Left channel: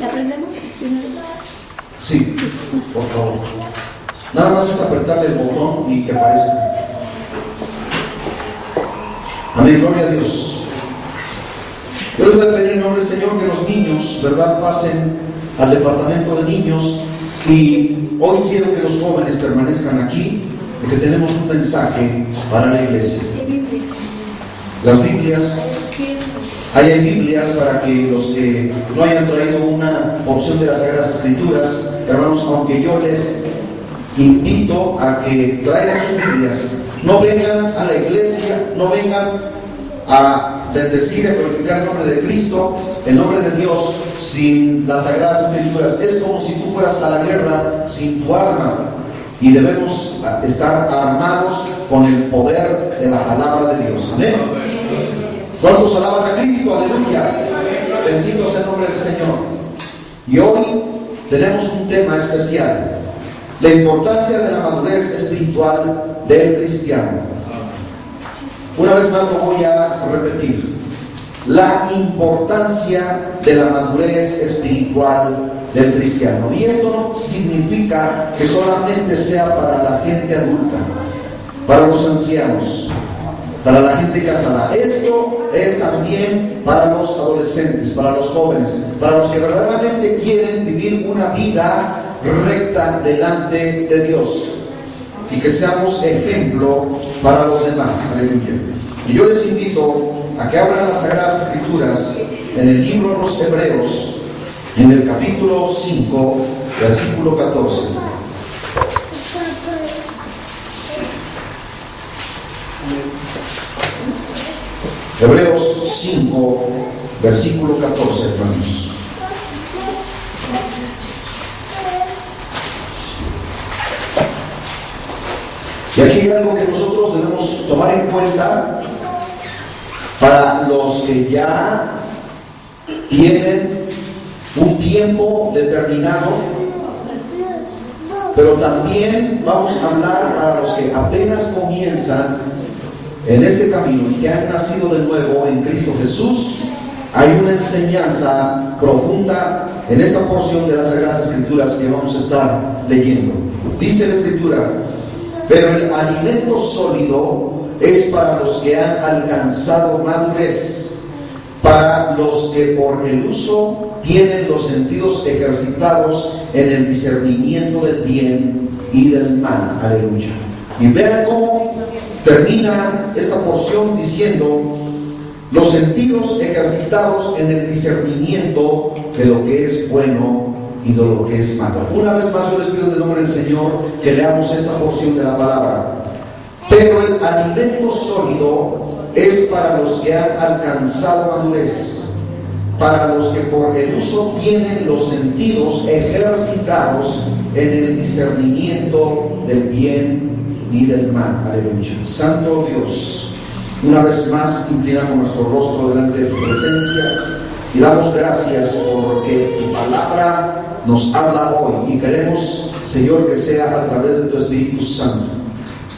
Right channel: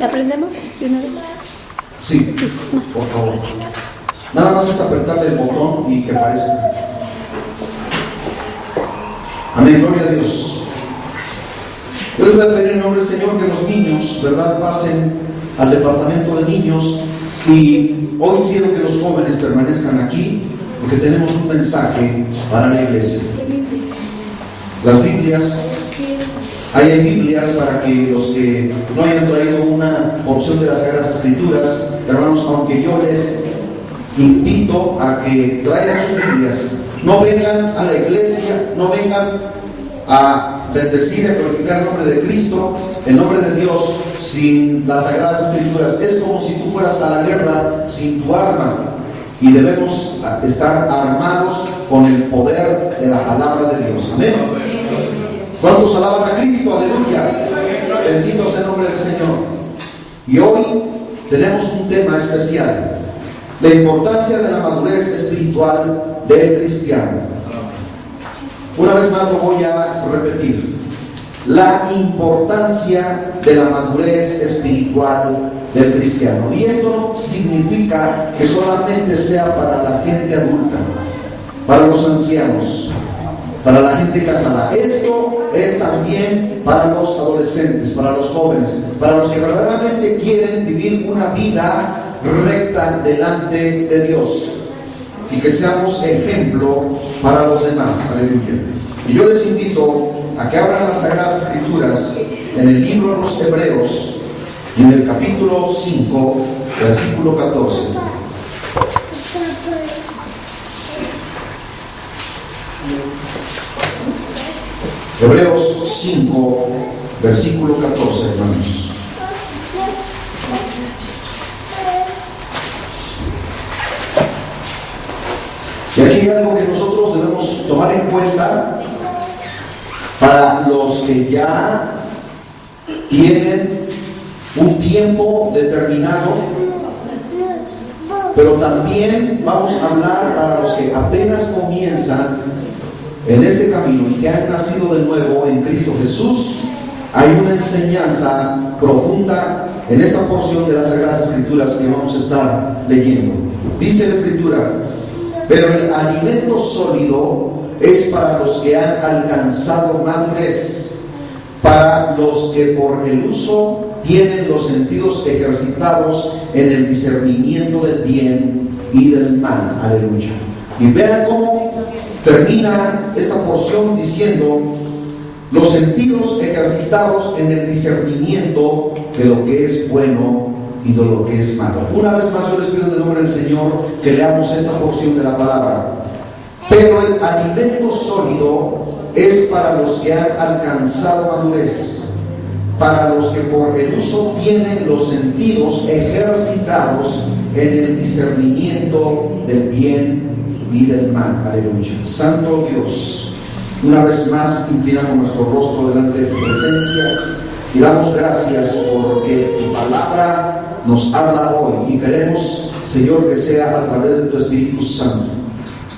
¿La prendemos? Sí, por favor. Nada más es apretarle el botón y que aparezca. Amén, gloria a Dios. Yo les voy a pedir en nombre del Señor que los niños, ¿verdad?, pasen al departamento de niños. Y hoy quiero que los jóvenes permanezcan aquí porque tenemos un mensaje para la iglesia. Las Biblias, ahí hay Biblias para que los que no hayan traído una porción de las Sagradas Escrituras, hermanos, aunque yo les invito a que traigan sus Biblias, no vengan a la iglesia, no vengan a bendecir y a glorificar el nombre de Cristo, el nombre de Dios, sin las Sagradas Escrituras. Es como si tú fueras a la guerra sin tu arma, y debemos estar armados con el poder de la palabra de Dios. Amén. ¿Cuántos alaban a Cristo? Aleluya. Bendito sea el nombre del Señor. Y hoy tenemos un tema especial: la importancia de la madurez espiritual del cristiano. Una vez más lo voy a repetir: la importancia de la madurez espiritual del cristiano. Y esto no significa que solamente sea para la gente adulta, para los ancianos, para la gente casada. Esto es también para los adolescentes, para los jóvenes, para los que verdaderamente quieren vivir una vida recta delante de Dios, y que seamos ejemplo para los demás. Aleluya. Y yo les invito a que abran las Sagradas Escrituras en el libro de los Hebreos, en el capítulo 5, versículo 14. Hebreos 5, versículo 14, hermanos. Y aquí hay algo que nosotros debemos tomar en cuenta para los que ya tienen un tiempo determinado, pero también vamos a hablar para los que apenas comienzan en este camino y que han nacido de nuevo en Cristo Jesús. Hay una enseñanza profunda en esta porción de las Sagradas Escrituras que vamos a estar leyendo. Dice la Escritura: pero el alimento sólido es para los que han alcanzado madurez, para los que por el uso tienen los sentidos ejercitados en el discernimiento del bien y del mal. Aleluya. Y vean cómo termina esta porción diciendo: los sentidos ejercitados en el discernimiento de lo que es bueno y de lo que es malo. Una vez más yo les pido en el nombre del Señor que leamos esta porción de la palabra. Pero el alimento sólido es para los que han alcanzado madurez, para los que por el uso tienen los sentidos ejercitados en el discernimiento del bien y del mal. Aleluya. Santo Dios, una vez más inclinamos nuestro rostro delante de tu presencia y damos gracias porque tu palabra nos habla hoy, y queremos, Señor, que sea a través de tu Espíritu Santo,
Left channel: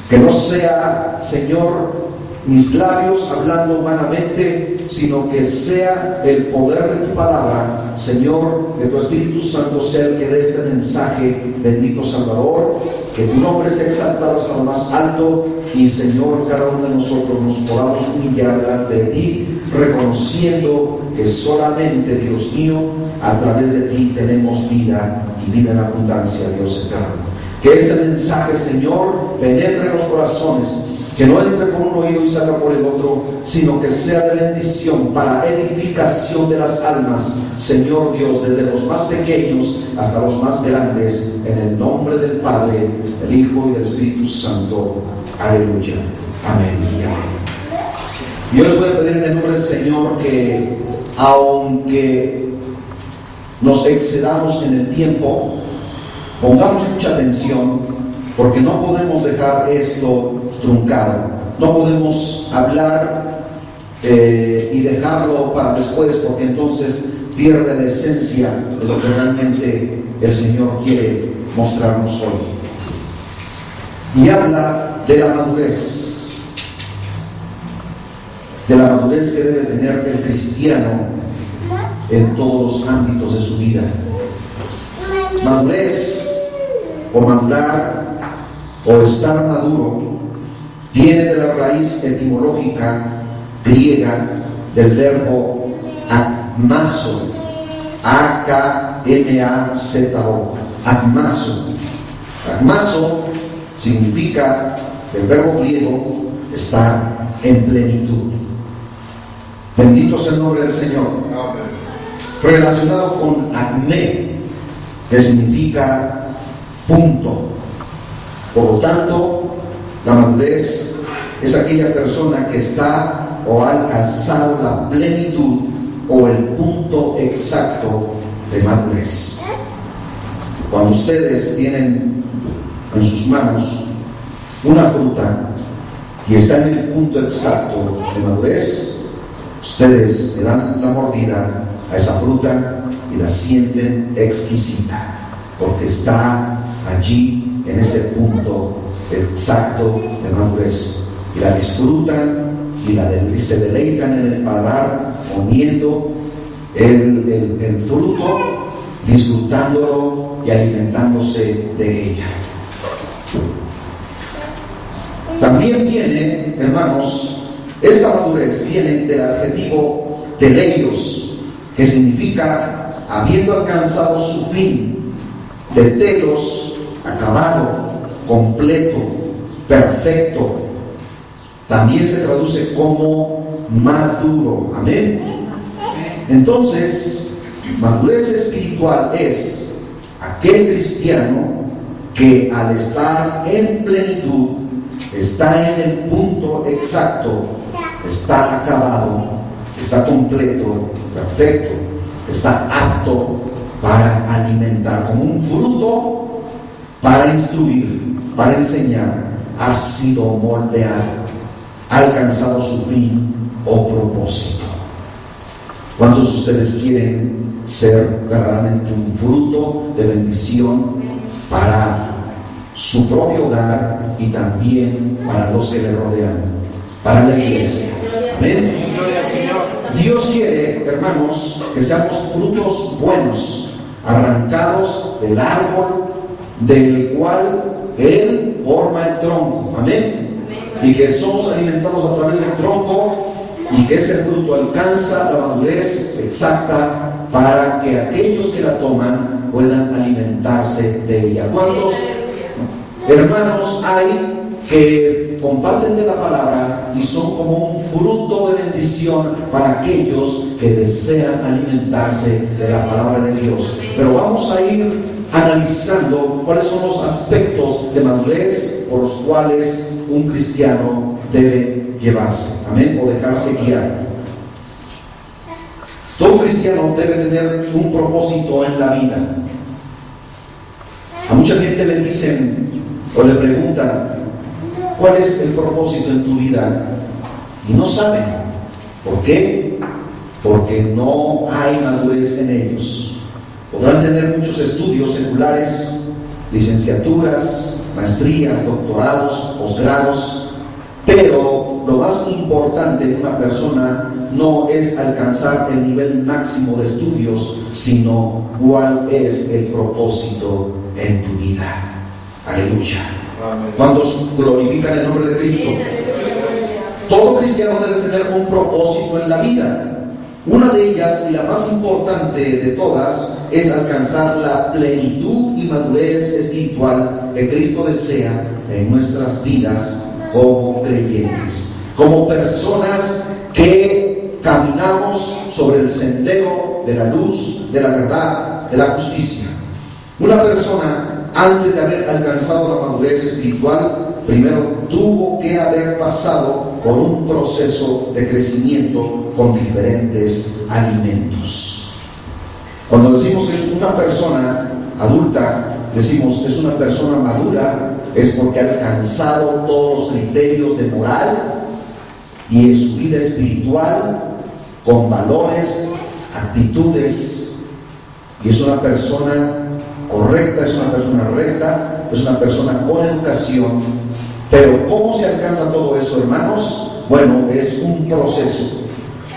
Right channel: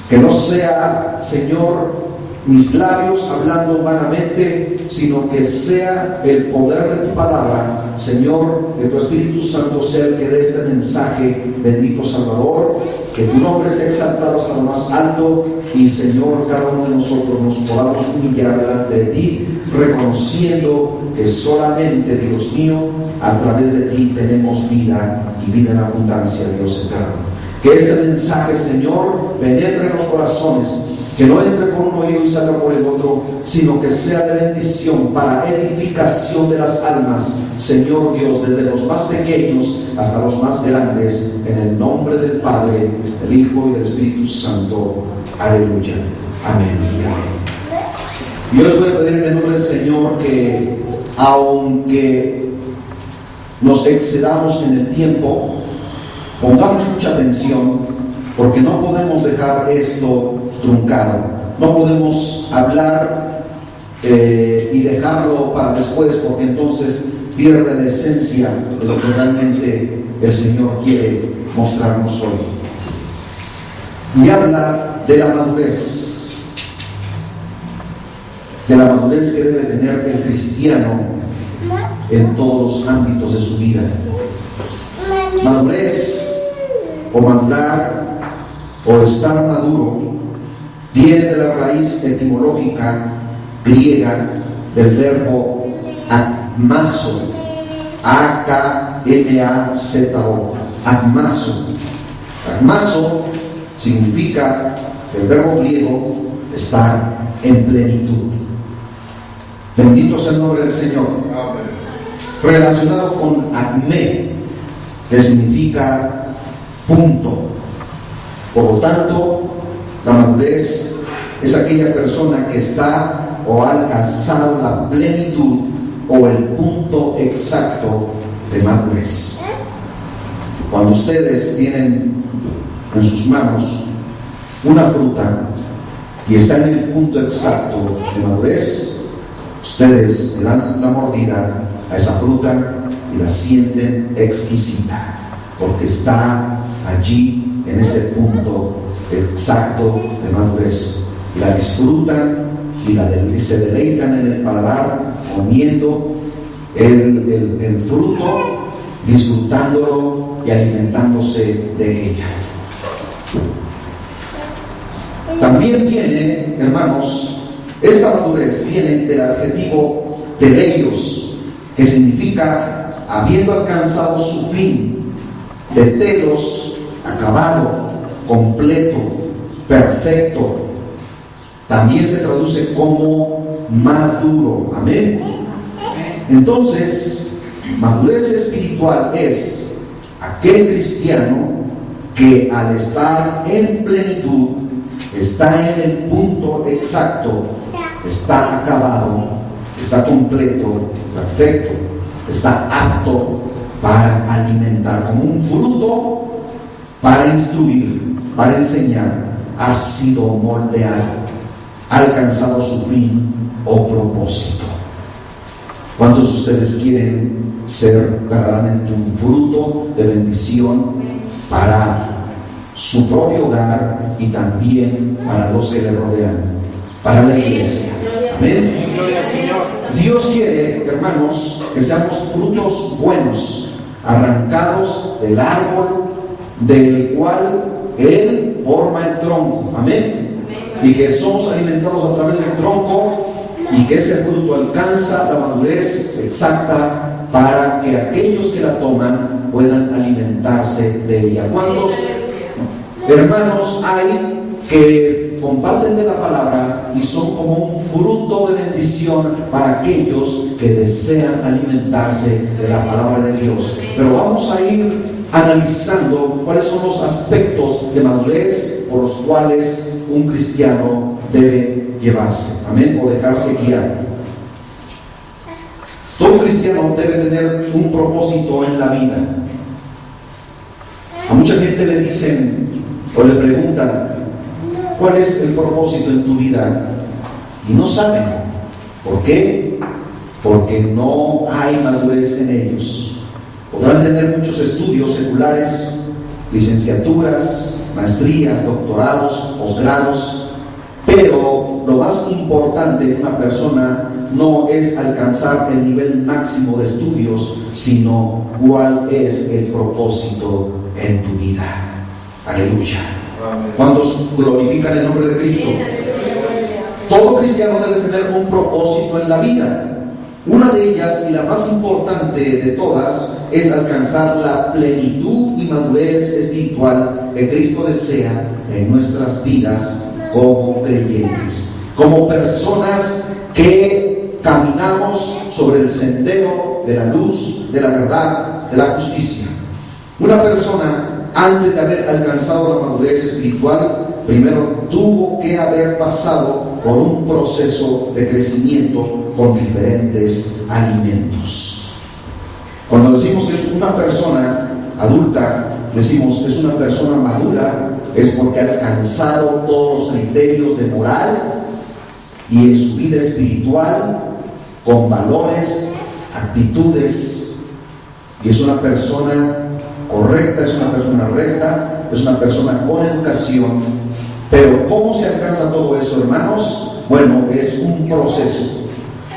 que no sea, Señor, mis labios hablando humanamente, sino que sea el poder de tu palabra, Señor, que tu Espíritu Santo sea el que dé este mensaje. Bendito Salvador, que tu nombre sea exaltado hasta lo más alto, y Señor, cada uno de nosotros nos podamos humillar delante de ti, reconociendo que solamente, Dios mío, a través de ti tenemos vida, y vida en abundancia, Dios eterno. Que este mensaje, Señor, penetre en los corazones, que no entre por un oído y salga por el otro, sino que sea de bendición para edificación de las almas, Señor Dios, desde los más pequeños hasta los más grandes, en el nombre del Padre, del Hijo y del Espíritu Santo. Aleluya. Amén y amén. Yo les voy a pedir en el nombre del Señor que, aunque nos excedamos en el tiempo, pongamos mucha atención, porque no podemos dejar esto truncado. No podemos hablar y dejarlo para después, porque entonces pierde la esencia de lo que realmente el Señor quiere mostrarnos hoy. Y habla de la madurez que debe tener el cristiano en todos los ámbitos de su vida. Madurez o madurar o estar maduro viene de la raíz etimológica griega del verbo agmazo, A-K-M-A-Z-O, agmazo. Agmazo significa, del verbo griego, estar en plenitud. Bendito sea el nombre del Señor. Amén. Relacionado con acme, que significa punto. Por lo tanto, la madurez es aquella persona que está o ha alcanzado la plenitud o el punto exacto de madurez. Cuando ustedes tienen en sus manos una fruta y está en el punto exacto de madurez, ustedes le dan la mordida a esa fruta y la sienten exquisita, porque está allí en ese punto exacto de madurez, y la disfrutan y se deleitan en el paladar comiendo el fruto, disfrutándolo y alimentándose de ella. También viene, hermanos, esta madurez viene del adjetivo teleios, que significa habiendo alcanzado su fin, de telos, acabado, completo, perfecto. También se traduce como maduro. Amén. Entonces, madurez espiritual es aquel cristiano que al estar en plenitud está en el punto exacto, está acabado, está completo, perfecto, está apto para alimentar, como un fruto para instruir, para enseñar, ha sido moldeado, ha alcanzado su fin o propósito. ¿Cuántos de ustedes quieren ser verdaderamente un fruto de bendición para su propio hogar y también para los que le rodean, para la iglesia? Amén. Dios quiere, hermanos, que seamos frutos buenos, arrancados del árbol del cual Él forma el tronco. Amén. Y que somos alimentados a través del tronco, y que ese fruto alcanza la madurez exacta para que aquellos que la toman puedan alimentarse de ella. ¿Cuántos hermanos hay que comparten de la palabra y son como un fruto de bendición para aquellos que desean alimentarse de la palabra de Dios? Pero vamos a ir analizando cuáles son los aspectos de madurez por los cuales un cristiano debe llevarse, amén, o dejarse guiar. Todo cristiano debe tener un propósito en la vida. A mucha gente le dicen o le preguntan: ¿cuál es el propósito en tu vida? Y no saben. ¿Por qué? Porque no hay madurez en ellos. Podrán tener muchos estudios seculares, licenciaturas, maestrías, doctorados, posgrados, pero lo más importante en una persona no es alcanzar el nivel máximo de estudios, sino cuál es el propósito en tu vida. Aleluya. ¿Cuántos glorifican el nombre de Cristo? Todo cristiano debe tener un propósito en la vida. Una de ellas, y la más importante de todas, es alcanzar la plenitud y madurez espiritual que Cristo desea en nuestras vidas como creyentes, como personas que caminamos sobre el sendero de la luz, de la verdad, de la justicia. Una persona, antes de haber alcanzado la madurez espiritual, primero tuvo que haber pasado por un proceso de crecimiento con diferentes alimentos. Cuando decimos que es una persona adulta, decimos que es una persona madura, es porque ha alcanzado todos los criterios de moral y en su vida espiritual, con valores, actitudes, y es una persona correcta, es una persona recta, es una persona con educación. Pero ¿cómo se alcanza todo eso, hermanos? Bueno, es un proceso.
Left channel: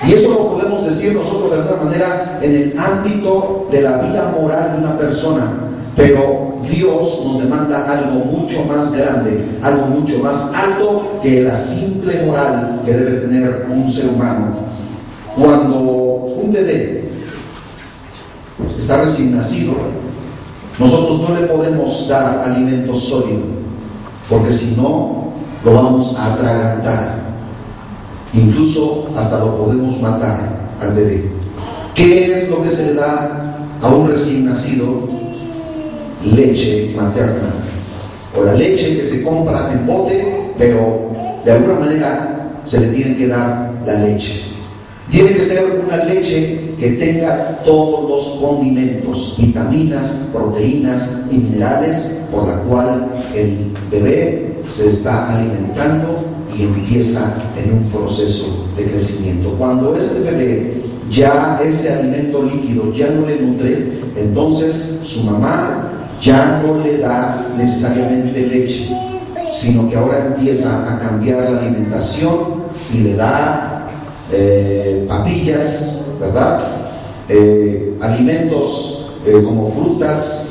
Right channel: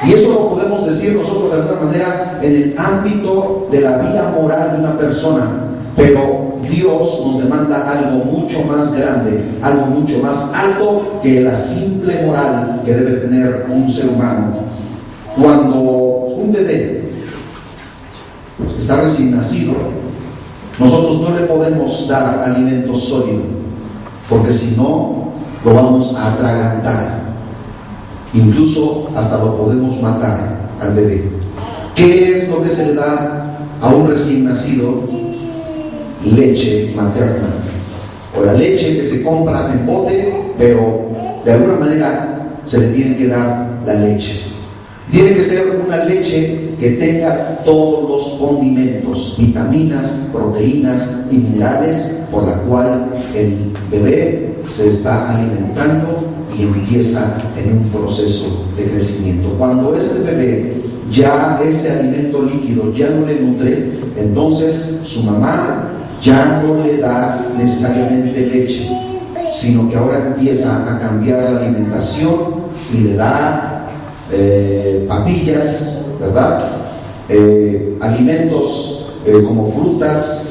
Y eso lo podemos decir nosotros de alguna manera en el ámbito de la vida moral de una persona. Pero Dios nos demanda algo mucho más grande, algo mucho más alto que la simple moral que debe tener un ser humano. Cuando un bebé está recién nacido, nosotros no le podemos dar alimento sólido, porque si no, lo vamos a atragantar. Incluso hasta lo podemos matar al bebé. ¿Qué es lo que se le da a un recién nacido? Leche materna, o la leche que se compra en bote, pero de alguna manera se le tiene que dar la leche. Tiene que ser una leche que tenga todos los condimentos, vitaminas, proteínas y minerales por la cual el bebé se está alimentando y empieza en un proceso de crecimiento. Cuando este bebé ya ese alimento líquido ya no le nutre, entonces su mamá ya no le da necesariamente leche, sino que ahora empieza a cambiar la alimentación y le da papillas, ¿verdad? Alimentos como frutas,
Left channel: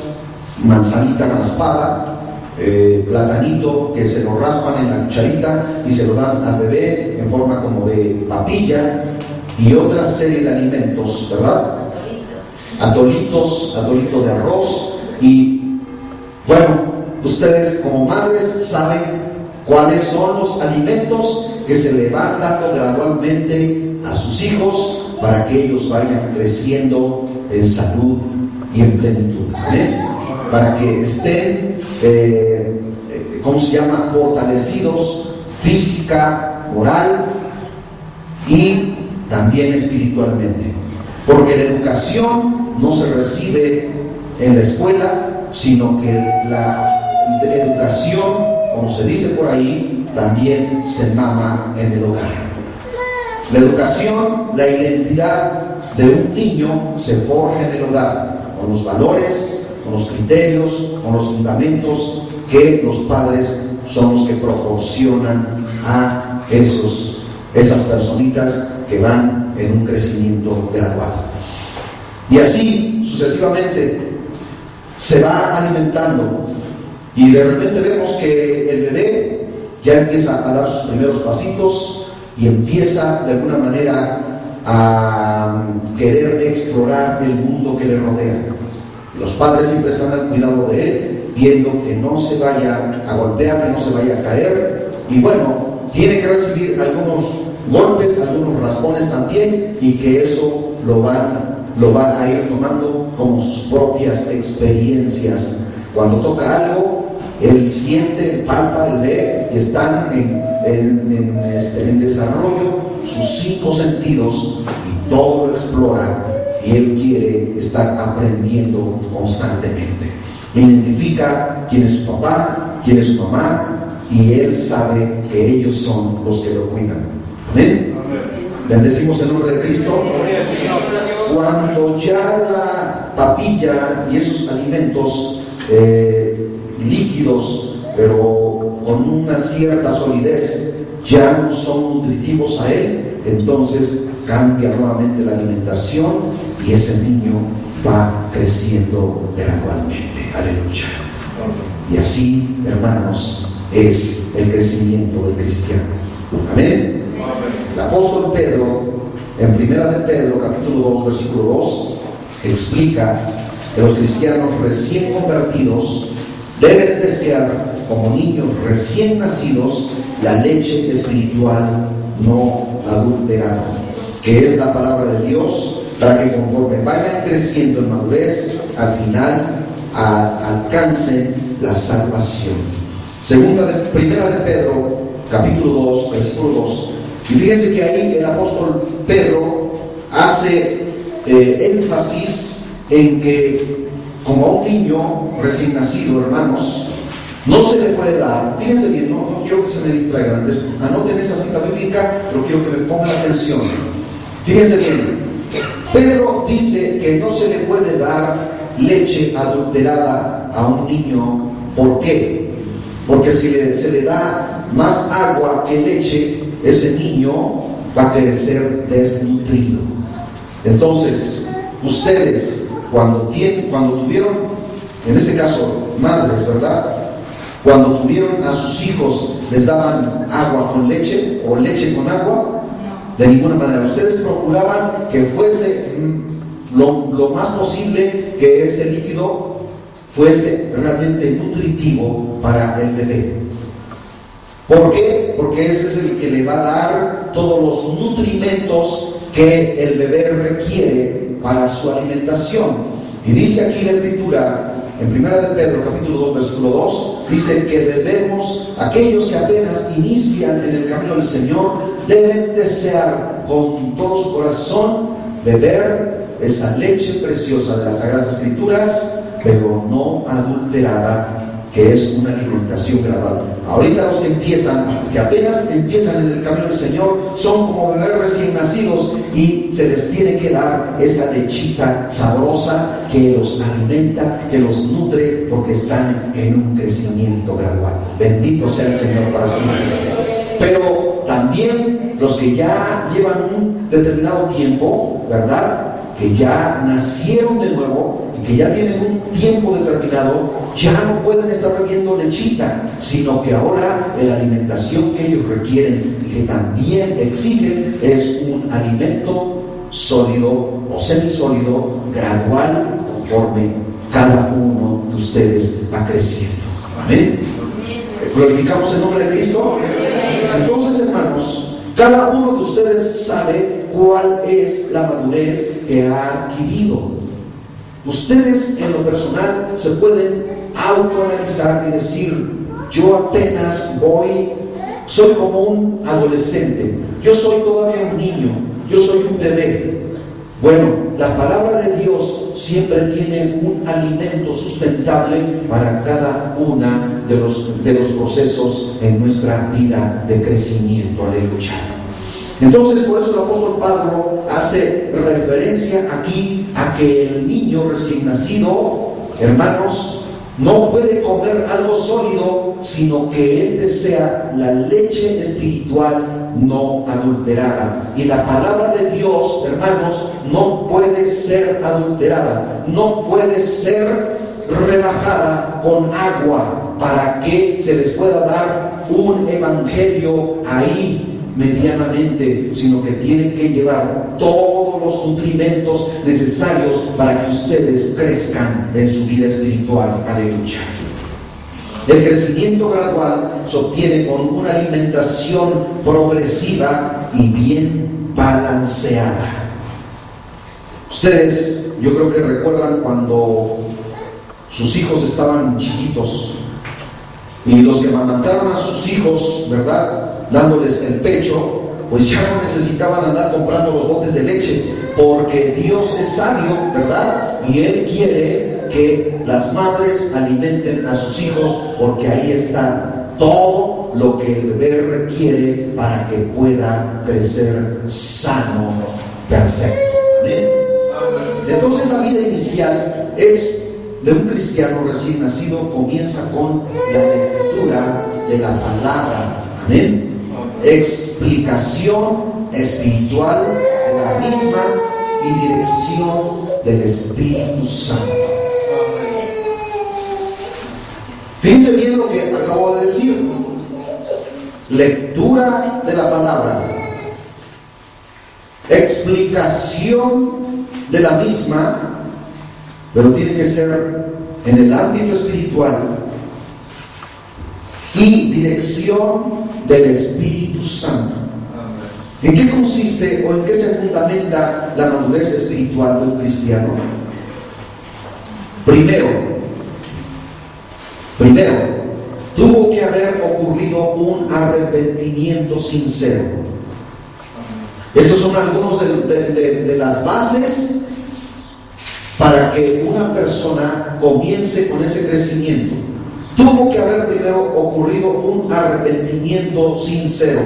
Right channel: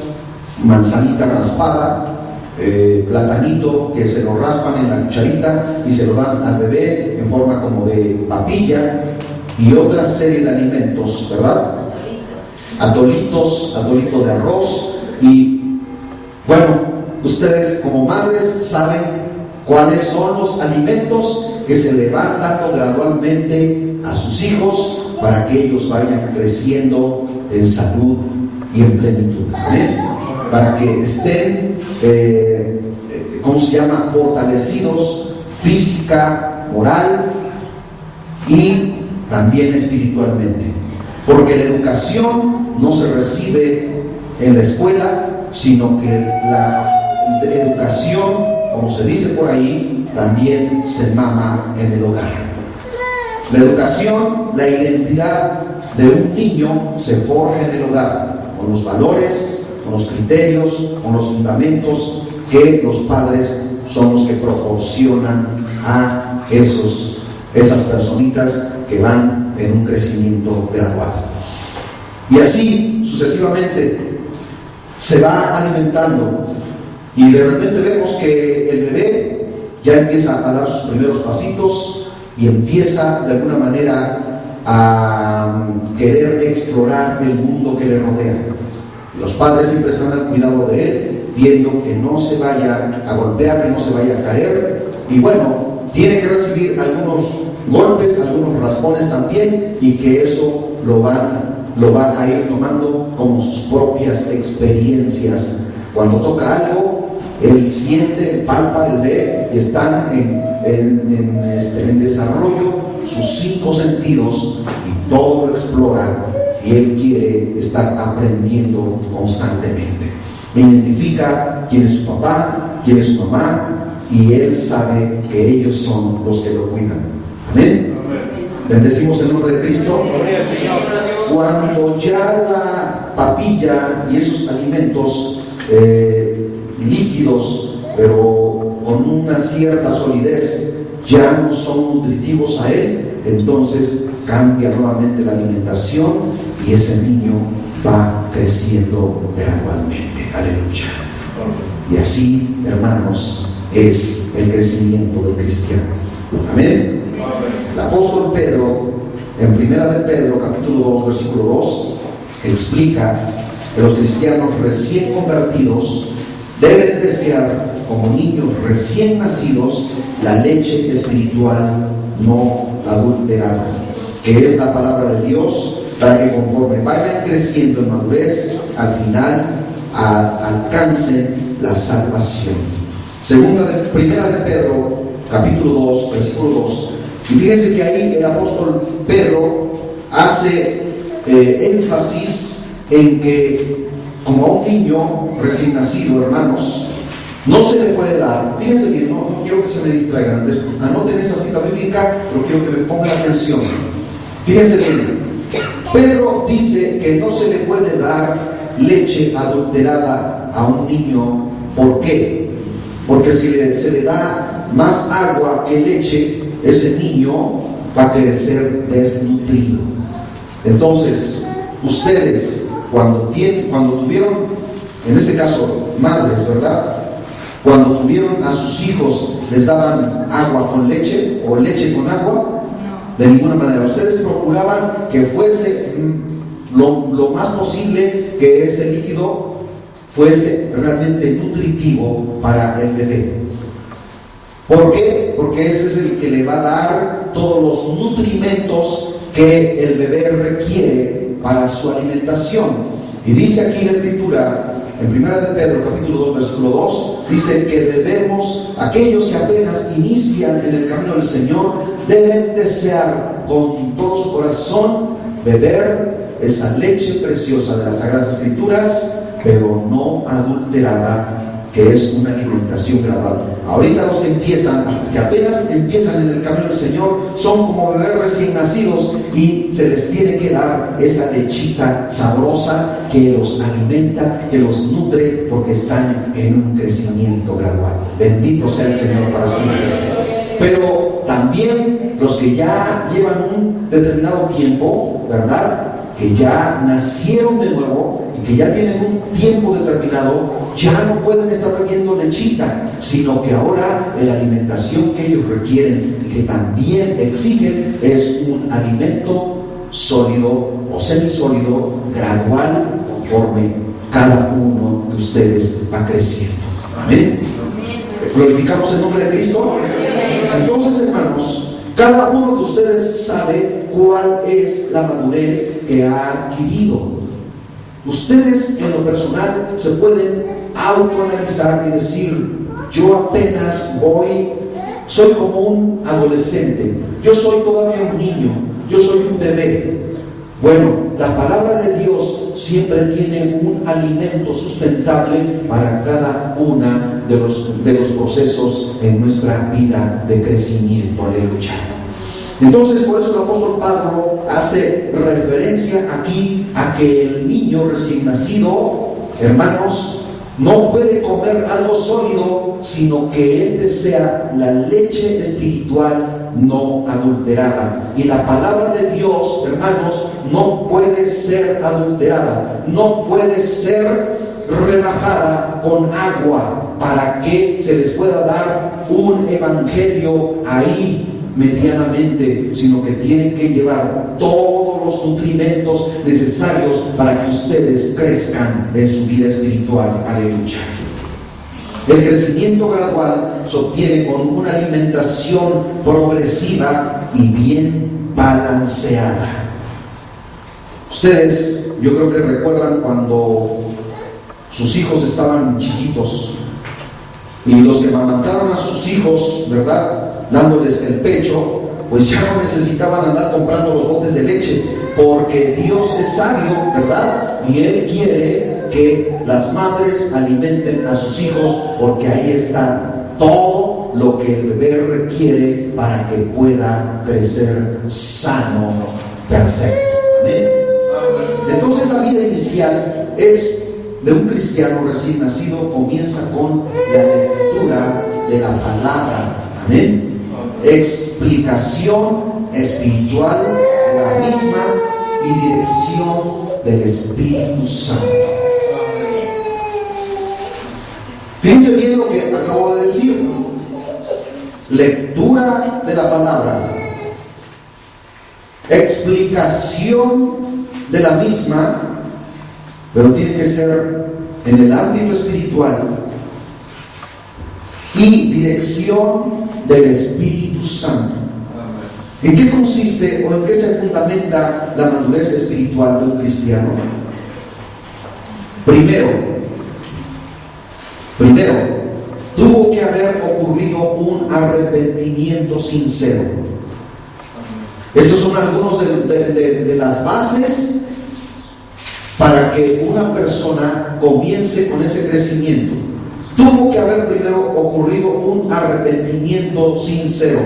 manzanita raspada, platanito que se lo raspan en la cucharita y se lo dan al bebé en forma como de papilla, y otra serie de alimentos, ¿verdad? Atolitos de arroz. Y bueno, ustedes como madres saben cuáles son los alimentos que se le van dando gradualmente a sus hijos para que ellos vayan creciendo en salud y en plenitud. ¿Amén? Para que estén, fortalecidos física, moral y también espiritualmente. Porque la educación no se recibe en la escuela, sino que la educación, como se dice por ahí, también se mama en el hogar. La educación, la identidad de un niño se forja en el hogar, con los valores, con los criterios, con los fundamentos que los padres son los que proporcionan a esas personitas que van en un crecimiento gradual. Y así sucesivamente se va alimentando, y de repente vemos que el bebé ya empieza a dar sus primeros pasitos y empieza de alguna manera a querer explorar el mundo que le rodea. Los padres siempre están al cuidado de él, viendo que no se vaya a golpear, que no se vaya a caer, y bueno, tiene que recibir algunos golpes, algunos raspones también, y que eso lo van a ir tomando como sus propias experiencias. Cuando toca algo, él siente, palpa, él ve, y están en desarrollo sus 5 sentidos, y todo lo explora, y él quiere estar aprendiendo constantemente. Identifica quién es su papá, quién es su mamá, y él sabe que ellos son los que lo cuidan. Amén. Bendecimos el nombre de Cristo. Cuando ya la papilla y esos alimentos líquidos, pero con una cierta solidez, ya no son nutritivos a él, entonces cambia nuevamente la alimentación y ese niño va creciendo gradualmente. Aleluya. Y así, hermanos, es el crecimiento del cristiano. Amén. El apóstol Pedro, en Primera de Pedro, capítulo 2, versículo 2, explica que los cristianos recién convertidos deben desear, como niños recién nacidos, la leche espiritual no adulterada, que es la palabra de Dios, para que conforme vayan creciendo en madurez, al final alcancen la salvación. Primera de Pedro, capítulo 2, versículo 2. Y fíjense que ahí el apóstol Pedro hace énfasis en que, como a un niño recién nacido, hermanos, no se le puede dar. Fíjense bien, no quiero que se me distraigan. Anoten esa cita bíblica, pero quiero que me pongan atención. Fíjense bien, Pedro dice que no se le puede dar leche adulterada a un niño. ¿Por qué? Porque si se le da más agua que leche, ese niño va a crecer desnutrido. Entonces, ustedes cuando tuvieron, en este caso madres, ¿verdad? Cuando tuvieron a sus hijos, ¿les daban agua con leche o leche con agua? De ninguna manera. Ustedes procuraban que fuese lo más posible, que ese líquido fuese realmente nutritivo para el bebé. ¿Por qué? Porque ese es el que le va a dar todos los nutrimentos que el bebé requiere para su alimentación. Y dice aquí la Escritura, en 1 de Pedro, capítulo 2, versículo 2, dice que debemos, aquellos que apenas inician en el camino del Señor, deben desear con todo su corazón beber esa leche preciosa de las Sagradas Escrituras, pero no adulterada, que es una alimentación gradual. Ahorita los que apenas empiezan en el camino del Señor, son como bebés recién nacidos y se les tiene que dar esa lechita sabrosa que los alimenta, que los nutre, porque están en un crecimiento gradual. Bendito sea el Señor para siempre. Pero también los que ya llevan un determinado tiempo, ¿verdad?, que ya nacieron de nuevo y que ya tienen un tiempo determinado, ya no pueden estar bebiendo lechita, sino que ahora la alimentación que ellos requieren y que también exigen es un alimento sólido o semisólido, gradual, conforme cada uno de ustedes va creciendo. Amén. ¿Glorificamos el nombre de Cristo? Entonces, hermanos, cada uno de ustedes sabe cuál es la madurez que ha adquirido. Ustedes en lo personal se pueden autoanalizar y decir: yo apenas soy como un adolescente, yo soy todavía un niño, yo soy un bebé. Bueno, la palabra de Dios siempre tiene un alimento sustentable para cada uno de los procesos en nuestra vida de crecimiento. Aleluya. Entonces, por eso el apóstol Pablo hace referencia aquí a que el niño recién nacido, hermanos, no puede comer algo sólido, sino que él desea la leche espiritual no adulterada. Y la palabra de Dios, hermanos, no puede ser adulterada, no puede ser rebajada con agua para que se les pueda dar un evangelio ahí medianamente, sino que tienen que llevar todos los nutrimentos necesarios para que ustedes crezcan en su vida espiritual. Aleluya. El crecimiento gradual se obtiene con una alimentación progresiva y bien balanceada. Ustedes, yo creo que recuerdan cuando sus hijos estaban chiquitos y los que amamantaron a sus hijos, ¿verdad?, dándoles el pecho, pues ya no necesitaban andar comprando los botes de leche, porque Dios es sabio, ¿verdad? Y Él quiere que las madres alimenten a sus hijos, porque ahí está todo lo que el bebé requiere para que pueda crecer sano, perfecto. ¿Amén? Entonces la vida inicial de un cristiano recién nacido comienza con la lectura de la palabra. Amén. Explicación espiritual de la misma y dirección del Espíritu Santo. Fíjense bien lo que acabo de decir. Lectura de la palabra, explicación de la misma, pero tiene que ser en el ámbito espiritual, y dirección del Espíritu Santo. ¿En qué consiste o en qué se fundamenta la madurez espiritual de un cristiano? Primero, tuvo que haber ocurrido un arrepentimiento sincero. Estos son algunos de las bases para que una persona comience con ese crecimiento. Tuvo que haber primero ocurrido un arrepentimiento sincero.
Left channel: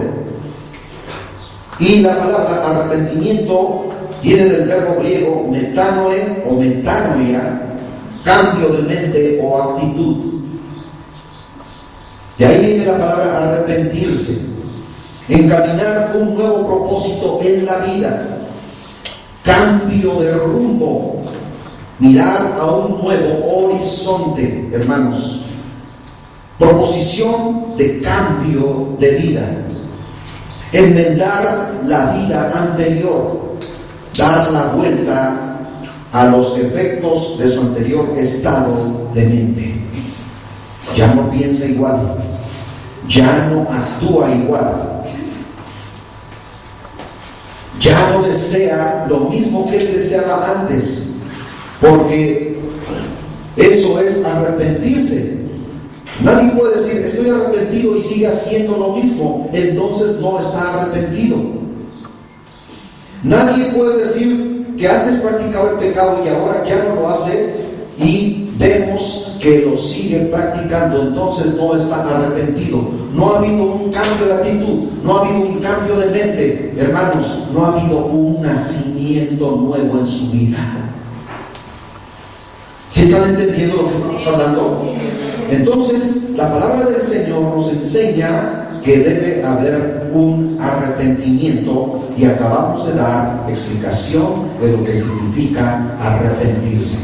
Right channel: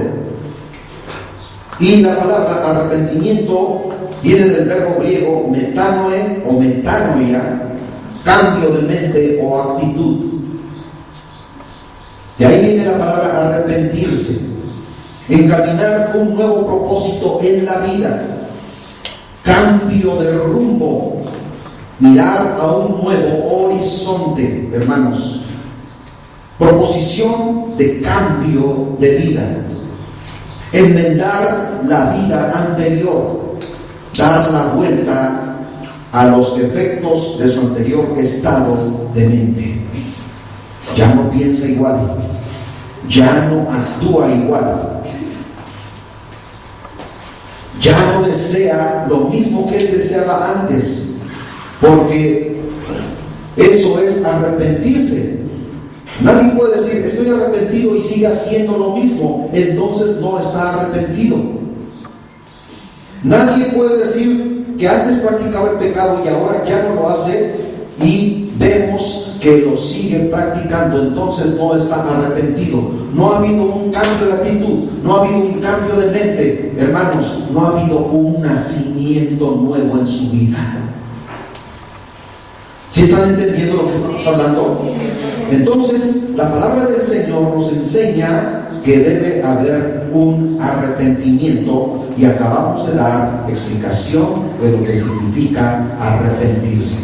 Y la palabra arrepentimiento viene del verbo griego metanoe o metanoia, cambio de mente o actitud. De ahí viene la palabra arrepentirse. encaminar un nuevo propósito en la vida, cambio de rumbo, mirar a un nuevo horizonte, hermanos, proposición de cambio de vida, enmendar la vida anterior, dar la vuelta a los efectos de su anterior estado de mente. Ya no piensa igual, ya no actúa igual, ya no desea lo mismo que él deseaba antes, porque eso es arrepentirse. Nadie puede decir estoy arrepentido y sigue haciendo lo mismo, entonces no está arrepentido. Nadie puede decir que antes practicaba el pecado y ahora ya no lo hace y vemos que lo sigue practicando, entonces no está arrepentido. No ha habido un cambio de actitud, no ha habido un cambio de mente, hermanos, no ha habido un nacimiento nuevo en su vida. ¿Sí están entendiendo lo que estamos hablando? Entonces, la palabra del Señor nos enseña que debe haber un arrepentimiento y acabamos de dar explicación de lo que significa arrepentirse.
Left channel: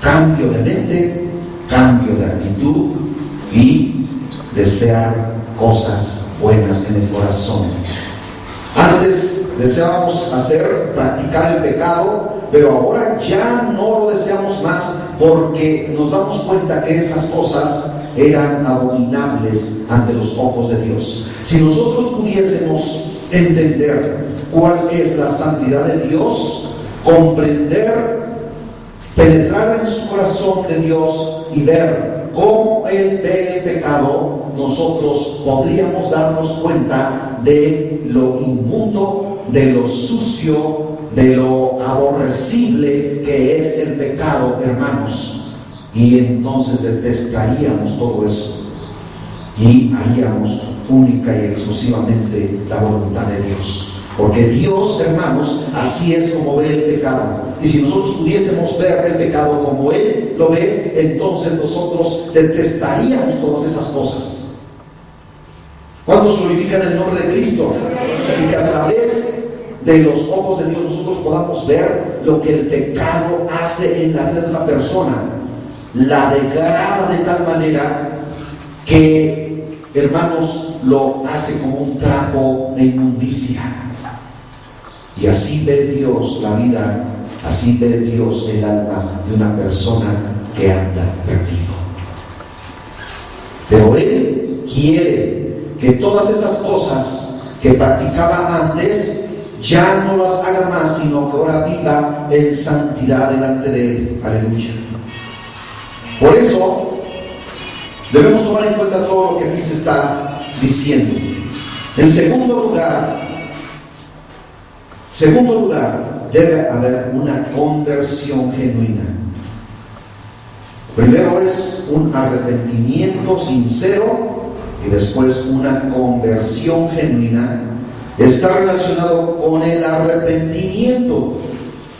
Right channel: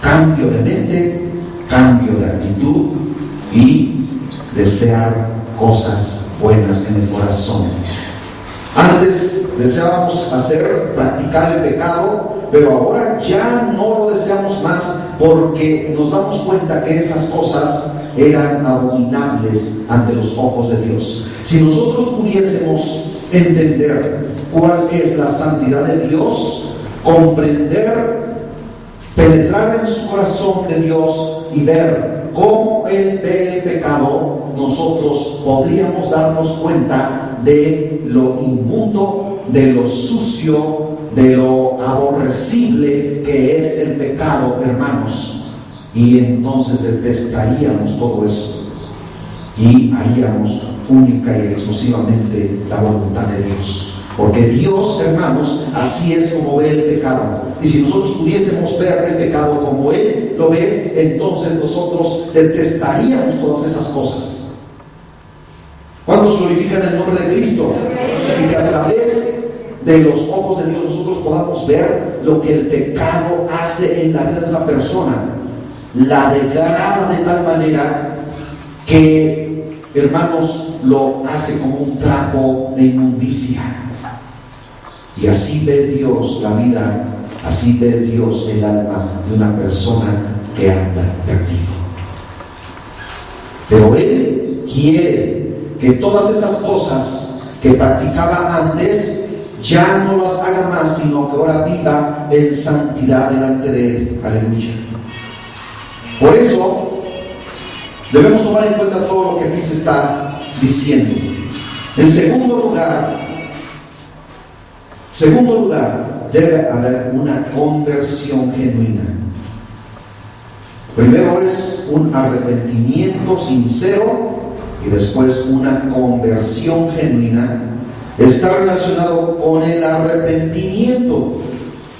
Cambio de mente, cambio de actitud y desear cosas buenas en el corazón. Antes deseábamos practicar el pecado, pero ahora ya no lo deseamos más porque nos damos cuenta que esas cosas eran abominables ante los ojos de Dios. Si nosotros pudiésemos entender cuál es la santidad de Dios, comprender, penetrar en su corazón de Dios y ver cómo Él ve el pecado, nosotros podríamos darnos cuenta de lo inmundo, de lo sucio, de lo aborrecible que es el pecado, hermanos. Y entonces detestaríamos todo eso y haríamos única y exclusivamente la voluntad de Dios. Porque Dios, hermanos, así es como ve el pecado. Y si nosotros pudiésemos ver el pecado como Él lo ve, entonces nosotros detestaríamos todas esas cosas. ¿Cuántos glorifican el nombre de Cristo? Y que a través de los ojos de Dios nosotros podamos ver lo que el pecado hace en la vida de una persona. La degrada de tal manera que, hermanos, lo hace como un trapo de inmundicia. Y así ve Dios la vida, así ve Dios el alma de una persona que anda perdido. Pero Él quiere que todas esas cosas que practicaba antes ya no las haga más, sino que ahora viva en santidad delante de Él. Aleluya. Por eso debemos tomar en cuenta todo lo que aquí se está diciendo. En segundo lugar, debe haber una conversión genuina. Primero es un arrepentimiento sincero y después una conversión genuina. Está relacionado con el arrepentimiento,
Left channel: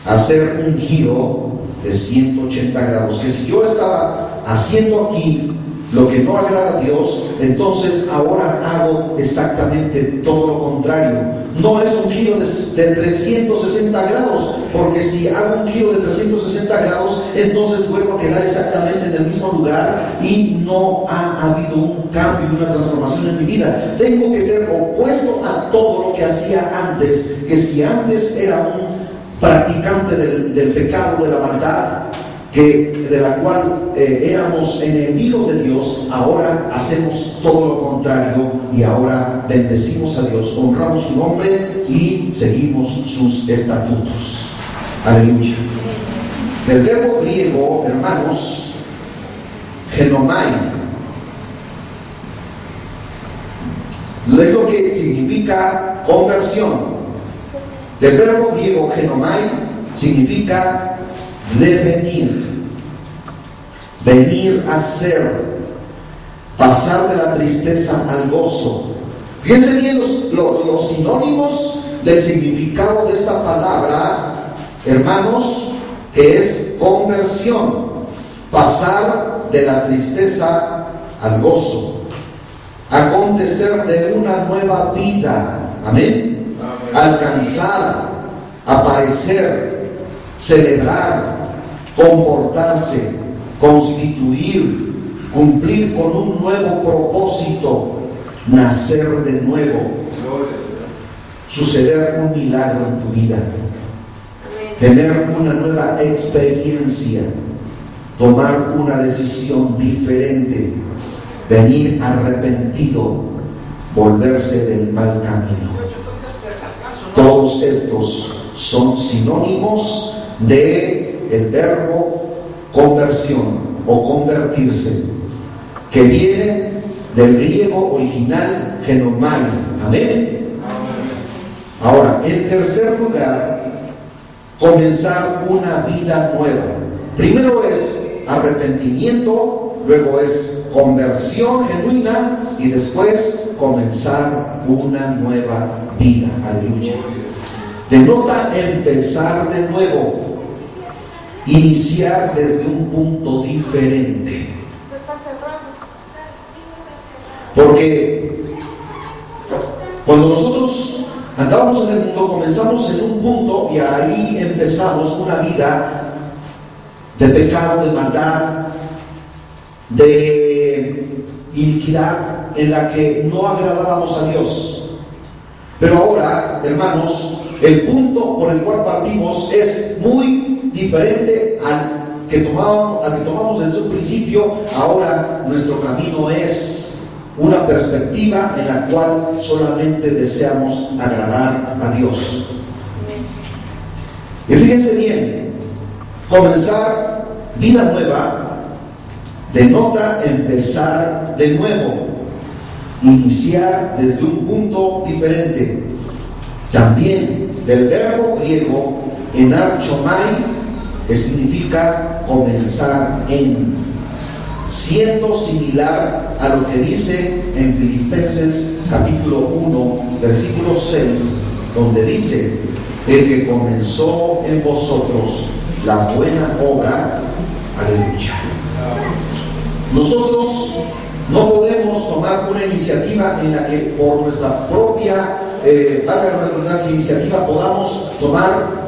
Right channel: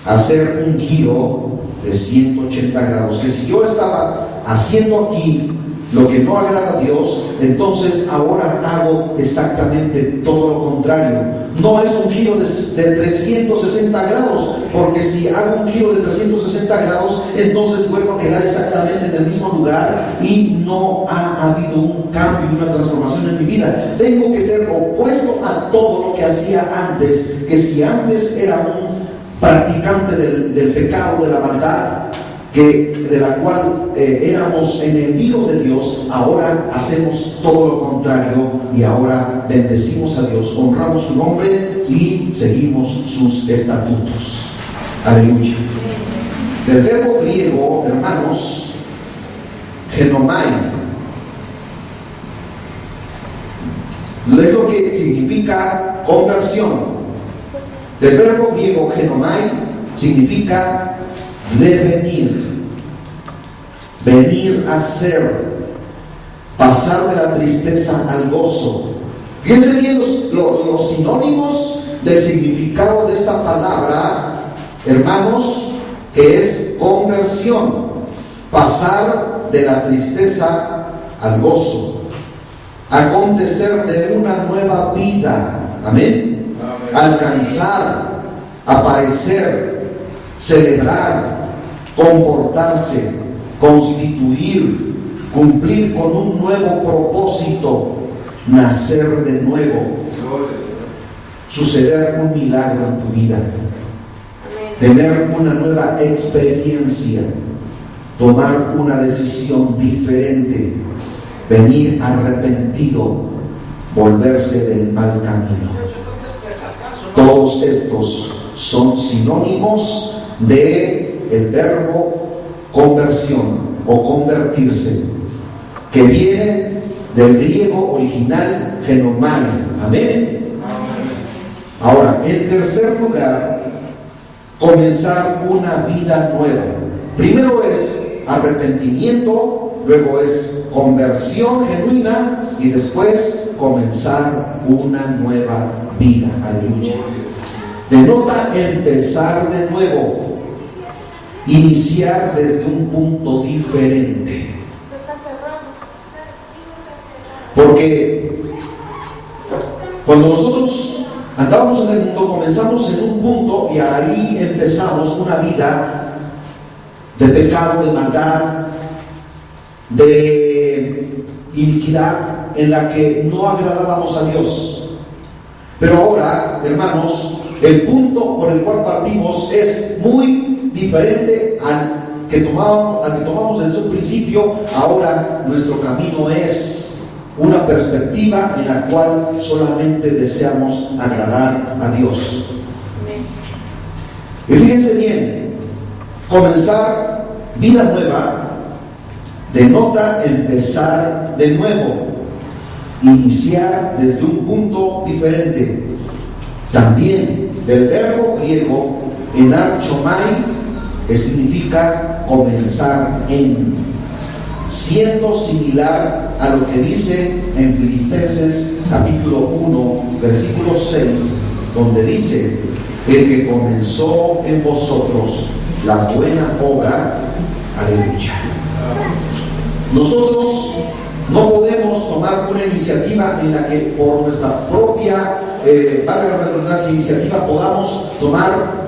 hacer un giro de 180 grados. Que si yo estaba haciendo aquí lo que no agrada a Dios, entonces ahora hago exactamente todo lo contrario. No es un giro de 360 grados, porque si hago un giro de 360 grados, entonces vuelvo a quedar exactamente en el mismo lugar y no ha habido un cambio y una transformación en mi vida. Tengo que ser opuesto a todo lo que hacía antes, que si antes era un practicante del pecado, de la maldad, de la cual éramos enemigos de Dios, ahora hacemos todo lo contrario y ahora bendecimos a Dios, honramos su nombre y seguimos sus estatutos. Aleluya. Del verbo griego, hermanos, genomai, es lo que significa conversión. Del verbo griego genomai significa devenir, venir a ser, pasar de la tristeza al gozo. Fíjense bien los sinónimos del significado de esta palabra, hermanos, que es conversión, pasar de la tristeza al gozo, acontecer de una nueva vida, Amén. Alcanzar, aparecer, celebrar, comportarse, constituir, cumplir con un nuevo propósito, nacer de nuevo, suceder un milagro en tu vida, tener una nueva experiencia, tomar una decisión diferente, venir arrepentido, volverse del mal camino. Todos estos son sinónimos de el verbo conversión o convertirse, que viene del griego original genomai. Amén. Ahora, en tercer lugar, comenzar una vida nueva. Primero es arrepentimiento, luego es conversión genuina y después comenzar una nueva vida. Aleluya. Denota empezar de nuevo, iniciar desde un punto diferente. Porque cuando nosotros andábamos en el mundo, comenzamos en un punto y ahí empezamos una vida de pecado, de maldad, de iniquidad, en la que no agradábamos a Dios. Pero ahora, hermanos, el punto por el cual partimos es muy diferente al que tomamos desde un principio. Ahora nuestro camino es una perspectiva en la cual solamente deseamos agradar a Dios. Y fíjense bien, comenzar vida nueva denota empezar de nuevo, iniciar desde un punto diferente. También del verbo griego enarchomai, que significa comenzar en, siendo similar a lo que dice en Filipenses capítulo 1 versículo 6, donde dice: el que comenzó en vosotros la buena obra. Aleluya. Nosotros no podemos tomar una iniciativa en la que por nuestra propia iniciativa podamos tomar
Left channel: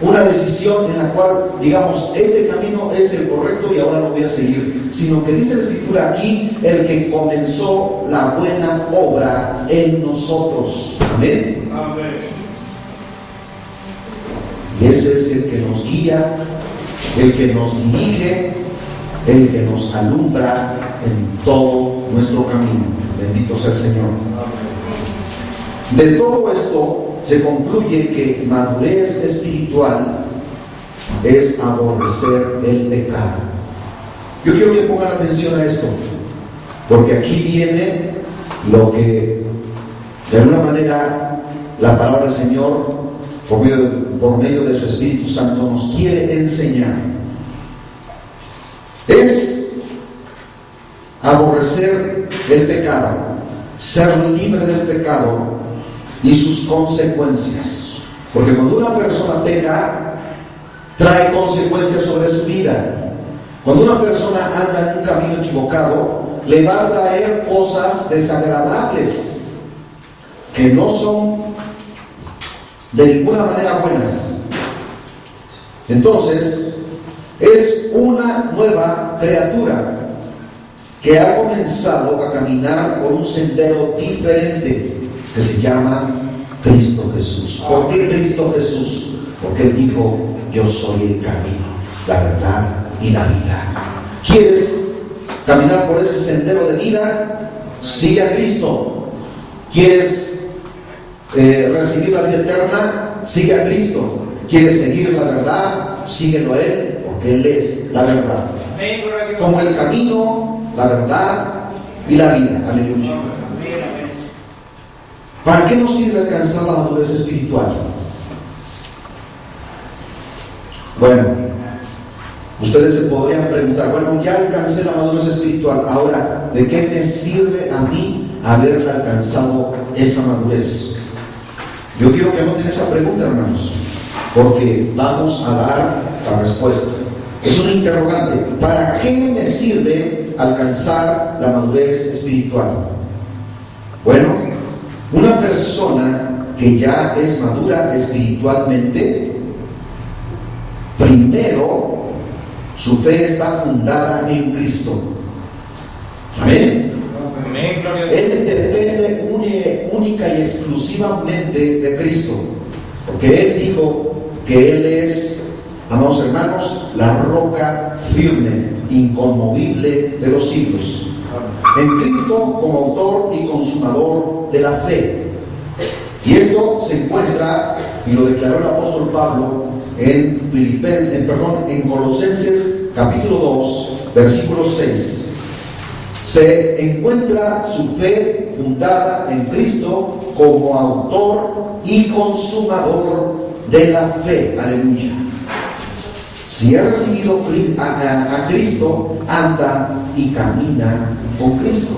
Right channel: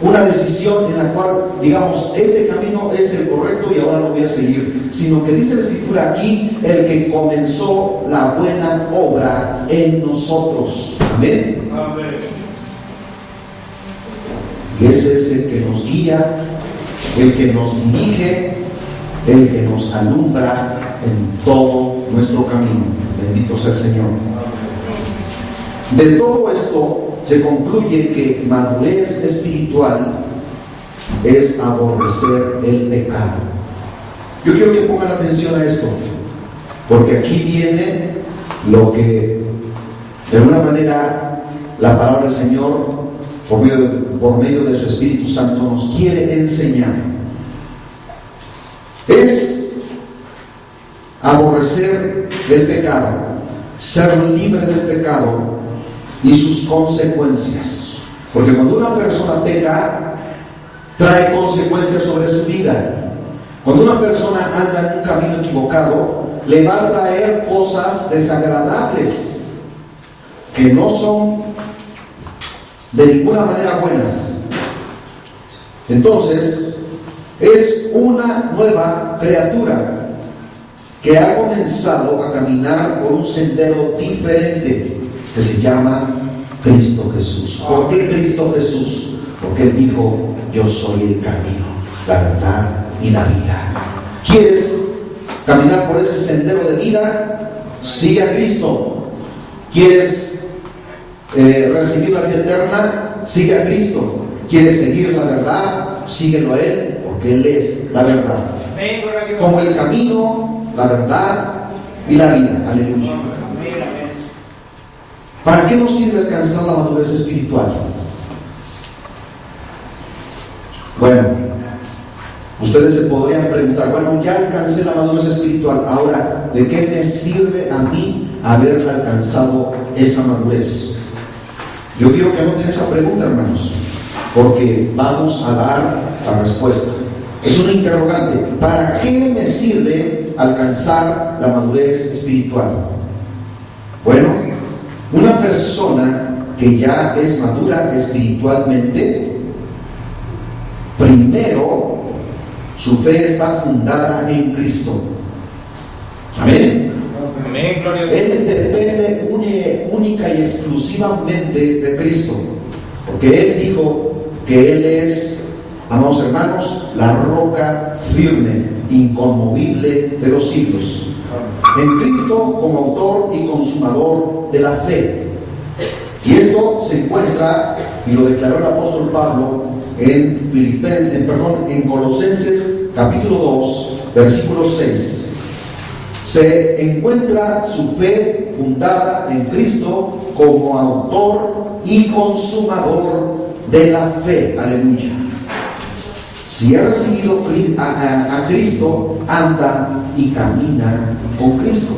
una decisión en la cual digamos, este camino es el correcto y ahora lo voy a seguir, sino que dice la Escritura aquí: el que comenzó la buena obra en nosotros. Amén. Amén. Y ese es el que nos guía, el que nos dirige, el que nos alumbra en todo nuestro camino. Bendito sea el Señor. De todo esto se concluye que madurez espiritual es aborrecer el pecado. Yo quiero que pongan atención a esto, porque aquí viene lo que de alguna manera la palabra del Señor por medio de su Espíritu Santo nos quiere enseñar. Es aborrecer el pecado, ser libre del pecado y sus consecuencias. Porque cuando una persona peca, trae consecuencias sobre su vida. Cuando una persona anda en un camino equivocado, le va a traer cosas desagradables que no son de ninguna manera buenas. Entonces, es una nueva criatura que ha comenzado a caminar por un sendero diferente, que se llama Cristo Jesús. ¿Por qué Cristo Jesús? Porque Él dijo: yo soy el camino, la verdad y la vida. ¿Quieres caminar por ese sendero de vida? Sigue a Cristo. ¿Quieres recibir la vida eterna? Sigue a Cristo. ¿Quieres seguir la verdad? Síguelo a Él, porque Él es la verdad, como el camino, la verdad y la vida. Aleluya. ¿Para qué nos sirve alcanzar la madurez espiritual? Bueno, ustedes se podrían preguntar: bueno, ya alcancé la madurez espiritual, ahora, ¿de qué me sirve a mí haber alcanzado esa madurez? Yo quiero que anoten esa pregunta, hermanos, porque vamos a dar la respuesta. Es una interrogante: ¿para qué me sirve alcanzar la madurez espiritual? Bueno, una persona que ya es madura espiritualmente, primero su fe está fundada en Cristo. Amén. Amén, gloria a Dios. Él depende única y exclusivamente de Cristo, porque Él dijo que Él es, amados hermanos, la roca firme, inconmovible de los siglos. En Cristo como autor y consumador de la fe. Y esto se encuentra, y lo declaró el apóstol Pablo en Colosenses capítulo 2, versículo 6. Se encuentra su fe fundada en Cristo como autor y consumador de la fe. Aleluya. Si he recibido a Cristo, anda y camina con Cristo.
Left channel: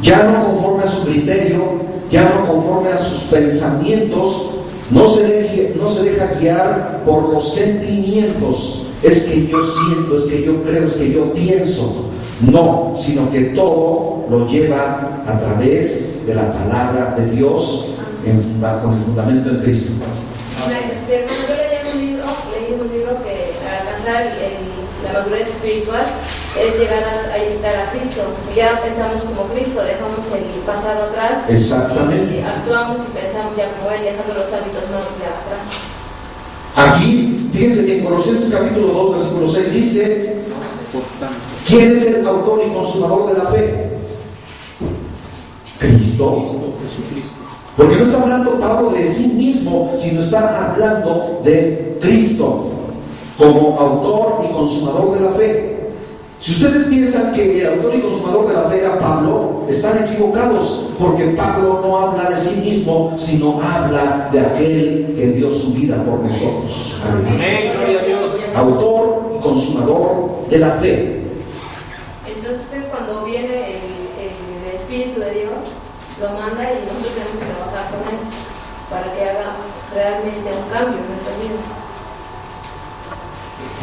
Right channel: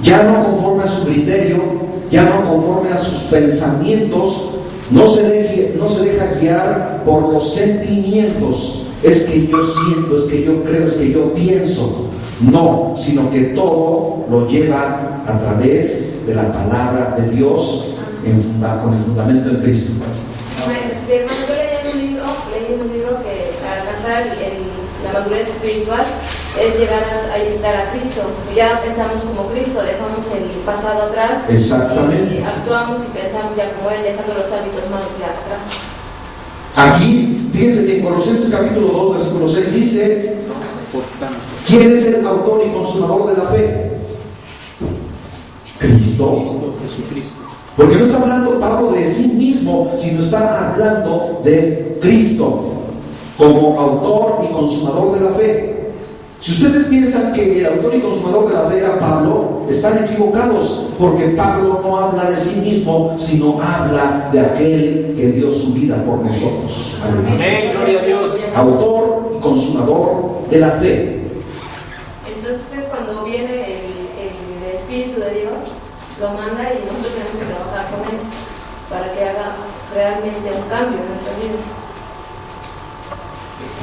Ya no conforme a su criterio, ya no conforme a sus pensamientos, no se deja guiar por los sentimientos. Es que yo siento, es que yo creo, es que yo pienso. No, sino que todo lo lleva a través de la palabra de Dios con el fundamento en Cristo. Hermano, yo leí un libro que para alcanzar la madurez espiritual es llegar a imitar a Cristo. Y ya pensamos como Cristo, dejamos el pasado atrás. Exactamente. Y actuamos y pensamos ya como Él, dejando los hábitos malos ya atrás. Aquí, fíjense que en Colosenses capítulo 2, versículo 6 dice: ¿quién es el autor y consumador de la fe? Cristo. Porque no está hablando Pablo de sí mismo, sino está hablando de Cristo como autor y consumador de la fe. Si ustedes piensan que el autor y consumador de la fe era Pablo, están equivocados, porque Pablo no habla de sí mismo, sino habla de aquel que dio su vida por nosotros. Amén, gloria a Dios. Autor y consumador de la fe. Entonces, cuando viene el Espíritu de Dios, lo manda y nosotros tenemos que trabajar con Él para que haga realmente un cambio en nuestras vidas.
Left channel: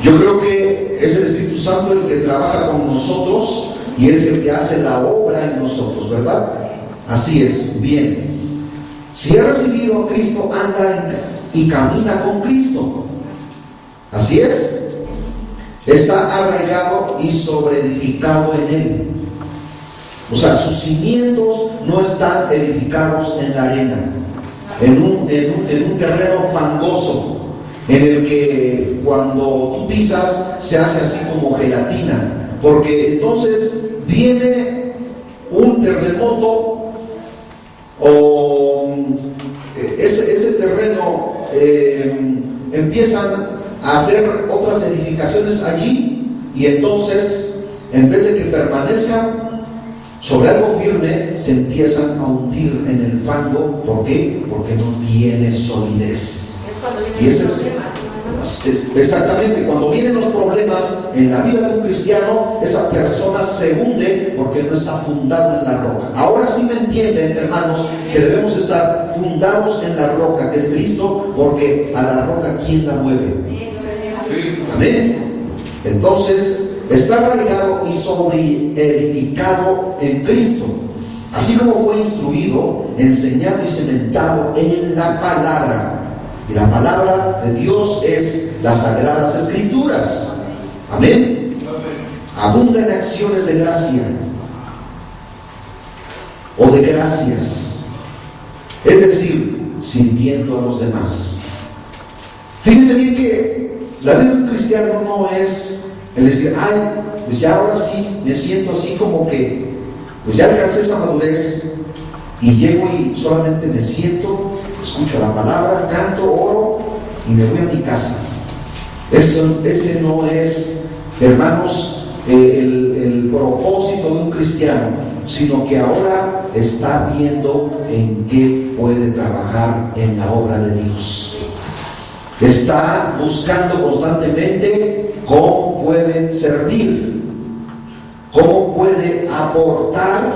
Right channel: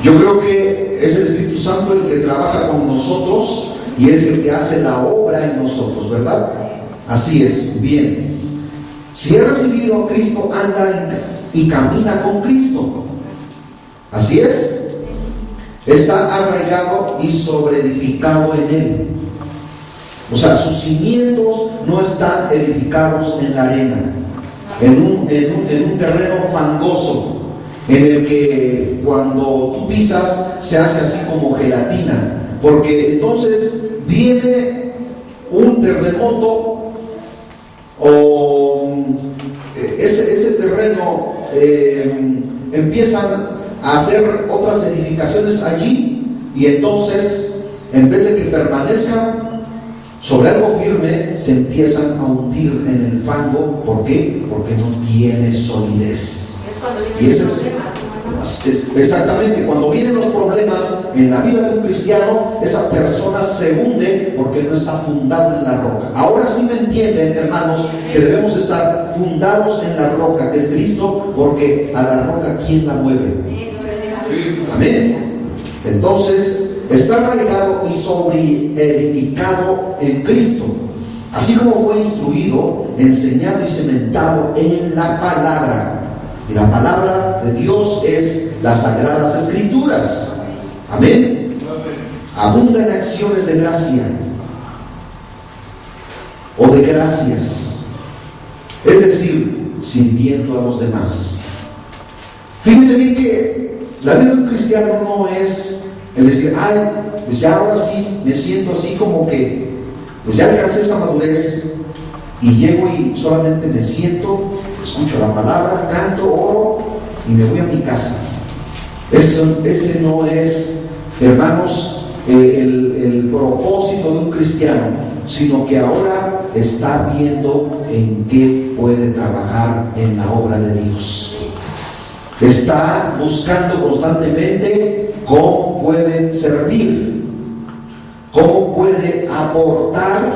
Yo creo que es el Espíritu Santo el que trabaja con nosotros y es el que hace la obra en nosotros, ¿verdad? Así es, bien. Si he recibido a Cristo, anda y camina con Cristo. Así es. Está arraigado y sobreedificado en Él. O sea, sus cimientos no están edificados en la arena, en un terreno fangoso, en el que cuando tú pisas se hace así como gelatina, porque entonces viene un terremoto o ese terreno empiezan a hacer otras edificaciones allí, y entonces en vez de que permanezcan sobre algo firme, se empiezan a hundir en el fango. ¿Por qué? Porque no tiene solidez. Es cuando vienen los problemas, ¿no? Exactamente, cuando vienen los problemas en la vida de un cristiano, esa persona se hunde porque no está fundado en la roca. Ahora sí me entienden, hermanos, que debemos estar fundados en la roca, que es Cristo, porque a la roca, ¿quién la mueve? Amén. Entonces, está arraigado y sobreedificado en Cristo, así como fue instruido, enseñado y cementado en la palabra. Y la palabra de Dios es las Sagradas Escrituras. Amén. Abunda en acciones de gracia o de gracias, es decir, sirviendo a los demás. Fíjense bien que la vida de un cristiano no es el decir: ay, pues ya ahora sí me siento así como que pues ya alcancé esa madurez y llego y solamente me siento, escucho la palabra, canto, oro y me voy a mi casa. Ese no es, hermanos, el propósito de un cristiano, sino que ahora está viendo en qué puede trabajar en la obra de Dios. Está buscando constantemente cómo puede servir, cómo puede aportar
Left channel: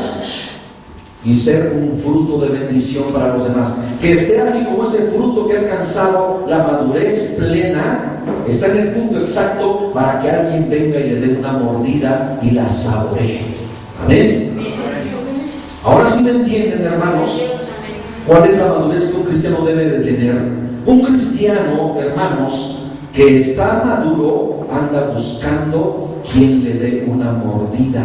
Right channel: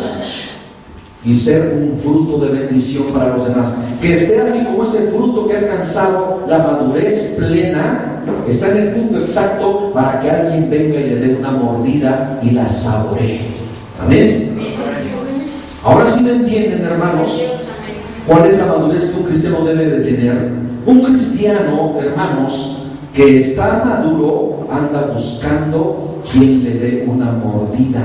y ser un fruto de bendición para los demás. Que esté así como ese fruto que ha alcanzado la madurez plena, está en el punto exacto para que alguien venga y le dé una mordida y la saboree. Amén. Ahora sí me entienden, hermanos. ¿Cuál es la madurez que un cristiano debe de tener? Un cristiano, hermanos, que está maduro, anda buscando quien le dé una mordida.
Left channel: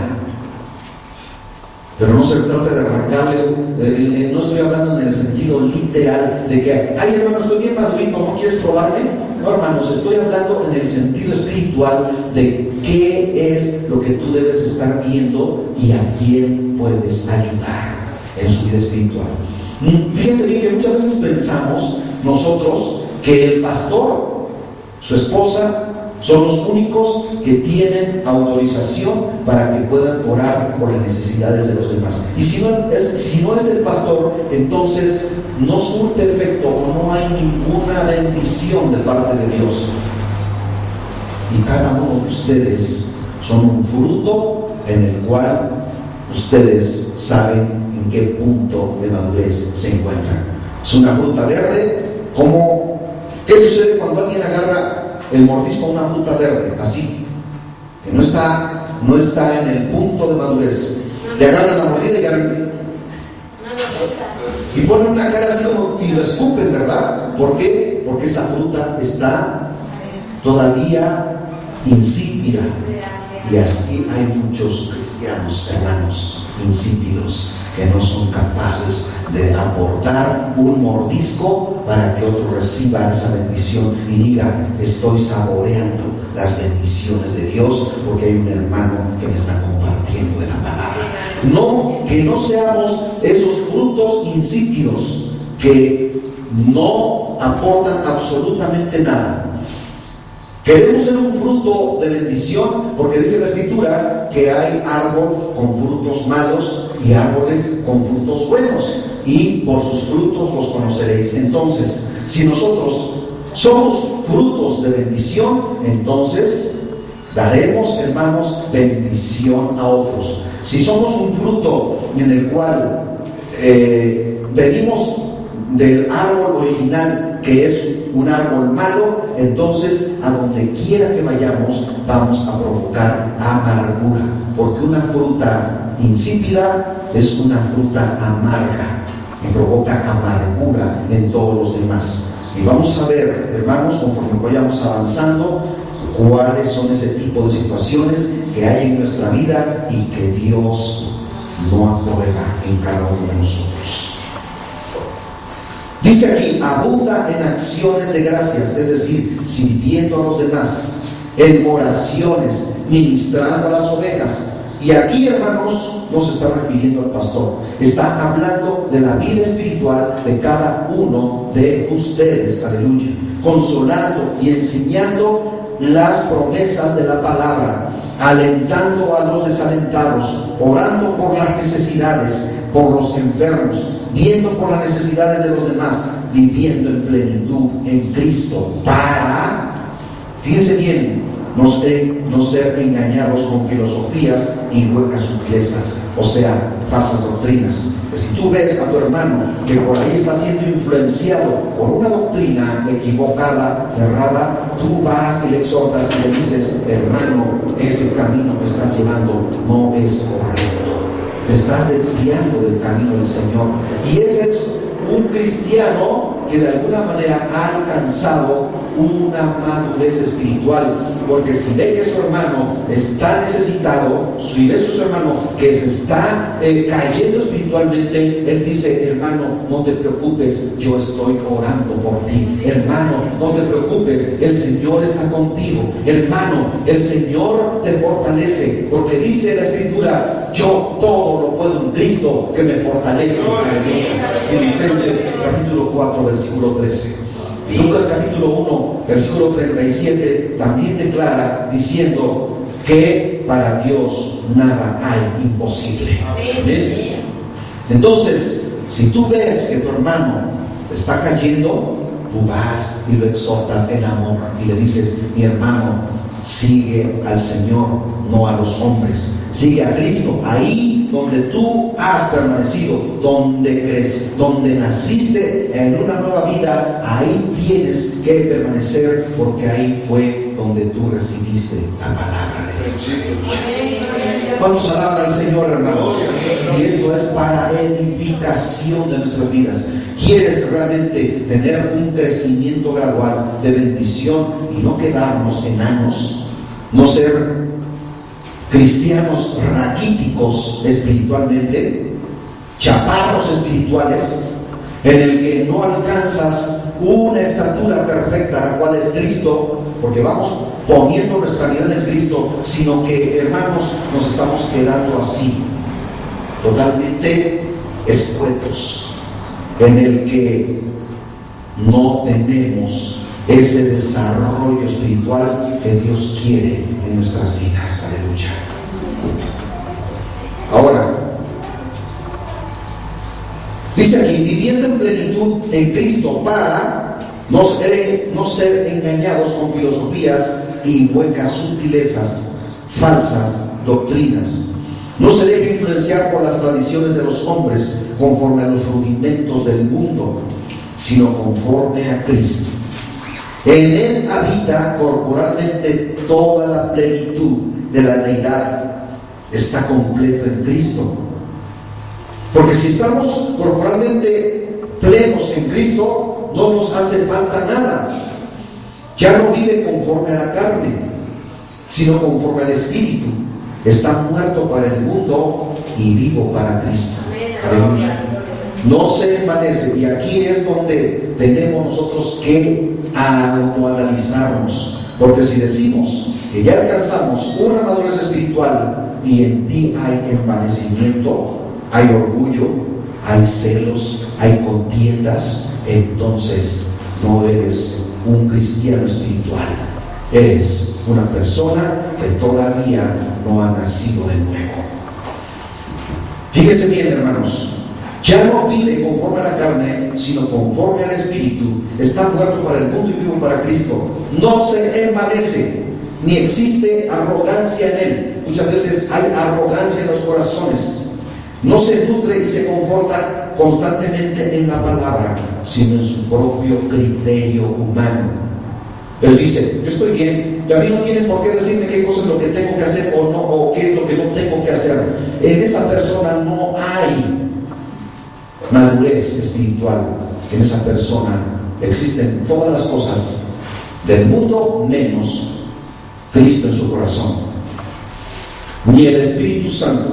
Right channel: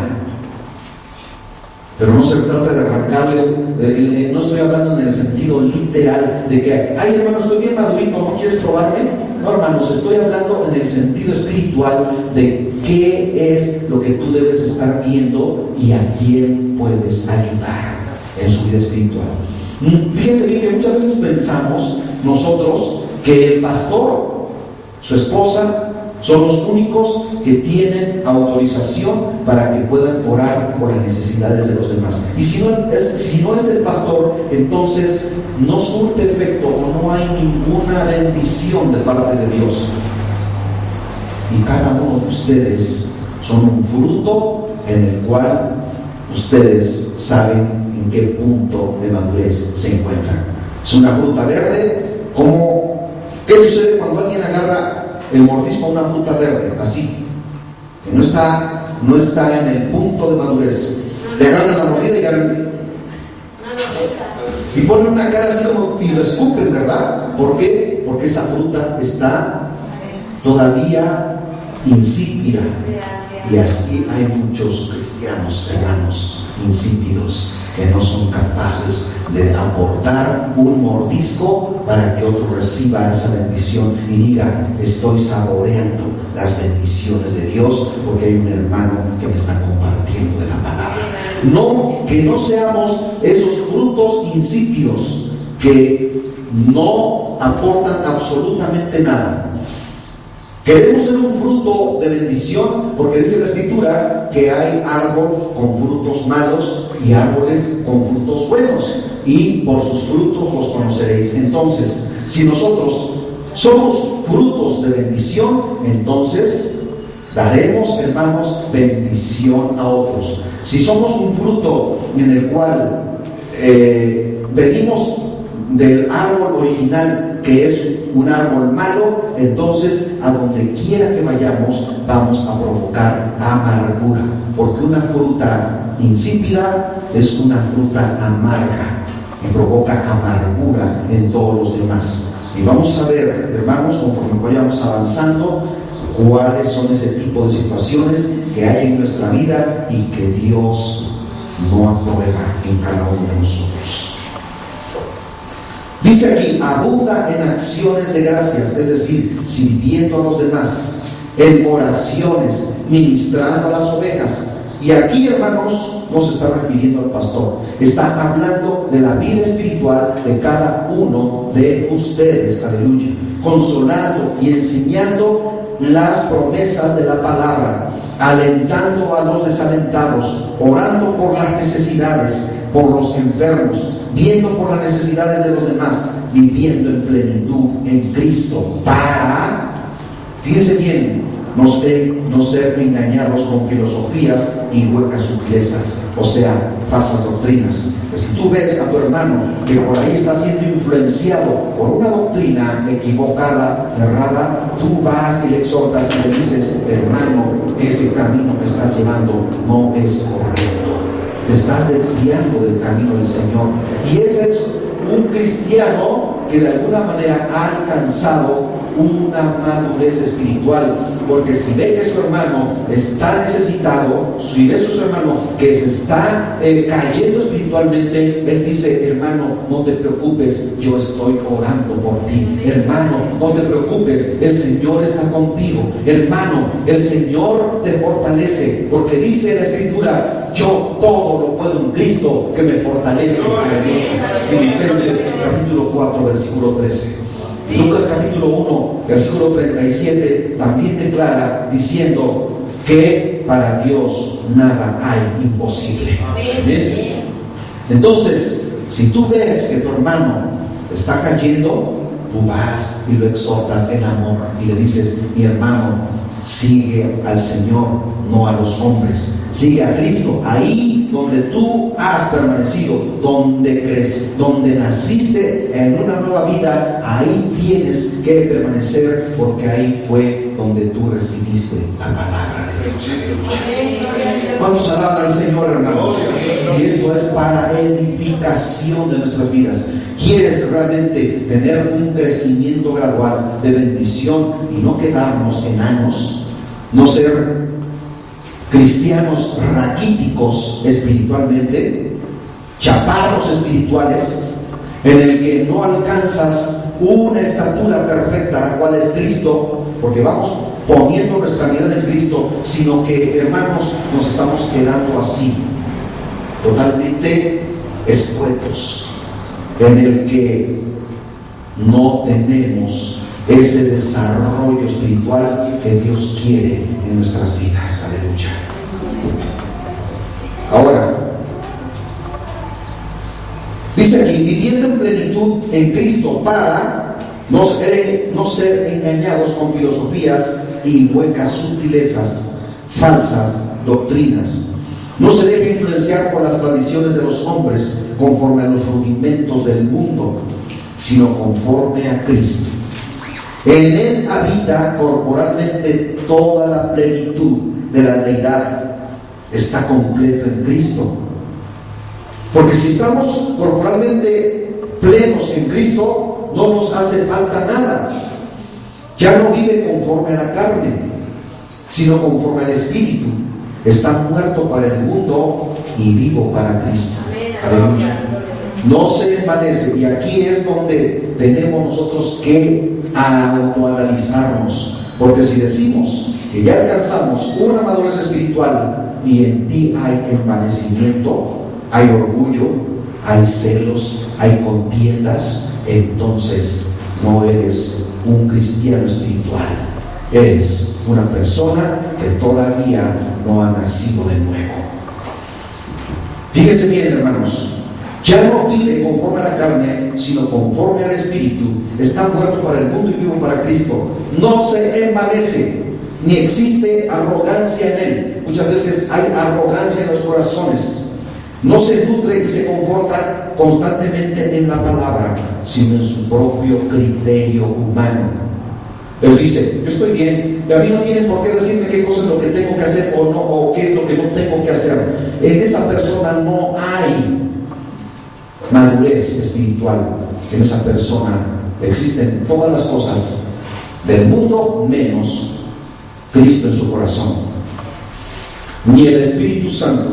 Pero no se trata de arrancarle, no estoy hablando en el sentido literal de que, ay hermano, estoy bien madurito, ¿no quieres probarme? No, hermanos, estoy hablando en el sentido espiritual de qué es lo que tú debes estar viendo y a quién puedes ayudar en su vida espiritual. Fíjense bien que muchas veces pensamos nosotros que el pastor, su esposa, son los únicos que tienen autorización para que puedan orar por las necesidades de los demás. Y si no es el pastor, entonces no surte efecto o no hay ninguna bendición de parte de Dios. Y cada uno de ustedes son un fruto en el cual ustedes saben en qué punto de madurez se encuentran. Es una fruta verde. ¿Qué sucede cuando alguien agarra el mordisco a una fruta verde? Así, que no está en el punto de madurez. Le agarran la mordida y ya y ponen una cara así como y lo escupen, ¿verdad? ¿Por qué? Porque esa fruta está todavía insípida. Y así hay muchos cristianos, hermanos, insípidos, que no son capaces de aportar un mordisco para que otro reciba esa bendición y diga, estoy saboreando las bendiciones de Dios porque hay un hermano que me está compartiendo de la palabra. No, que no seamos esos frutos insípidos que no aportan absolutamente nada. Queremos ser un fruto de bendición porque dice la Escritura que hay árbol con frutos malos y árboles con frutos buenos, y por sus frutos los conoceréis. Entonces, si nosotros somos frutos de bendición, entonces daremos, hermanos, bendición a otros. Si somos un fruto en el cual venimos del árbol original, que es un árbol malo, entonces a donde quiera que vayamos vamos a provocar amargura, porque una fruta insípida es una fruta amarga y provoca amargura en todos los demás. Y vamos a ver, hermanos, conforme vayamos avanzando, cuáles son ese tipo de situaciones que hay en nuestra vida y que Dios no aprueba en cada uno de nosotros. Dice aquí, abunda en acciones de gracias, es decir, sirviendo a los demás, en oraciones, ministrando a las ovejas. Y aquí, hermanos, no se está refiriendo al pastor, está hablando de la vida espiritual de cada uno de ustedes, aleluya, consolando y enseñando las promesas de la palabra, alentando a los desalentados, orando por las necesidades, por los enfermos, viendo por las necesidades de los demás, viviendo en plenitud en Cristo, para, fíjense bien, no ser engañados con filosofías y huecas sutilezas, o sea, falsas doctrinas. Que si tú ves a tu hermano que por ahí está siendo influenciado por una doctrina equivocada, errada, tú vas y le exhortas y le dices, hermano, ese camino que estás llevando no es correcto, te estás desviando del camino del Señor. Y ese es un cristiano que de alguna manera ha alcanzado una madurez espiritual, porque si ve que su hermano está necesitado, si ve a su hermano que se está cayendo espiritualmente, él dice, hermano, no te preocupes, yo estoy orando por ti. Hermano, no te preocupes, el Señor está contigo. Hermano, el Señor te fortalece, porque dice la Escritura, yo todo lo puedo en Cristo que me fortalece. Filipenses capítulo 4 versículo 13. Lucas capítulo 1 versículo 37 también declara diciendo que para Dios nada hay imposible. ¿Bien? Entonces, si tú ves que tu hermano está cayendo, tú vas y lo exhortas en amor y le dices, mi hermano, sigue al Señor, no a los hombres, sigue a Cristo. Ahí donde tú has permanecido, donde crees, donde naciste en una nueva vida, ahí tienes que permanecer, porque ahí fue donde tú recibiste la palabra de Dios. Vamos a alabar al Señor, hermanos, y esto es para edificación de nuestras vidas. quieres realmente tener un crecimiento gradual de bendición y no quedarnos enanos, no ser cristianos raquíticos espiritualmente, chaparros espirituales, en el que no alcanzas una estatura perfecta, la cual es Cristo, porque vamos poniendo nuestra mirada en Cristo, sino que, hermanos, nos estamos quedando así, totalmente escuetos, en el que no tenemos ese desarrollo espiritual que Dios quiere en nuestras vidas. Aleluya. Ahora, dice aquí, viviendo en plenitud en Cristo para no ser engañados con filosofías y huecas sutilezas, falsas doctrinas. No se deje influenciar por las tradiciones de los hombres conforme a los rudimentos del mundo, sino conforme a Cristo. En Él habita corporalmente toda la plenitud de la deidad. Está completo en Cristo. Porque si estamos corporalmente plenos en Cristo, no nos hace falta nada. Ya no vive conforme a la carne, sino conforme al Espíritu. Está muerto para el mundo y vivo para Cristo. Aleluya. No se desvanece. Y aquí es donde tenemos nosotros que autoanalizarnos. Porque si decimos que ya alcanzamos una madurez espiritual y en ti hay envanecimiento, hay orgullo, hay celos, hay contiendas, entonces no eres un cristiano espiritual. Eres una persona que todavía no ha nacido de nuevo. Fíjense bien, hermanos, ya no vive conforme a la carne, sino conforme al Espíritu. Está muerto para el mundo y vivo para Cristo. No se envanece, ni existe arrogancia en él. Muchas veces hay arrogancia en los corazones. No se nutre y se conforta constantemente en la palabra, sino en su propio criterio humano. Él dice, yo estoy bien, y a mí no tienen por qué decirme qué cosa es lo que tengo que hacer o no, o qué es lo que no tengo que hacer. En esa persona no hay madurez espiritual. En esa persona existen todas las cosas del mundo menos Cristo en su corazón, ni el Espíritu Santo.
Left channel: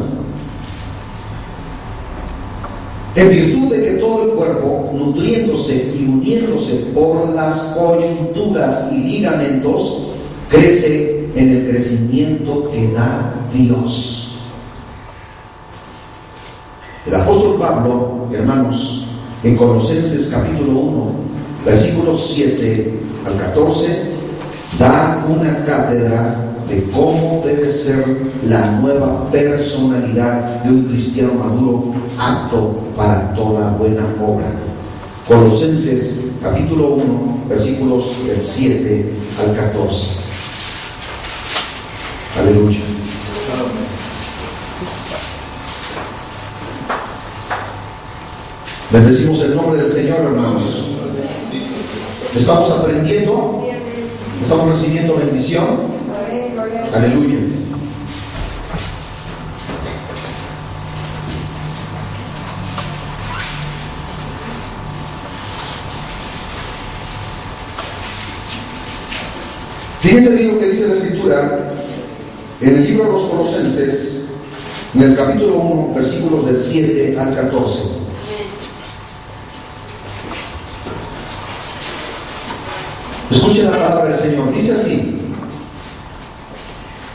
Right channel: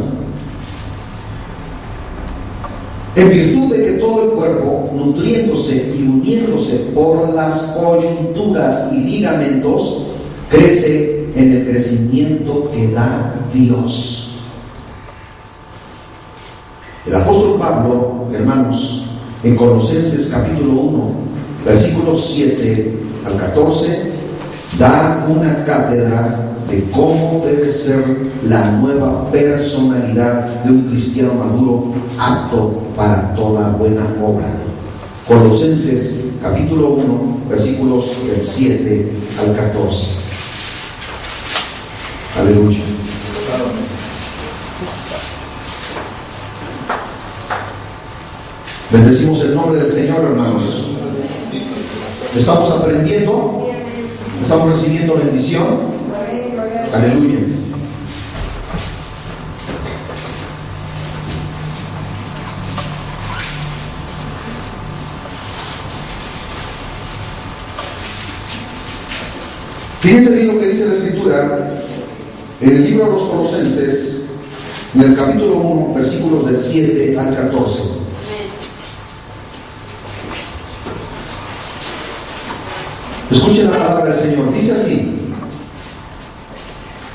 En virtud de que todo el cuerpo, nutriéndose y uniéndose por las coyunturas y ligamentos, crece en el crecimiento que da Dios. El apóstol Pablo, hermanos, en Colosenses capítulo 1, versículos 7 al 14, da una cátedra de cómo debe ser la nueva personalidad de un cristiano maduro, apto para toda buena obra. Colosenses capítulo 1, versículos del 7 al 14. Aleluya. Bendecimos el nombre del Señor, hermanos. Estamos aprendiendo, estamos recibiendo bendición. Aleluya. Fíjense bien lo que dice la Escritura en el libro de los Colosenses, en el capítulo 1, versículos del 7 al 14. Escuchen la palabra del Señor. Dice así:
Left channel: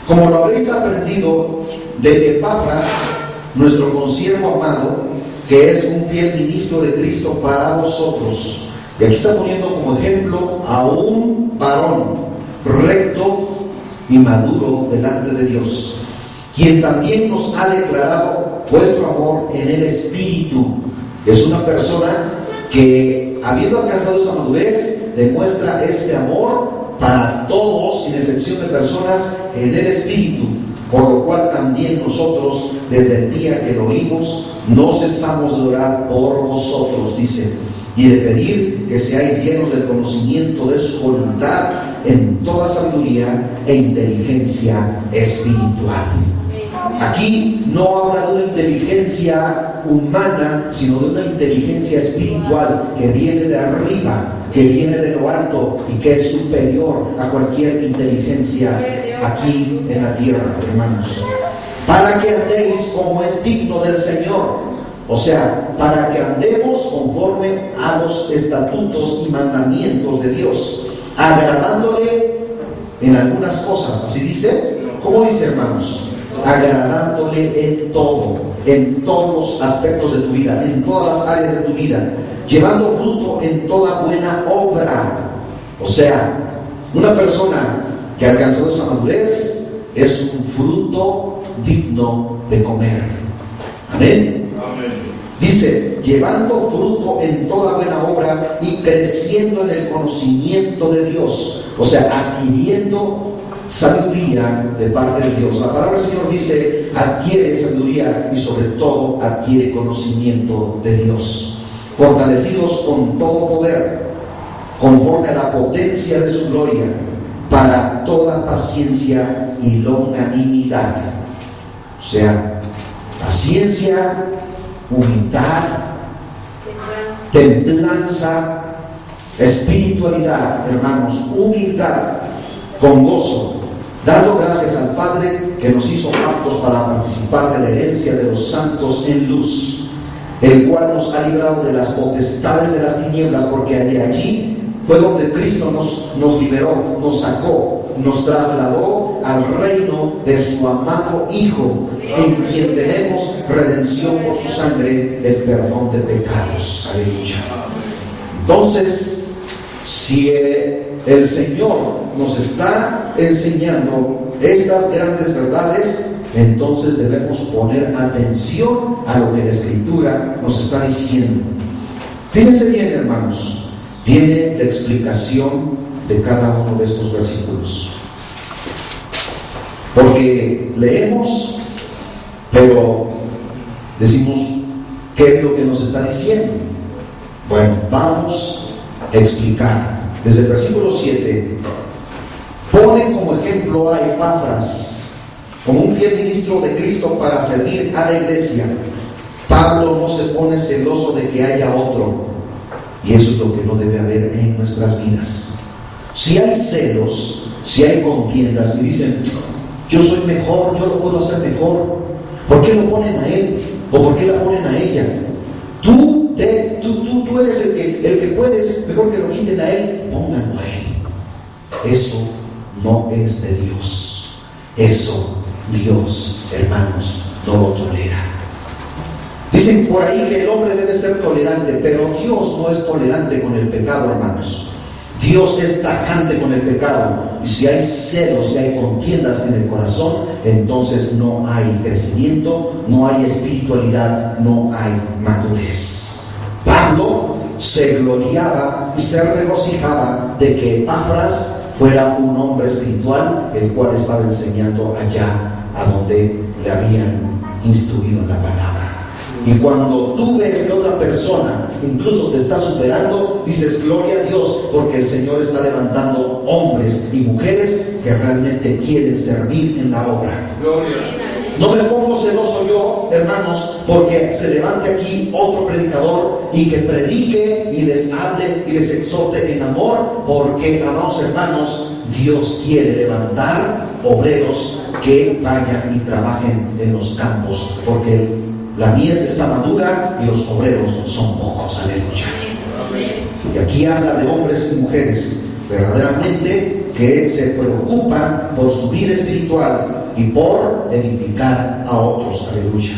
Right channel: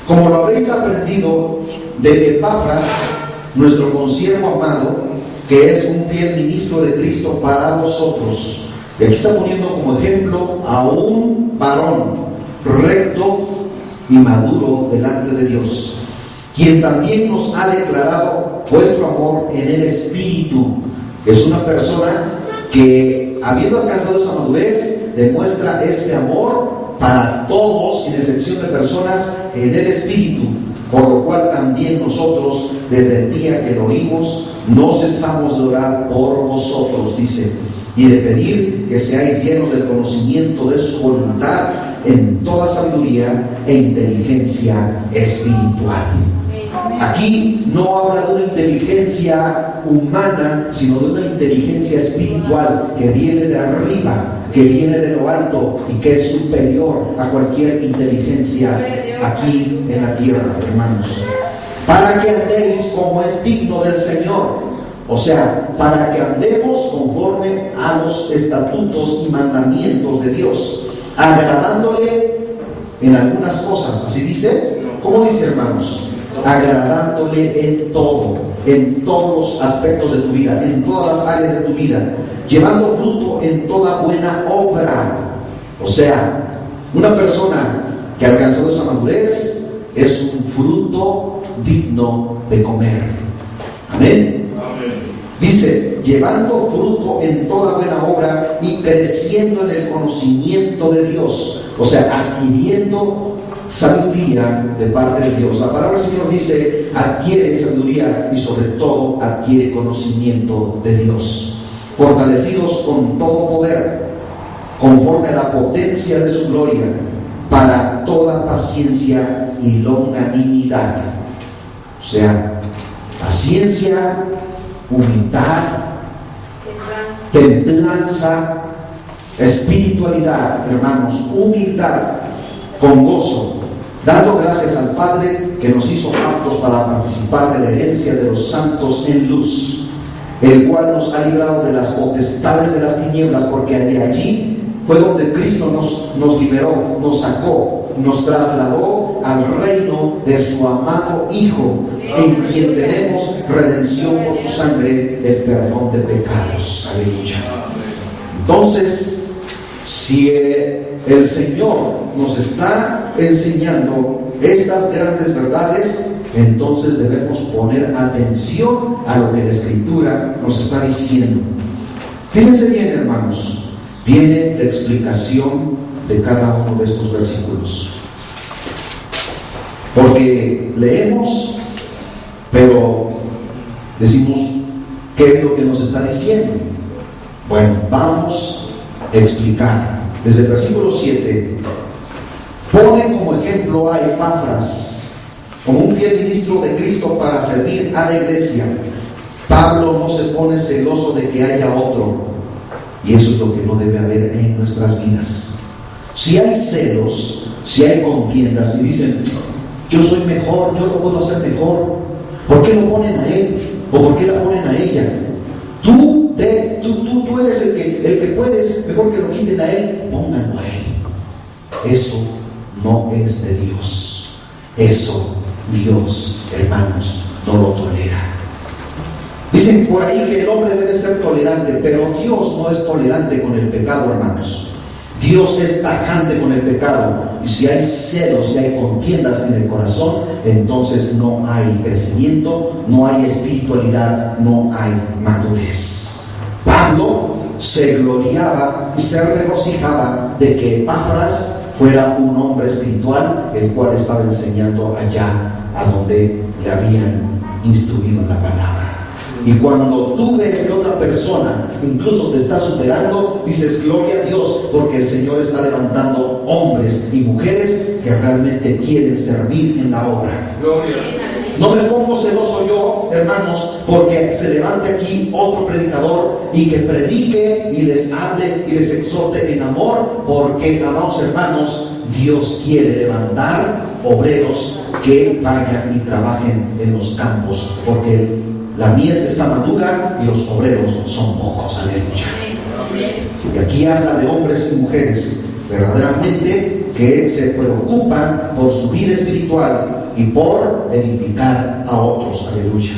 como lo habéis aprendido de Epafras, nuestro consiervo amado, que es un fiel ministro de Cristo para vosotros. Y aquí está poniendo como ejemplo a un varón recto y maduro delante de Dios, quien también nos ha declarado vuestro amor en el Espíritu. Es una persona que, habiendo alcanzado esa madurez, demuestra ese amor para todos, sin excepción de personas, en el Espíritu, por lo cual también nosotros, desde el día que lo oímos, no cesamos de orar por vosotros, dice, y de pedir que seáis llenos del conocimiento de su voluntad en toda sabiduría e inteligencia espiritual. Aquí no habla de una inteligencia humana, sino de una inteligencia espiritual que viene de arriba, que viene de lo alto y que es superior a cualquier inteligencia aquí en la tierra, hermanos. Para que andéis como es digno del Señor. O sea, para que andemos conforme a los estatutos y mandamientos de Dios, agradándole en algunas cosas. ¿Así dice? ¿Cómo dice, hermanos? Agradándole en todo, en todos los aspectos de tu vida, en todas las áreas de tu vida, llevando fruto en toda buena obra. O sea, una persona que alcanzó esa madurez es un fruto digno de comer. Amén. Dice, llevando fruto en toda buena obra y creciendo en el conocimiento de Dios. O sea, adquiriendo sabiduría de parte de Dios. La palabra del Señor dice, adquiere sabiduría y sobre todo adquiere conocimiento de Dios. Fortalecidos con todo poder, conforme a la potencia de su gloria, para toda paciencia y longanimidad. O sea, paciencia, humildad, templanza, espiritualidad, hermanos, humildad, con gozo, dando gracias al Padre que nos hizo aptos para participar de la herencia de los santos en luz, el cual nos ha librado de las potestades de las tinieblas, porque de allí fue donde Cristo nos liberó, nos sacó, nos trasladó al reino de su amado Hijo, en quien tenemos redención por su sangre, el perdón de pecados. Aleluya. Entonces, si el Señor nos está enseñando estas grandes verdades, entonces debemos poner atención a lo que la Escritura nos está diciendo. Fíjense bien, hermanos, viene la explicación de cada uno de estos versículos. Porque leemos, pero decimos, ¿qué es lo que nos está diciendo? Bueno, vamos a explicar. Desde el versículo 7, pone como ejemplo a Epafras, como un fiel ministro de Cristo para servir a la iglesia. Pablo no se pone celoso de que haya otro, y eso es lo que no debe haber en nuestras vidas. Si hay celos, si hay contiendas y dicen, yo soy mejor, yo lo puedo hacer mejor, ¿por qué lo ponen a él? ¿O por qué la ponen a ella? Tú eres el que puedes, mejor que lo quiten a él, pónganlo a él. Eso no es de Dios. Eso Dios, hermanos, no lo tolera. Dicen por ahí que el hombre debe ser tolerante, pero Dios no es tolerante con el pecado, hermanos. Dios es tajante con el pecado. Y si hay celos y hay contiendas en el corazón, entonces no hay crecimiento, no hay espiritualidad, no hay madurez. Pablo se gloriaba y se regocijaba de que Epafras fuera un hombre espiritual, el cual estaba enseñando allá a donde le habían instruido en la palabra. Y cuando tú ves que otra persona incluso te está superando, dices gloria a Dios, porque el Señor está levantando hombres y mujeres que realmente quieren servir en la obra. Gloria. No me pongo celoso yo, hermanos, porque se levante aquí otro predicador y que predique y les hable y les exhorte en amor, porque, amados hermanos, Dios quiere levantar obreros que vayan y trabajen en los campos, porque la mies está madura y los obreros son pocos. Aleluya. Y aquí habla de hombres y mujeres verdaderamente que se preocupan por su vida espiritual y por edificar a otros. Aleluya.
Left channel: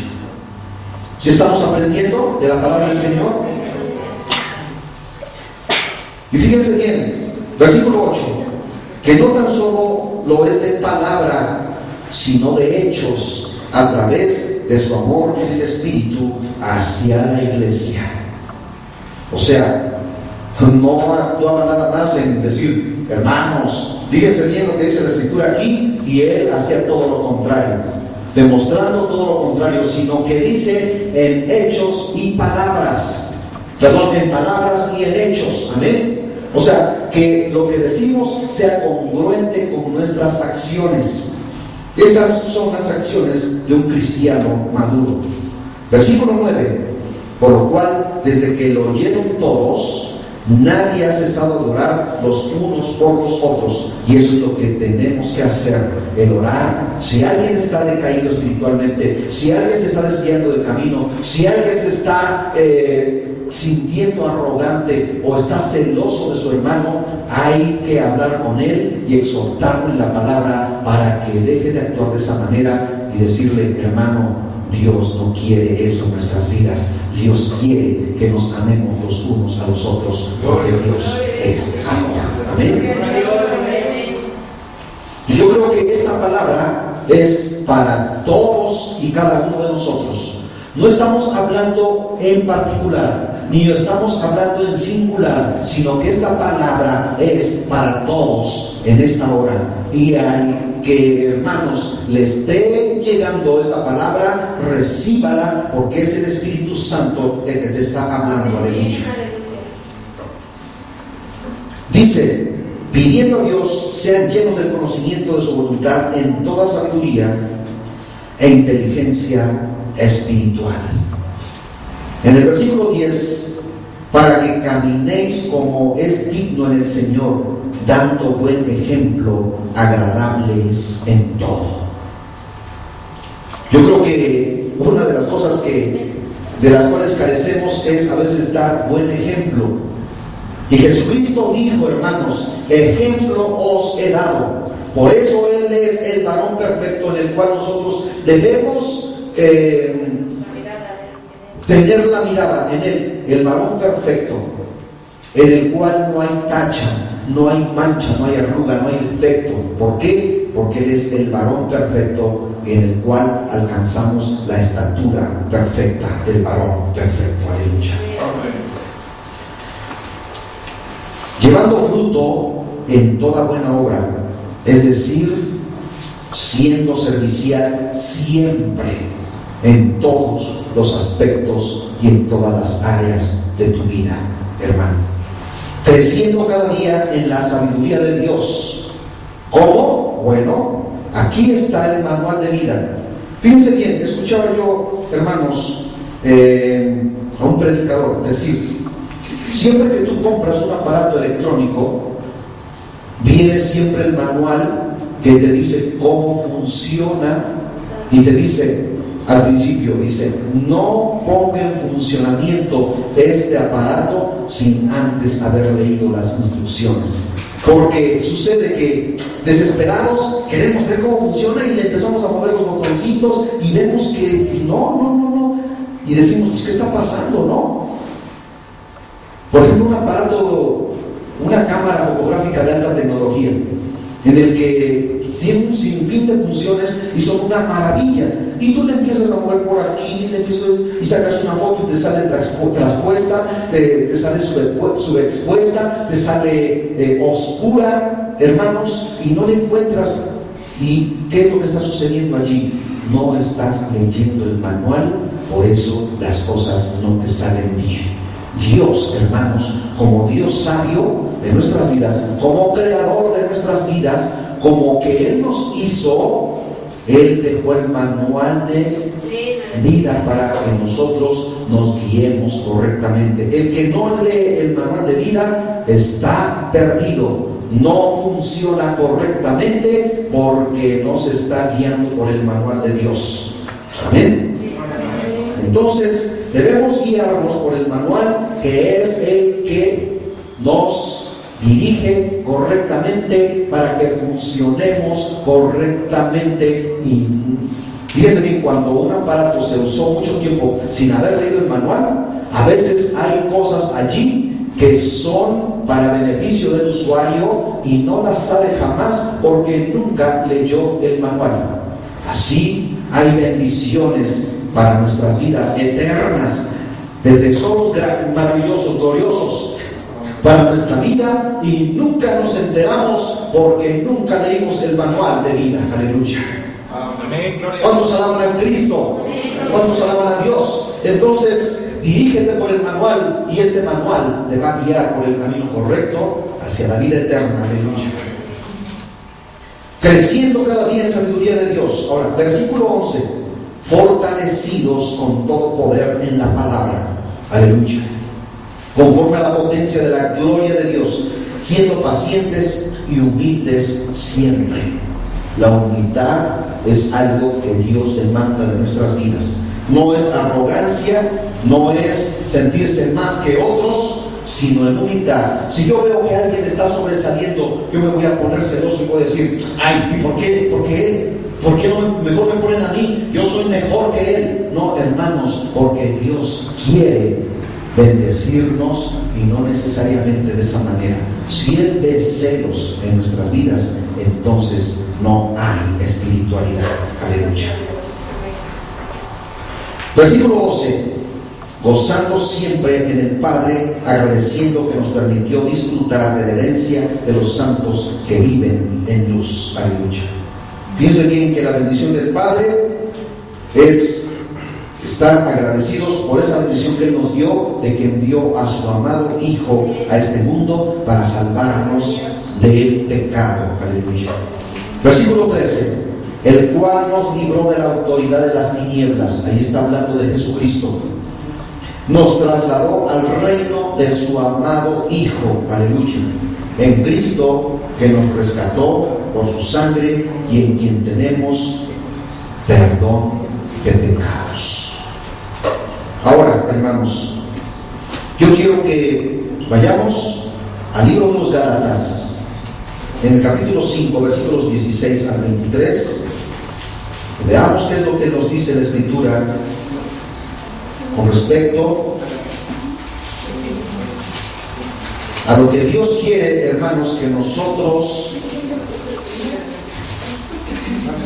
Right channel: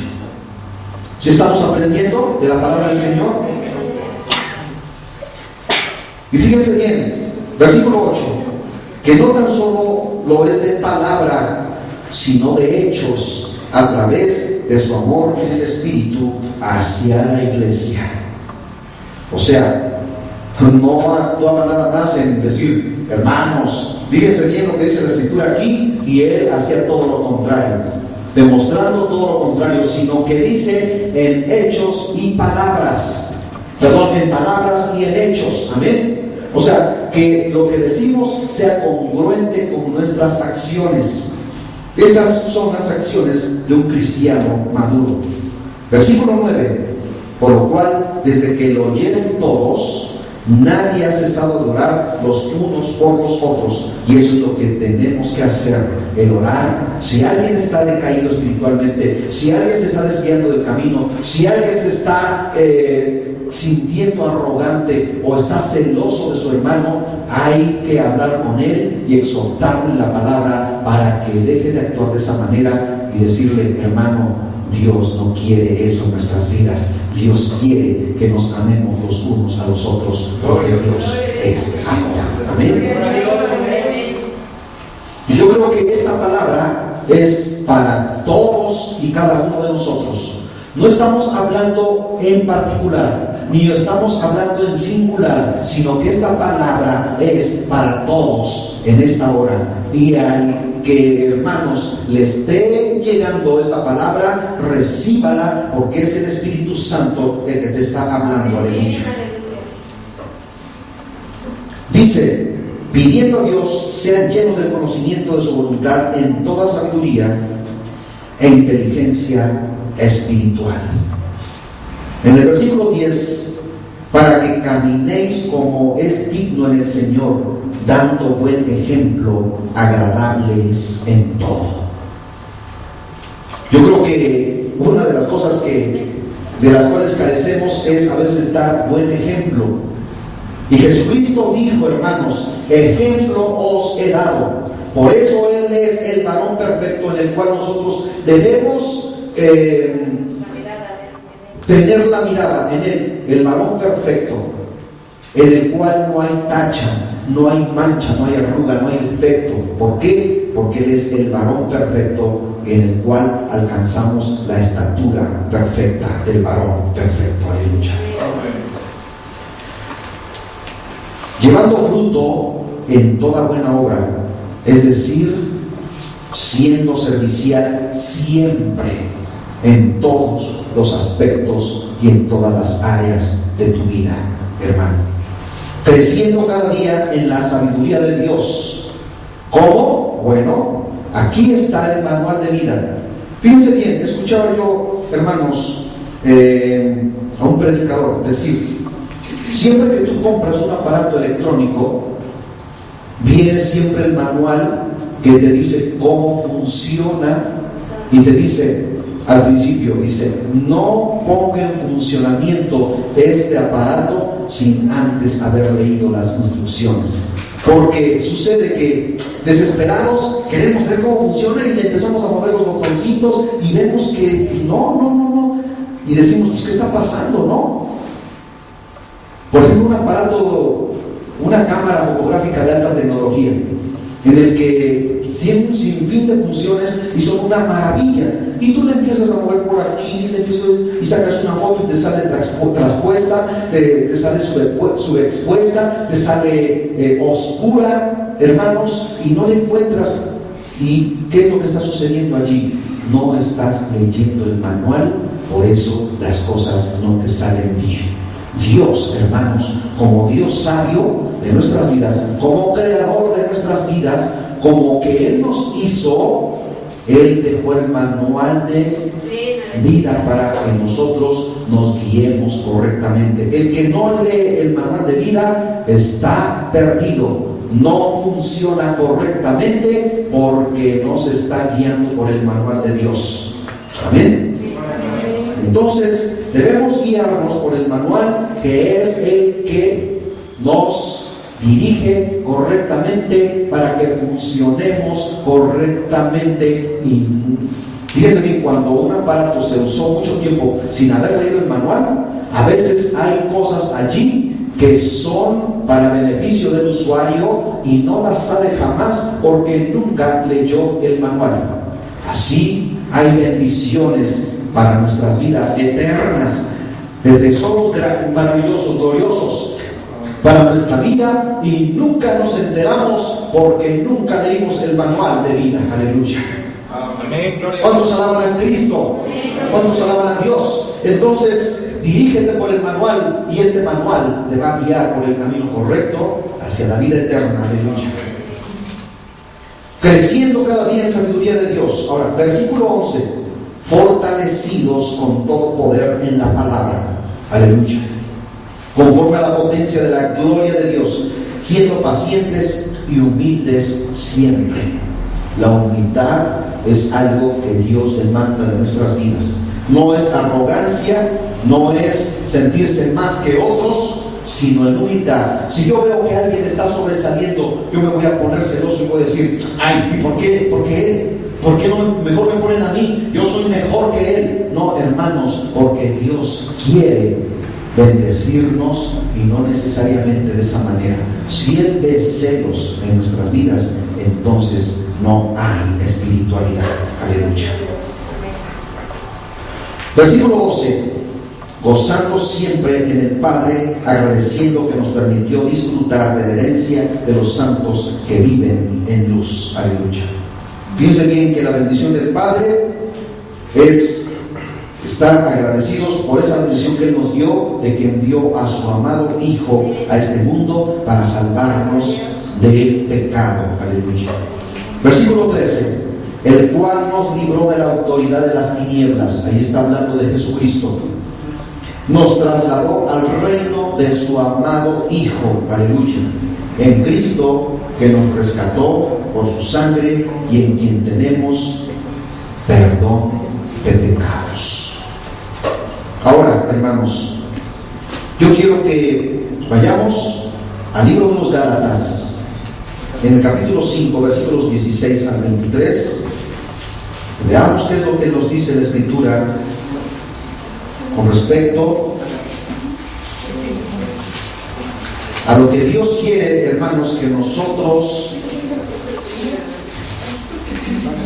¿Sí estamos aprendiendo de la palabra del Señor? Y fíjense bien, versículo 8, que no tan solo lo es de palabra, sino de hechos, a través de su amor en el Espíritu hacia la iglesia. O sea, no actuaba nada más en decir, hermanos, fíjense bien lo que dice la Escritura aquí, y él hacía todo lo contrario, demostrando todo lo contrario, sino que dice en hechos y palabras, en palabras y en hechos. Amén. O sea, que lo que decimos sea congruente con nuestras acciones. Estas son las acciones de un cristiano maduro. Versículo 9. Por lo cual, desde que lo oyeron todos, nadie ha cesado de orar los unos por los otros. Y eso es lo que tenemos que hacer, el orar. Si alguien está decaído espiritualmente, si alguien se está desviando del camino, si alguien se está sintiendo arrogante o está celoso de su hermano, hay que hablar con él y exhortarlo en la palabra para que deje de actuar de esa manera y decirle: hermano, Dios no quiere eso en nuestras vidas. Dios quiere que nos amemos los unos a los otros, porque Dios es amor. Amén. Y yo creo que esta palabra es para todos y cada uno de nosotros. No estamos hablando en particular, ni estamos hablando en singular, sino que esta palabra es para todos en esta hora. Y al que, hermanos, le esté llegando esta palabra, recíbala, porque es el Espíritu Santo el que te está hablando. Aleluya. Dice: pidiendo a Dios sean llenos del conocimiento de su voluntad en toda sabiduría e inteligencia espiritual. En el versículo 10: para que caminéis como es digno en el Señor, dando buen ejemplo, agradables en todo. Yo creo que una de las cosas de las cuales carecemos es a veces dar buen ejemplo. Y Jesucristo dijo: hermanos, ejemplo os he dado. Por eso Él es el varón perfecto en el cual nosotros debemos tener la mirada en Él, el varón perfecto, en el cual no hay tacha, no hay mancha, no hay arruga, no hay defecto. ¿Por qué? Porque Él es el varón perfecto en el cual alcanzamos la estatura perfecta del varón perfecto. Aleluya. Llevando fruto en toda buena obra, es decir, siendo servicial siempre, en todos los aspectos y en todas las áreas de tu vida, hermano. Creciendo cada día en la sabiduría de Dios. ¿Cómo? Bueno, aquí está el manual de vida. Fíjense bien, escuchaba yo, hermanos, a un predicador decir: siempre que tú compras un aparato electrónico, viene siempre el manual que te dice cómo funciona, y te dice al principio, dice: no ponga en funcionamiento este aparato sin antes haber leído las instrucciones. Porque sucede que desesperados queremos ver cómo funciona y le empezamos a mover los botoncitos y vemos que no, y decimos: pues, ¿qué está pasando? ¿No? Por ejemplo, un aparato, una cámara fotográfica de alta tecnología, en el que tiene un sinfín de funciones y son una maravilla. Y tú le empiezas a mover por aquí, y sacas una foto y te sale traspuesta, te sale subexpuesta, te sale oscura, hermanos, y no le encuentras. ¿Y qué es lo que está sucediendo allí? No estás leyendo el manual, por eso las cosas no te salen bien. Dios, hermanos, como Dios sabio de nuestras vidas, como creador de nuestras vidas, como que Él nos hizo, Él dejó el manual de vida para que nosotros nos guiemos correctamente. El que no lee el manual de vida está perdido, no funciona correctamente porque no se está guiando por el manual de Dios. Amén. Entonces debemos guiarnos por el manual, que es el que nos dirige correctamente para que funcionemos correctamente. Y fíjense bien, cuando un aparato se usó mucho tiempo sin haber leído el manual, a veces hay cosas allí que son para beneficio del usuario y no las sabe jamás porque nunca leyó el manual. Así hay bendiciones para nuestras vidas eternas, de tesoros maravillosos, gloriosos para nuestra vida, y nunca nos enteramos porque nunca leímos el manual de vida. Aleluya. Amén. ¿Cuántos alaban a Cristo? ¿Cuántos alaban a Dios? Entonces, dirígete por el manual, y este manual te va a guiar por el camino correcto hacia la vida eterna. Aleluya. creciendo cada día en sabiduría de Dios. Ahora, versículo 11, fortalecidos con todo poder en la palabra, aleluya, conforme a la potencia de la gloria de Dios, siendo pacientes y humildes siempre. La humildad es algo que Dios demanda de nuestras vidas. No es arrogancia, no es sentirse más que otros, sino en humildad. Si yo veo que alguien está sobresaliendo, yo me voy a poner celoso y voy a decir, ay, ¿y por qué? ¿Por qué él? ¿Por qué no mejor me ponen a mí? Yo soy mejor que él. No, hermanos, porque Dios quiere bendecirnos y no necesariamente de esa manera. Si Él ve celos en nuestras vidas, entonces no hay espiritualidad. Aleluya. Versículo 12. Gozando siempre en el Padre, agradeciendo que nos permitió disfrutar de la herencia de los santos que viven en luz. Aleluya. Piensen bien que la bendición del Padre es estar agradecidos por esa bendición que Él nos dio, de que envió a su amado Hijo a este mundo para salvarnos del pecado. Aleluya. Versículo 13. El cual nos libró de la autoridad de las tinieblas. Ahí está hablando de Jesucristo. Nos trasladó al reino de su amado Hijo. Aleluya. En Cristo, que nos rescató por su sangre y en quien tenemos perdón de pecados. Ahora, hermanos, yo quiero que vayamos al libro de los Gálatas, en el capítulo 5, versículos 16 al 23. Veamos qué es lo que nos dice la Escritura con respecto a lo que Dios quiere, hermanos, que nosotros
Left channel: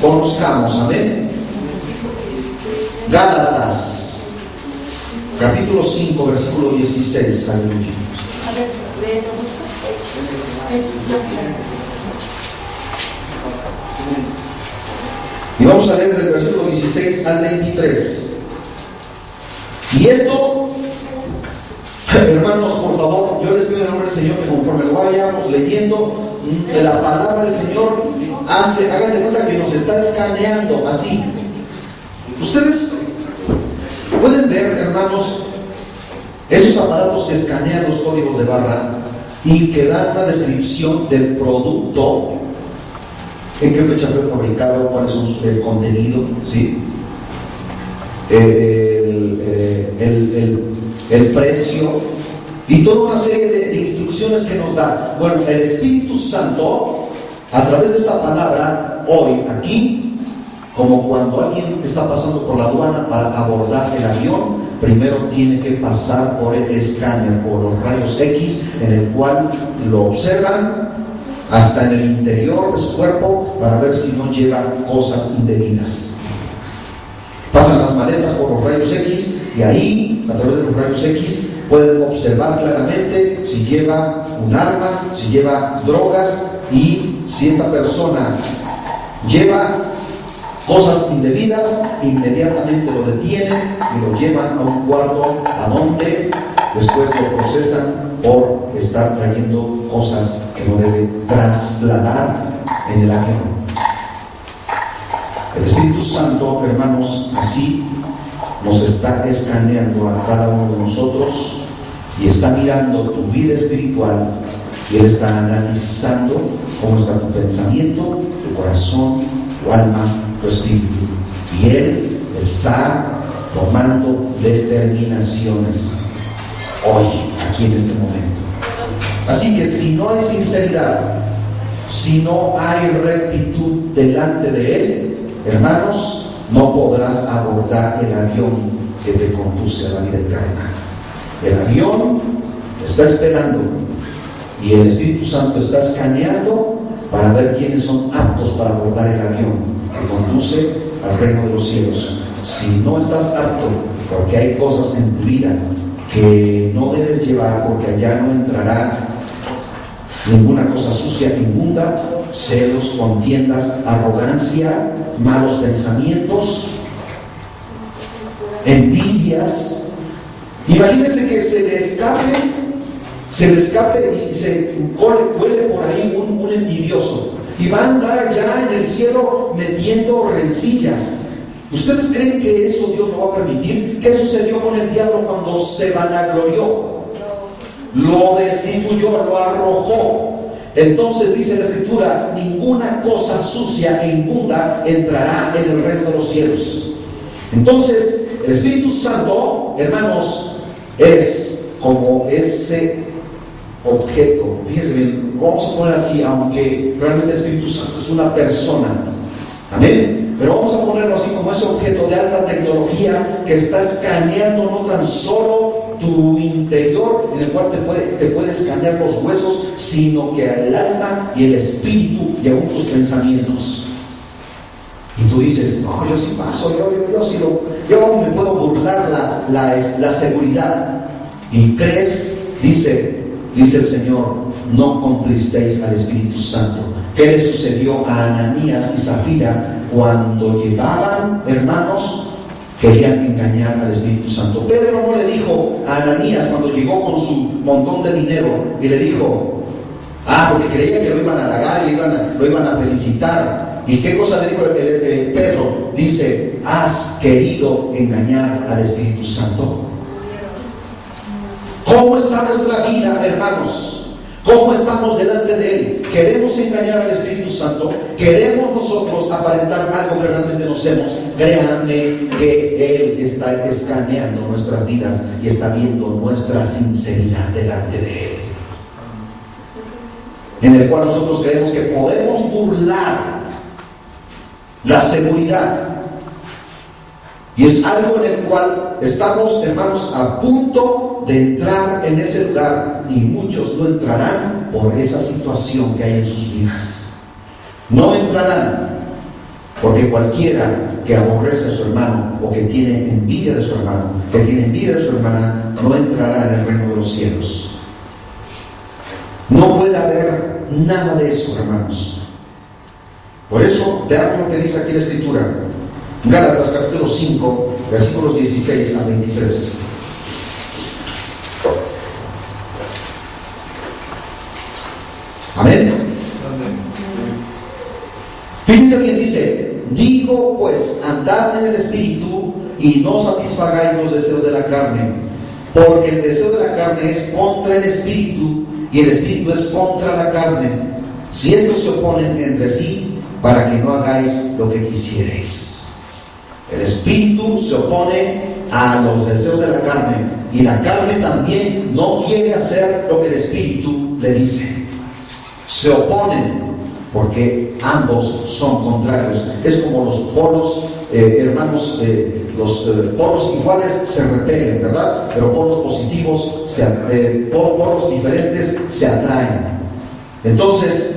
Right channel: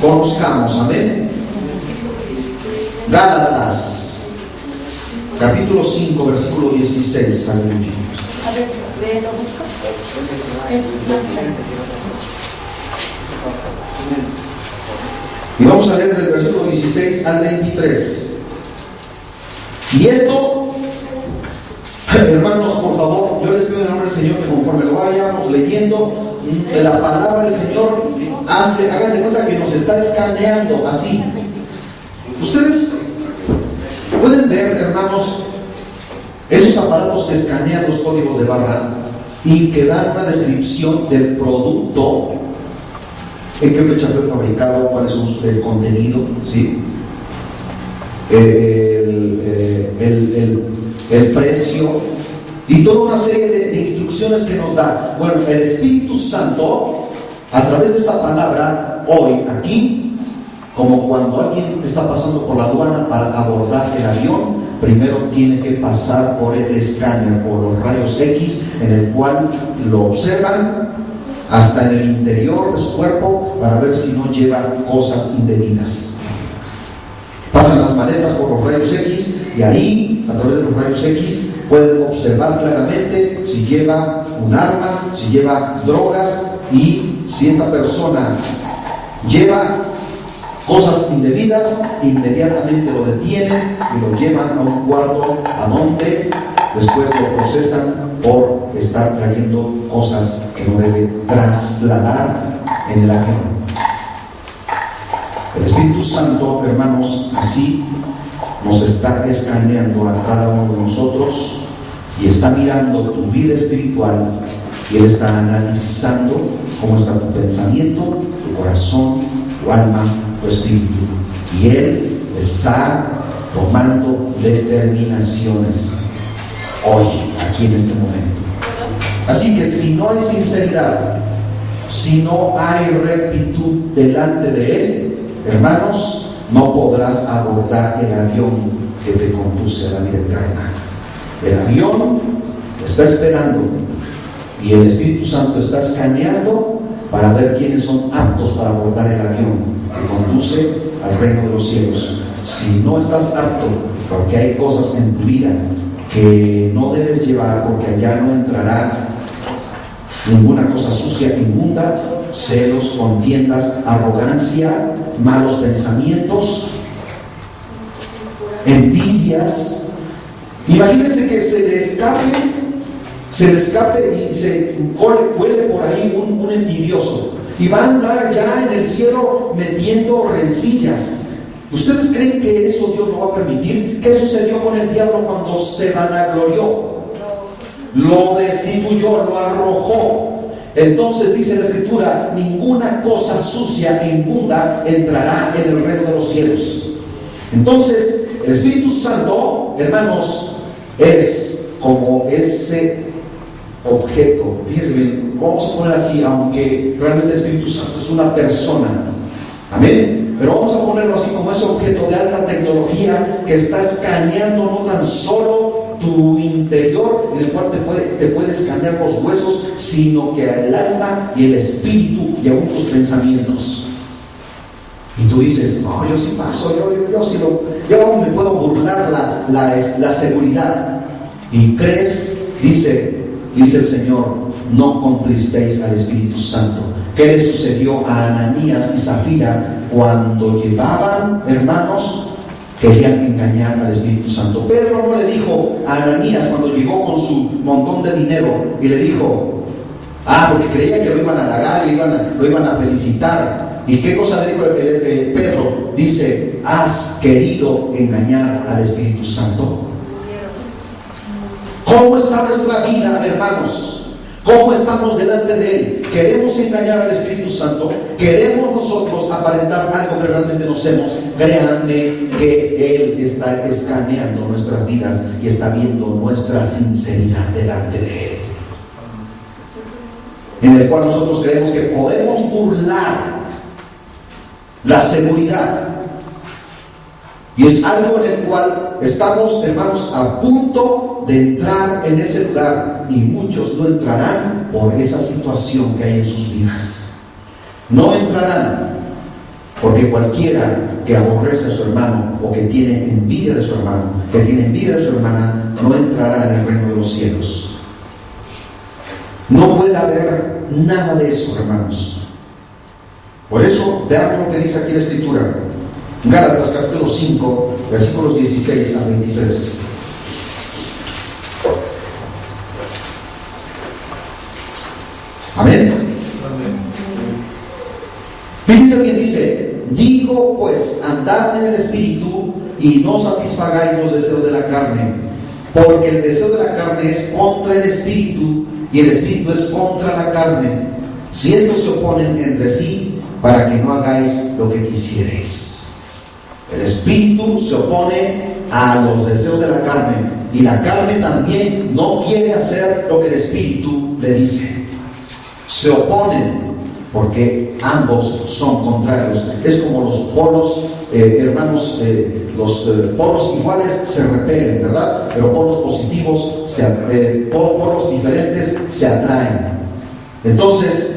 conozcamos. Amén. Gálatas capítulo 5, versículo 16. Aleluya. Y vamos a leer del versículo 16 al 23. Y esto, hermanos, por favor, yo les pido en el nombre del Señor que conforme lo vayamos leyendo de la palabra del Señor, hagan de cuenta que nos está escaneando así. Ustedes pueden ver, hermanos, esos aparatos que escanean los códigos de barra y que dan una descripción del producto, en qué fecha fue fabricado, cuál es el contenido, ¿sí? El precio y toda una serie de instrucciones que nos da. Bueno, el Espíritu Santo, a través de esta palabra, hoy aquí, como cuando alguien está pasando por la aduana para abordar el avión, primero tiene que pasar por el escáner, por los rayos X, en el cual lo observan hasta en el interior de su cuerpo para ver si no lleva cosas indebidas. Pasan las maletas por los rayos X y ahí, a través de los rayos X, pueden observar claramente si lleva un arma, si lleva drogas, y si esta persona lleva cosas indebidas, inmediatamente lo detienen y lo llevan a un cuarto a donde después lo procesan por estar trayendo cosas que no debe trasladar en el avión. El Espíritu Santo, hermanos, así nos está escaneando a cada uno de nosotros y está mirando tu vida espiritual y Él está analizando cómo está tu pensamiento, tu corazón, tu alma, tu espíritu, y Él está tomando determinaciones hoy, aquí en este momento. Así que si no hay sinceridad, si no hay rectitud delante de Él, hermanos, no podrás abordar el avión que te conduce a la vida eterna. El avión está esperando y el Espíritu Santo está escaneando para ver quiénes son aptos para abordar el avión que conduce al reino de los cielos. Si no estás apto, porque hay cosas en tu vida que no debes llevar, porque allá no entrará ninguna cosa sucia, inmunda, celos, contiendas, arrogancia, malos pensamientos, envidias. Imagínense que se le escape y se cuele por ahí un envidioso. y va a andar ya en el cielo metiendo rencillas. ¿Ustedes creen que eso Dios no va a permitir? ¿Qué sucedió con el diablo cuando se vanaglorió? Lo destituyó, lo arrojó. Entonces dice la Escritura: ninguna cosa sucia e inmunda entrará en el reino de los cielos. Entonces el Espíritu Santo, hermanos, es como ese objeto. Fíjense bien, vamos a poner así, aunque realmente el Espíritu Santo es una persona. Amén. Pero vamos a ponerlo así, como ese objeto de alta tecnología que está escaneando no tan solo tu interior, en el cual te puede escanear los huesos, sino que el alma y el espíritu y aún tus pensamientos. Y tú dices: no, yo sí paso, yo me puedo burlar la seguridad. Y crees, dice el Señor: no contristéis al Espíritu Santo. ¿Qué le sucedió a Ananías y Zafira cuando llevaban, hermanos, querían engañar al Espíritu Santo? Pedro no le dijo a Ananías cuando llegó con su montón de dinero y le dijo, porque creía que lo iban a halagar, lo iban a felicitar. ¿Y qué cosa le dijo Pedro? Dice: has querido engañar al Espíritu Santo. ¿Cómo está nuestra vida, hermanos? ¿Cómo estamos delante de Él? ¿Queremos engañar al Espíritu Santo? ¿Queremos nosotros aparentar algo que realmente no hacemos? Créanme que Él está escaneando nuestras vidas y está viendo nuestra sinceridad delante de Él, en el cual nosotros creemos que podemos burlar la seguridad. Y es algo en el cual estamos, hermanos, a punto de entrar en ese lugar, y muchos no entrarán por esa situación que hay en sus vidas. No entrarán porque cualquiera que aborrece a su hermano, o que tiene envidia de su hermano, que tiene envidia de su hermana, no entrará en el reino de los cielos. No puede haber nada de eso, hermanos. Por eso, veamos lo que dice aquí la Escritura. Gálatas capítulo 5, versículos 16 al 23. Amén. Fíjense bien, dice: digo pues, andad en el Espíritu y no satisfagáis los deseos de la carne, porque el deseo de la carne es contra el Espíritu y el Espíritu es contra la carne. Si estos se oponen entre sí, para que no hagáis lo que quisierais. El Espíritu se opone a los deseos de la carne, y la carne también no quiere hacer lo que el Espíritu le dice. Se oponen porque ambos son contrarios. Es como los polos, hermanos, los polos iguales se repelen, ¿verdad? Pero polos positivos, polos diferentes se atraen. Entonces,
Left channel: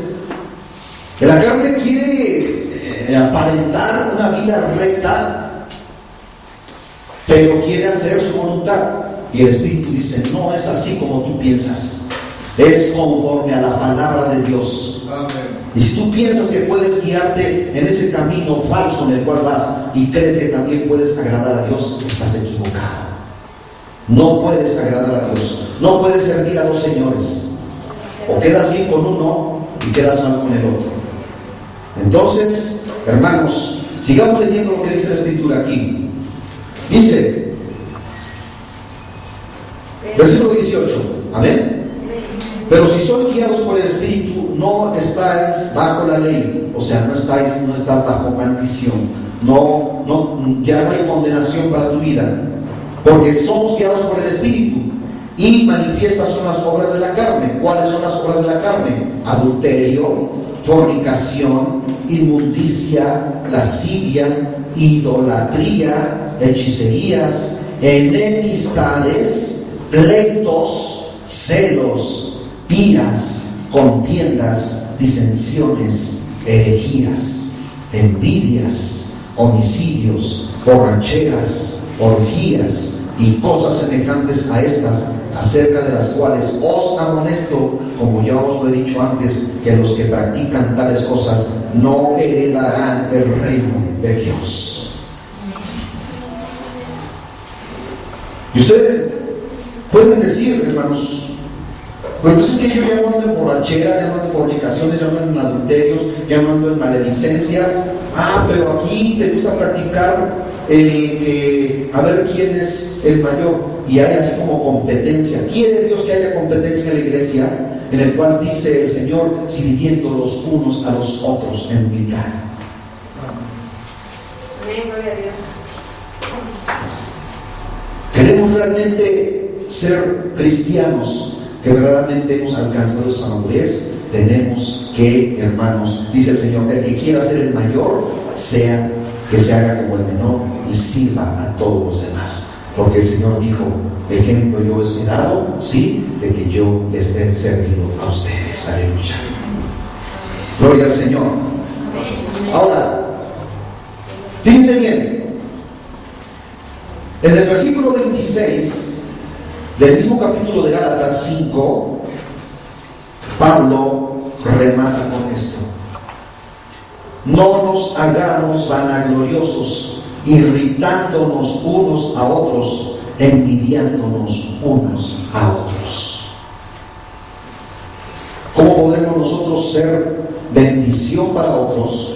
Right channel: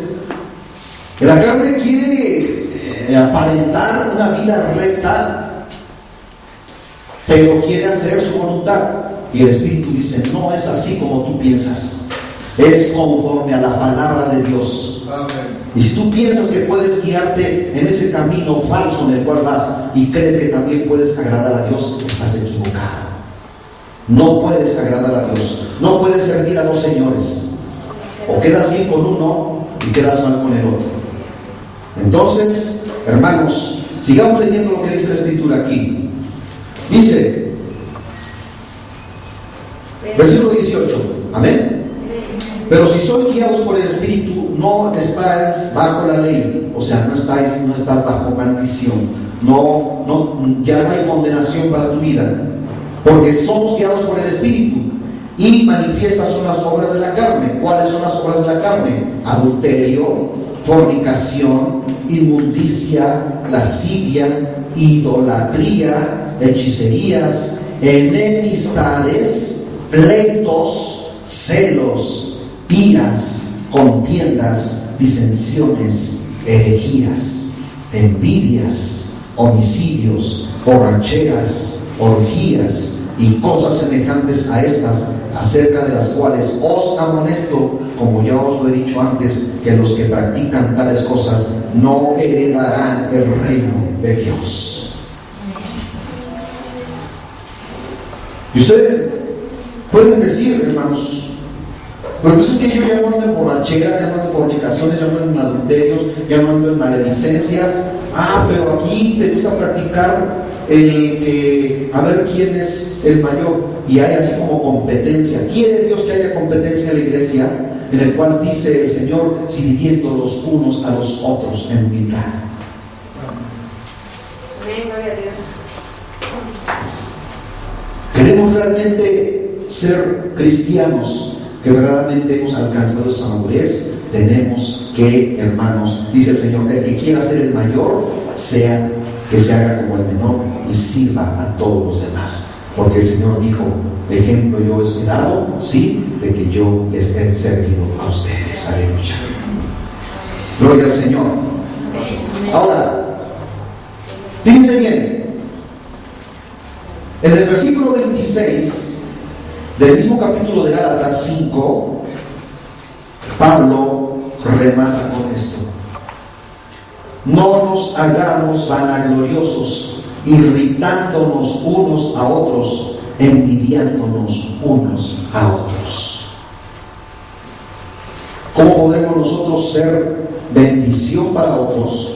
la carne quiere aparentar una vida recta, pero quiere hacer su voluntad. Y el Espíritu dice: no es así como tú piensas, es conforme a la palabra de Dios. Amén. Y si tú piensas que puedes guiarte en ese camino falso en el cual vas, y crees que también puedes agradar a Dios, estás equivocado. No puedes agradar a Dios, no puedes servir a los señores. O quedas bien con uno y quedas mal con el otro. Entonces, hermanos, sigamos leyendo lo que dice la Escritura aquí. Dice, versículo 18, amén. Pero si sois guiados por el Espíritu, no estáis bajo la ley. O sea, no estás bajo maldición. Ya no hay condenación para tu vida, porque somos guiados por el Espíritu. Y manifiestas son las obras de la carne. ¿Cuáles son las obras de la carne? Adulterio, fornicación, inmundicia, lascivia, idolatría, hechicerías, enemistades, pleitos, celos, iras, contiendas, disensiones, herejías, envidias, homicidios, borracheras, orgías y cosas semejantes a estas, acerca de las cuales os amonesto, como ya os lo he dicho antes, que los que practican tales cosas no heredarán el reino de Dios. Y ustedes pueden decir, hermanos, Pues es que yo ya no ando en borracheras, ya no ando en fornicaciones, ya no ando en adulterios, ya no ando en maledicencias. Pero aquí te gusta practicar el que a ver quién es el mayor, y hay así como competencia. Quiere Dios que haya competencia en la iglesia, en el cual dice el Señor, sirviendo los unos a los otros en humildad. Amén, gloria a Dios. Queremos realmente ser cristianos que verdaderamente hemos alcanzado esa madurez. Tenemos que, hermanos, dice el Señor, el que quiera ser el mayor, que se haga como el menor y sirva a todos los demás. Porque el Señor dijo, ejemplo yo os he dado, sí, de que yo les he servido a ustedes. Aleluya. Gloria al Señor. Ahora, fíjense bien, en el versículo 26 del mismo capítulo de Gálatas 5, Pablo remata con esto: no nos hagamos vanagloriosos, irritándonos unos a otros, envidiándonos unos a otros. ¿Cómo podemos nosotros ser bendición para otros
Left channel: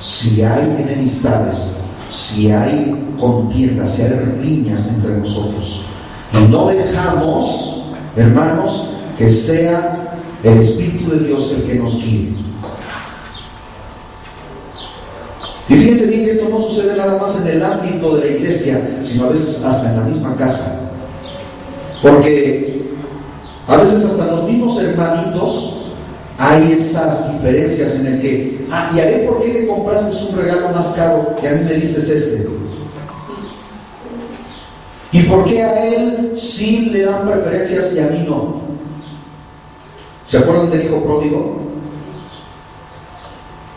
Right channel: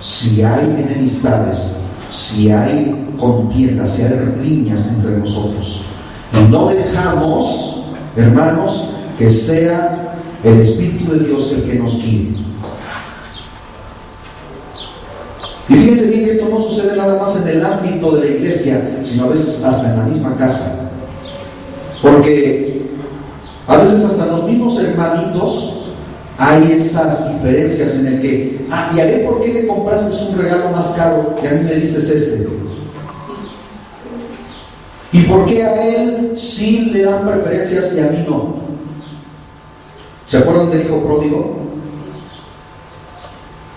si hay enemistades, si hay contiendas, si hay riñas entre nosotros? Y no dejamos, hermanos, que sea el Espíritu de Dios el que nos guíe. Y fíjense bien que esto no sucede nada más en el ámbito de la iglesia, sino a veces hasta en la misma casa. Porque a veces hasta en los mismos hermanitos hay esas diferencias en el que, ¿y a él por qué le compraste un regalo más caro y a mí me diste este? ¿Y por qué a él sí le dan preferencias y a mí no? ¿Se acuerdan del hijo pródigo?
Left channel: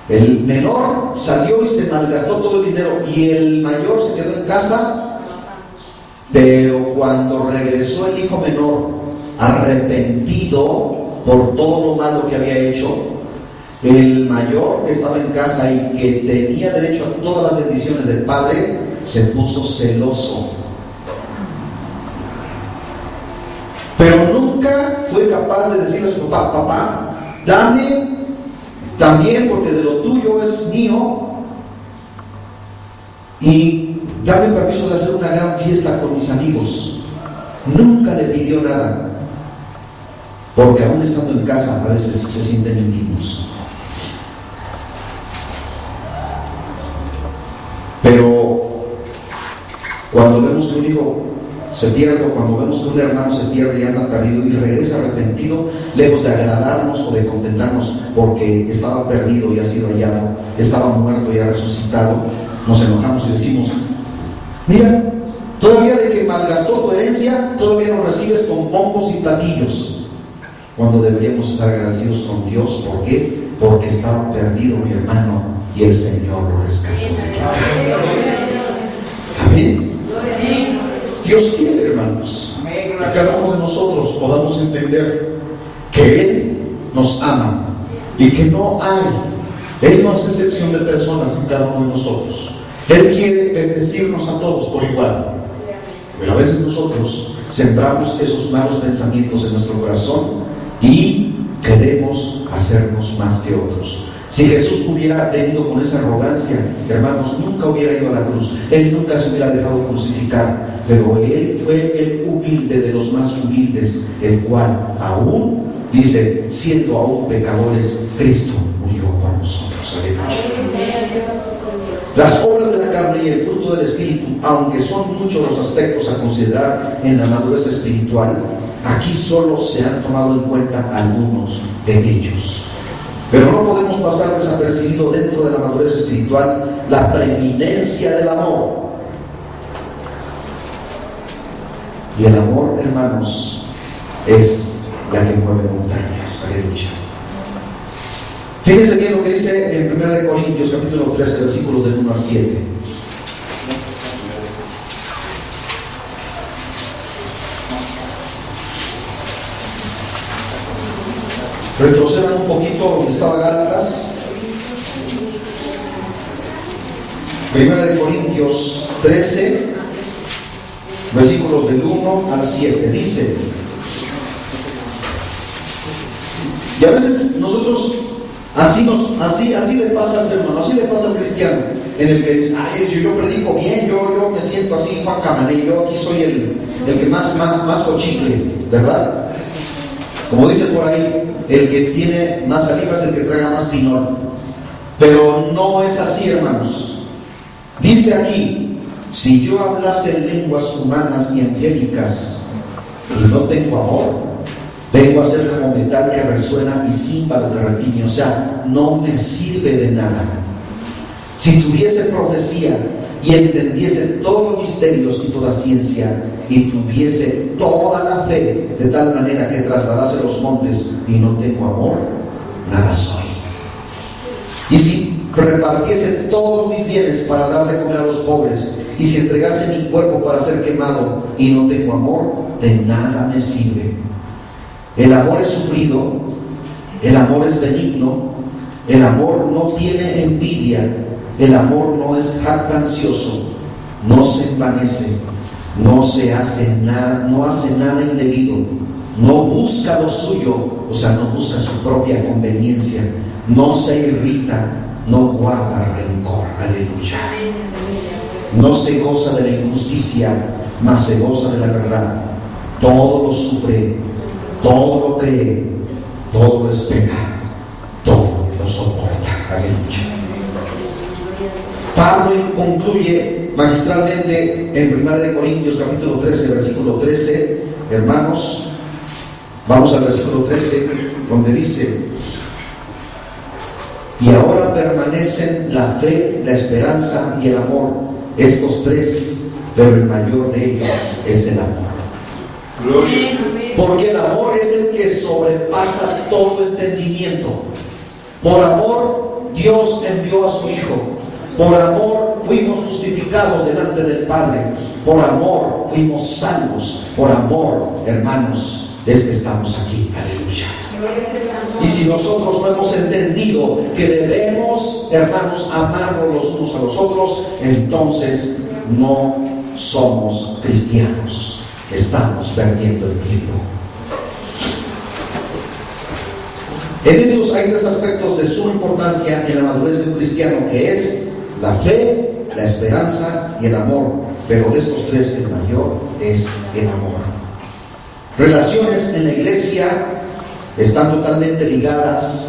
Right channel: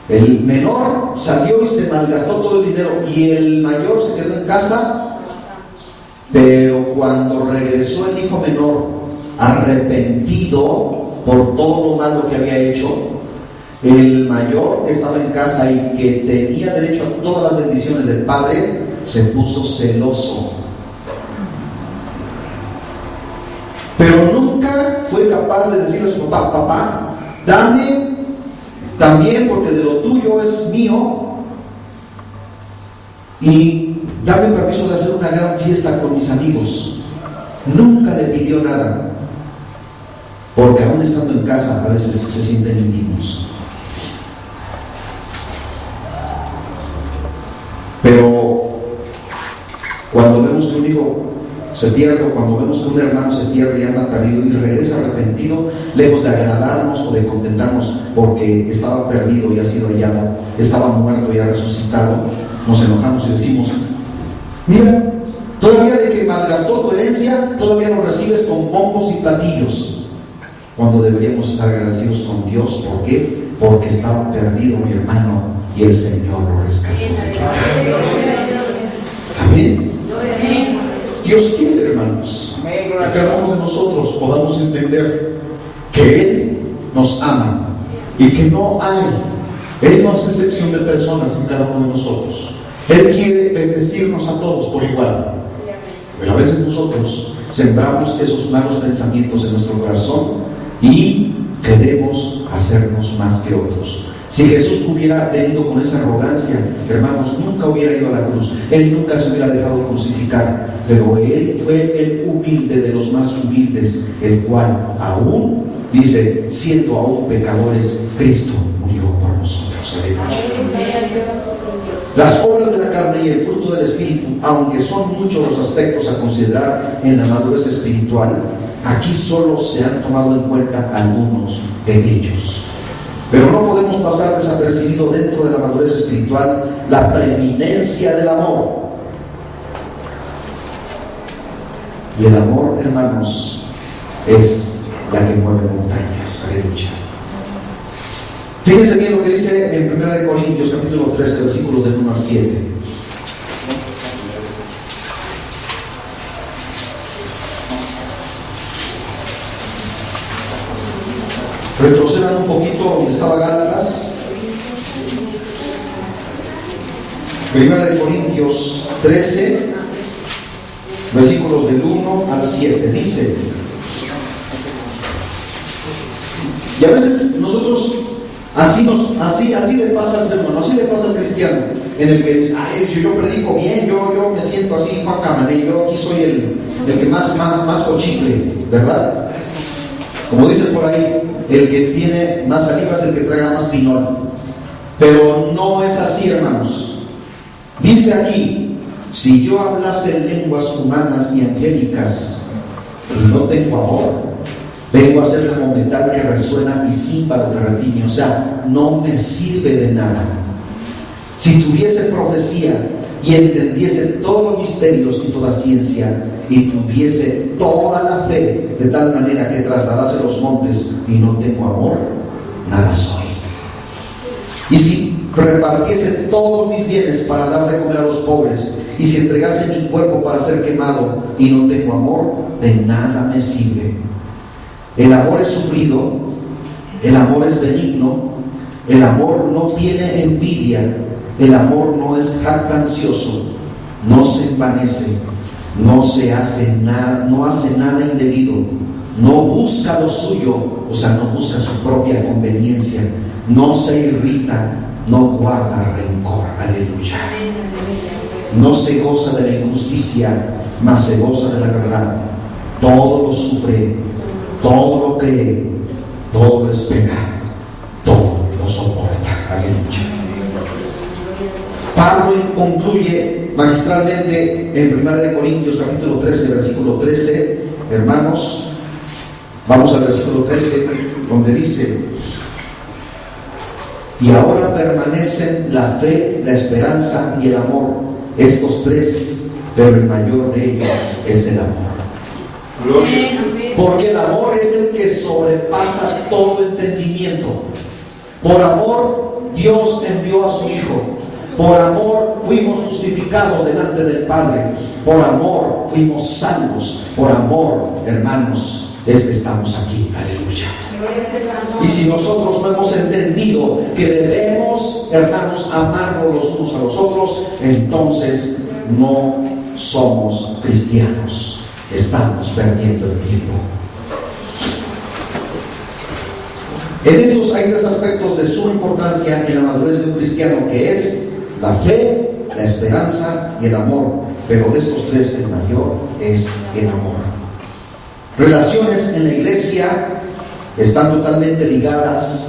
El menor salió y se malgastó todo el dinero, y el mayor se quedó en casa. Pero cuando regresó el hijo menor, arrepentido por todo lo malo que había hecho, el mayor que estaba en casa y que tenía derecho a todas las bendiciones del padre, se puso celoso. Pero nunca fue capaz de decirle a su papá: papá, dame también, porque de lo tuyo es mío, y dame permiso de hacer una gran fiesta con mis amigos. Nunca le pidió nada, porque aún estando en casa a veces se sienten indignos. Pero cuando vemos que un hijo se pierde, o cuando vemos que un hermano se pierde y anda perdido y regresa arrepentido, lejos de agradarnos o de contentarnos porque estaba perdido y ha sido hallado, estaba muerto y ha resucitado, nos enojamos y decimos: mira, todavía de que malgastó tu herencia, todavía lo recibes con bombos y platillos, cuando deberíamos estar agradecidos con Dios. ¿Por qué? Porque estaba perdido mi hermano y el Señor lo rescató. Amén. Dios quiere, hermanos, que cada uno de nosotros podamos entender que Él nos ama y que Él no hace excepción de personas en cada uno de nosotros. Él quiere bendecirnos a todos por igual. Pero a veces nosotros sembramos esos malos pensamientos en nuestro corazón y queremos hacernos más que otros. Si Jesús hubiera venido con esa arrogancia, hermanos, nunca hubiera ido a la cruz. Él nunca se hubiera dejado crucificar. Pero Él fue el humilde de los más humildes, el cual aún, dice, siendo aún pecadores, Cristo murió por nosotros. Aleluya. Las obras de la carne y el fruto del Espíritu, aunque son muchos los aspectos a considerar en la madurez espiritual, aquí solo se han tomado en cuenta algunos de ellos. Pero no podemos pasar desapercibido dentro de la madurez espiritual la preeminencia del amor. Y el amor, hermanos, es la que mueve montañas. Aleluya. Fíjense bien lo que dice en 1 Corintios capítulo 13, versículos del 1 al 7. Retrocedan un poquito donde estaba Gálatas. 1 Corintios 13, versículos del 1 al 7. Dice: Y a veces nosotros así le pasa al ser humano, así le pasa al cristiano, en el que dice, ay, yo predico bien, yo me siento así, Juan Camané, yo aquí soy el que más cochicle, ¿verdad? Como dice por ahí, el que tiene más saliva es el que traga más pinol. Pero no es así, hermanos. Dice aquí, si yo hablase lenguas humanas y angélicas y no tengo amor, vengo a ser como metal que resuena y címbalo que retiñe. O sea, no me sirve de nada. Si tuviese profecía y entendiese todos los misterios y toda ciencia, y tuviese toda la fe de tal manera que trasladase los montes y no tengo amor, nada soy. Y si repartiese todos mis bienes para dar de comer a los pobres, y si entregase mi cuerpo para ser quemado y no tengo amor, de nada me sirve. El amor es sufrido, el amor es benigno, el amor no tiene envidia, el amor no es jactancioso, no se envanece, no hace nada indebido, no busca lo suyo, o sea, no busca su propia conveniencia, no se irrita, no guarda rencor. Aleluya. No se goza de la injusticia, mas se goza de la verdad. Todo lo sufre, todo lo cree, todo lo espera, todo lo soporta. Aleluya. Pablo concluye magistralmente en 1 Corintios capítulo 13, versículo 13. Hermanos, vamos al versículo 13, donde dice: y ahora permanecen la fe, la esperanza y el amor, estos tres, pero el mayor de ellos es el amor. Gloria. Porque el amor es el que sobrepasa todo entendimiento. Por amor Dios envió a su Hijo. Por amor fuimos justificados delante del Padre. Por amor fuimos salvos. Por amor, hermanos, es que estamos aquí. Aleluya. Y si nosotros no hemos entendido que debemos, hermanos, amarnos los unos a los otros, entonces no somos cristianos. Estamos perdiendo el tiempo. En estos hay tres aspectos de suma importancia en la madurez de un cristiano, que es la fe, la esperanza y el amor. Pero de estos tres, el mayor es el amor. Relaciones en la iglesia están totalmente ligadas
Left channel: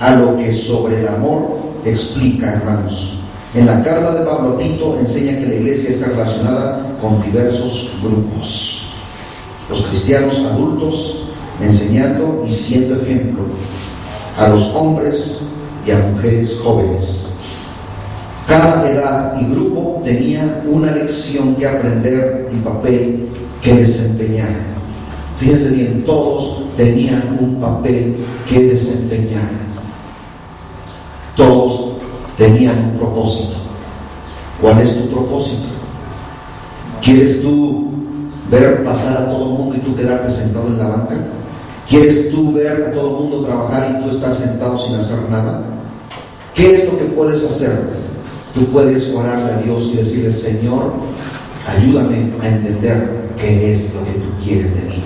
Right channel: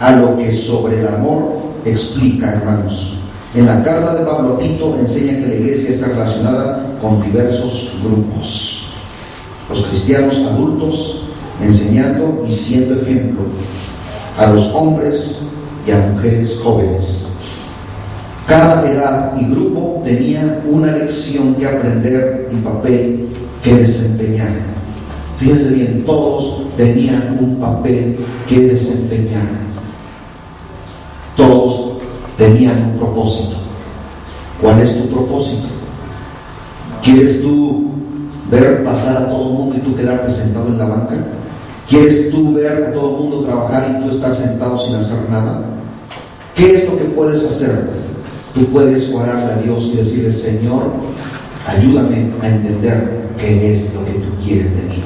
a lo que sobre el amor explica, hermanos. En la carta de Pablo a Tito enseña que la iglesia está relacionada con diversos grupos. Los cristianos adultos enseñando y siendo ejemplo a los hombres y a mujeres jóvenes. Cada edad y grupo tenía una lección que aprender y papel que desempeñar. Fíjense bien, todos tenían un papel que desempeñar. Todos tenían un propósito. ¿Cuál es tu propósito? ¿Quieres tú ver pasar a todo el mundo y tú quedarte sentado en la banca? ¿Quieres tú ver a todo el mundo trabajar y tú estar sentado sin hacer nada? ¿Qué es lo que puedes hacer? Tú puedes orarle a Dios y decirle: Señor, ayúdame a entender qué es lo que tú quieres de mí.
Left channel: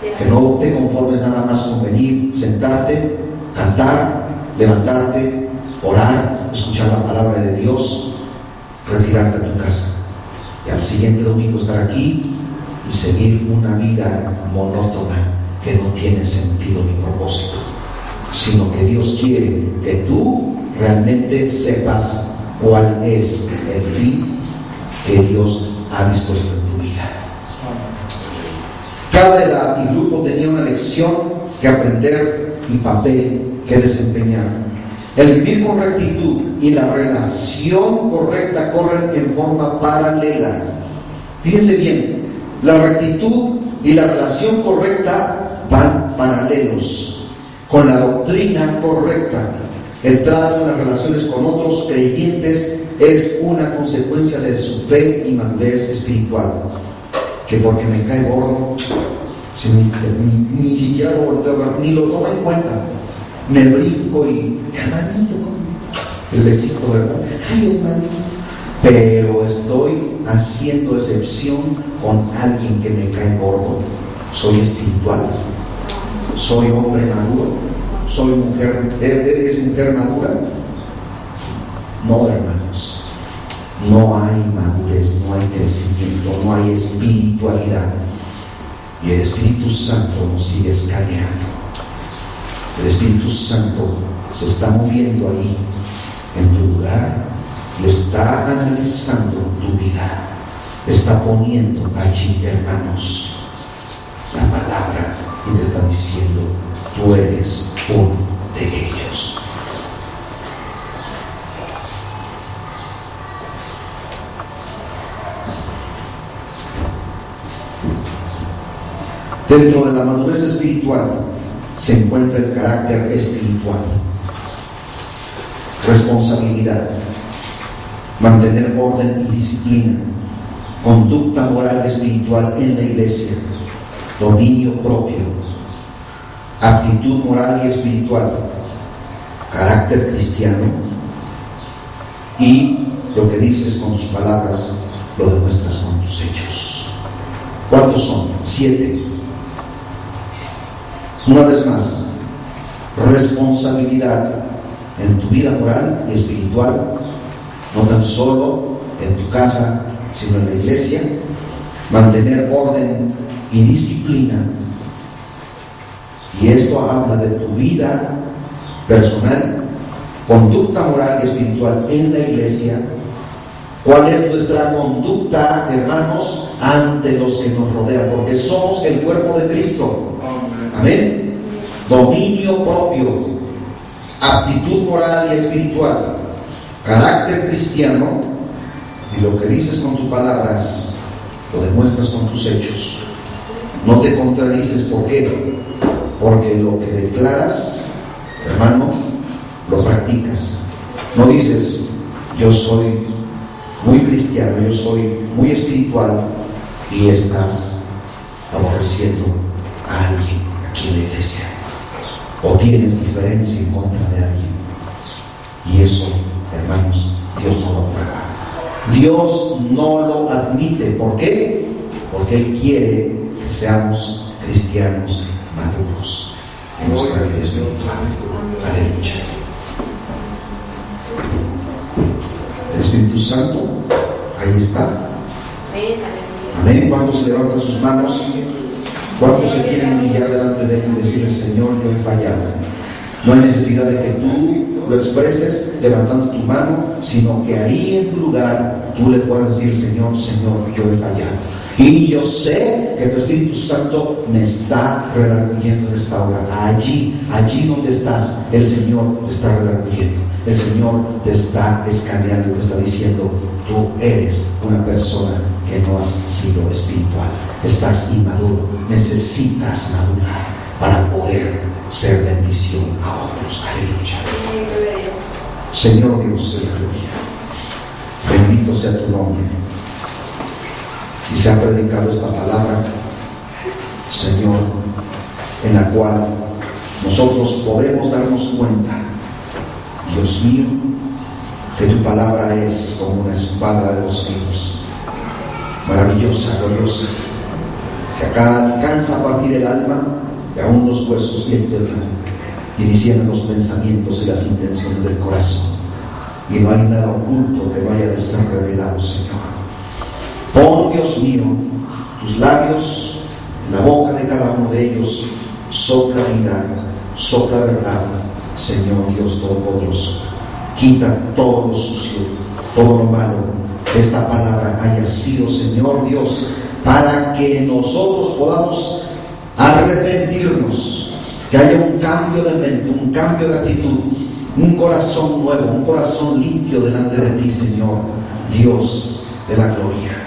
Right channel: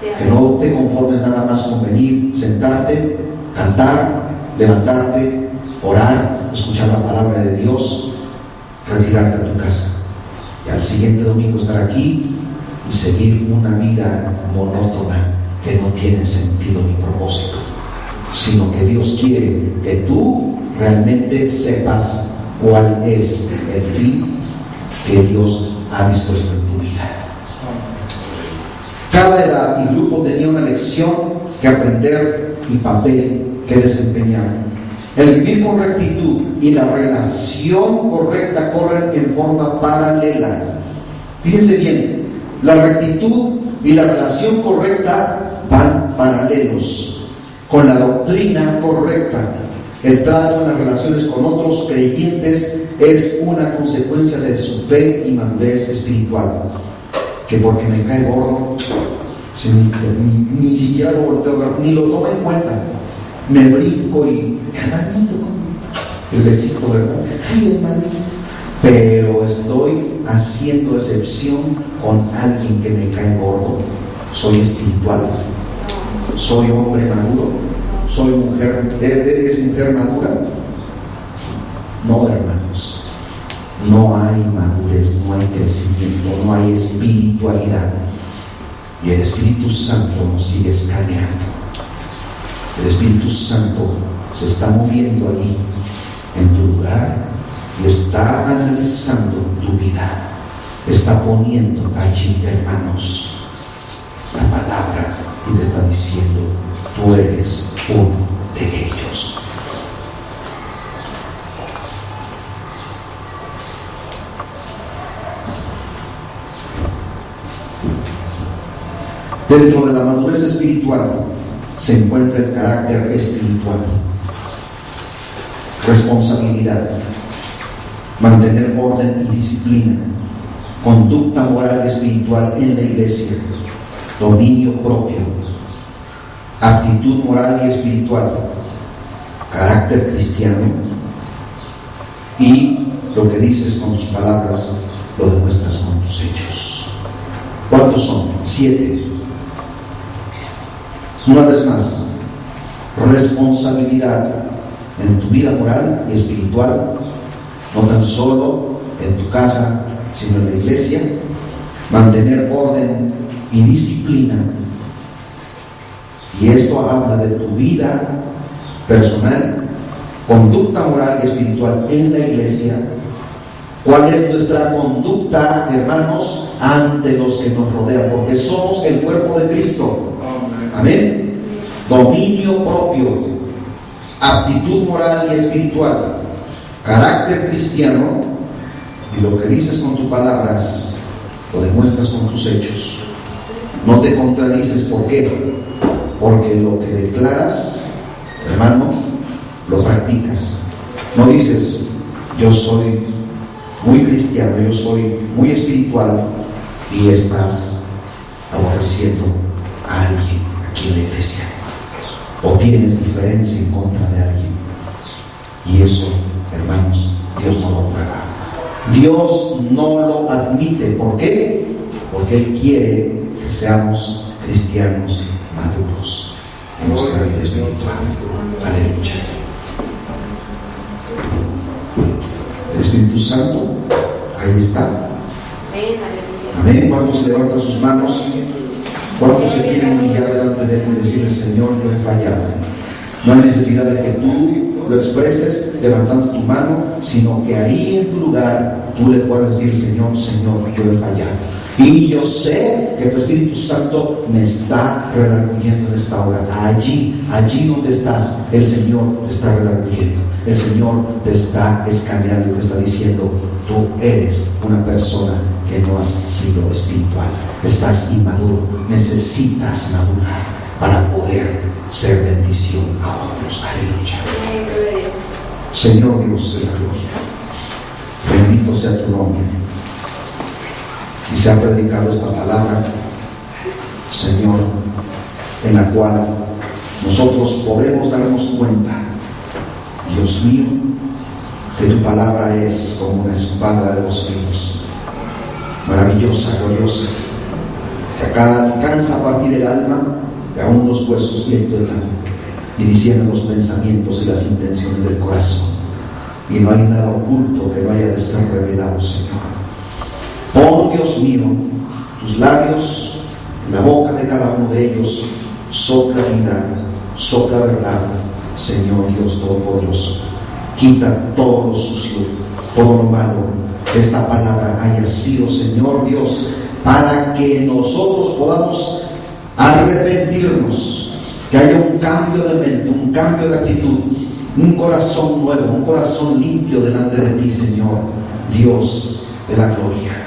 Que no te conformes nada más con venir, sentarte, cantar, levantarte, orar, escuchar la palabra de Dios, retirarte a tu casa y al siguiente domingo estar aquí y seguir una vida monótona que no tiene sentido ni propósito, sino que Dios quiere que tú realmente sepas cuál es el fin que Dios ha dispuesto en tu vida. Cada edad y grupo tenía una lección que aprender y papel que desempeñar. El vivir con rectitud y la relación correcta corren en forma paralela. Fíjense bien, la rectitud y la relación correcta van paralelos con la doctrina correcta. El trato en las relaciones con otros creyentes es una consecuencia de su fe y madurez espiritual. Que porque me cae gordo, ni siquiera lo volteo a ver, ni lo tomo en cuenta. Me brinco y, hermanito, el besito, ¿verdad? Ay, hermanito. Pero estoy haciendo excepción con alguien que me cae gordo. Soy espiritual, soy hombre maduro, soy mujer, ¿es mujer madura? No, hermanos, no hay madurez, no hay crecimiento, no hay espiritualidad. Y el Espíritu Santo nos sigue escaneando. El Espíritu Santo se está moviendo ahí en tu lugar y está analizando tu vida. Está poniendo allí, hermanos, la palabra y te está diciendo: tú eres uno de ellos. Dentro de la madurez espiritual se encuentra el carácter espiritual, responsabilidad, mantener orden y disciplina, conducta moral y espiritual en la iglesia, dominio propio, actitud moral y espiritual, carácter cristiano, y lo que dices con tus palabras lo demuestras con tus hechos. ¿Cuántos son? 7. Una vez más, responsabilidad en tu vida moral y espiritual, no tan solo en tu casa, sino en la iglesia, mantener orden y disciplina. Y esto habla de tu vida personal, conducta moral y espiritual en la iglesia. ¿Cuál es nuestra conducta, hermanos, ante los que nos rodean? Porque somos el cuerpo de Cristo. Amén. Dominio propio, aptitud moral y espiritual, carácter cristiano, y lo que dices con tus palabras lo demuestras con tus hechos. No te contradices. ¿Por qué? Porque lo que declaras, hermano, lo practicas. No dices: yo soy muy cristiano, yo soy muy espiritual, y estás aborreciendo a alguien aquí en la iglesia, o tienes diferencia en contra de alguien. Y eso, hermanos, Dios no lo aprueba. Dios no lo admite. ¿Por qué? Porque Él quiere que seamos cristianos maduros en nuestra vida espiritual. Aleluya. El Espíritu Santo, ahí está. Amén. ¿Cuántos levantan sus manos? ¿Cuántos se quieren humillar delante de Él y decirle: Señor, yo he fallado? No hay necesidad de que tú lo expreses levantando tu mano, sino que ahí en tu lugar tú le puedas decir: Señor, Señor, yo he fallado. Y yo sé que tu Espíritu Santo me está redarguyendo en esta hora. Allí donde estás, el Señor te está redarguyendo. El Señor te está escaneando y te está diciendo: tú eres una persona que no has sido espiritual. Estás inmaduro. Necesitas madurar para poder ser bendición a otros. Aleluya. Señor Dios de la gloria, bendito sea tu nombre. Y se ha predicado esta palabra, Señor, en la cual nosotros podemos darnos cuenta, Dios mío, que tu palabra es como una espada de dos filos, maravillosa, gloriosa, que acá alcanza a partir el alma y aún los huesos y el tuétano, y diciendo los pensamientos y las intenciones del corazón. Y no hay nada oculto que no haya de ser revelado, Señor. Pon, Dios mío, tus labios en la boca de cada uno de ellos. Sopla vida, sopla verdad, Señor Dios Todopoderoso. Quita todo lo sucio, todo lo malo. Que esta palabra haya sido, Señor Dios, para que nosotros podamos arrepentirnos, que haya un cambio de mente, un cambio de actitud, un corazón nuevo, un corazón limpio delante de ti, Señor Dios de la gloria.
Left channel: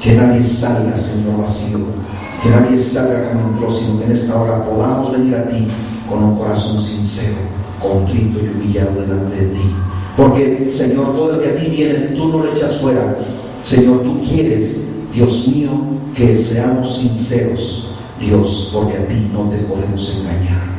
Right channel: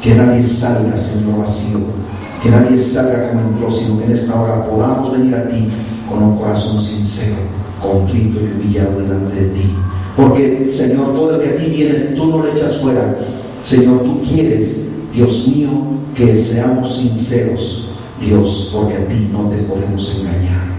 Que nadie salga, Señor, vacío, que nadie salga como entró, sino que en esta hora podamos venir a ti con un corazón sincero, contrito y humillado delante de ti. Porque, Señor, todo el que a ti viene, tú no le echas fuera. Señor, tú quieres, Dios mío, que seamos sinceros, Dios, porque a ti no te podemos engañar.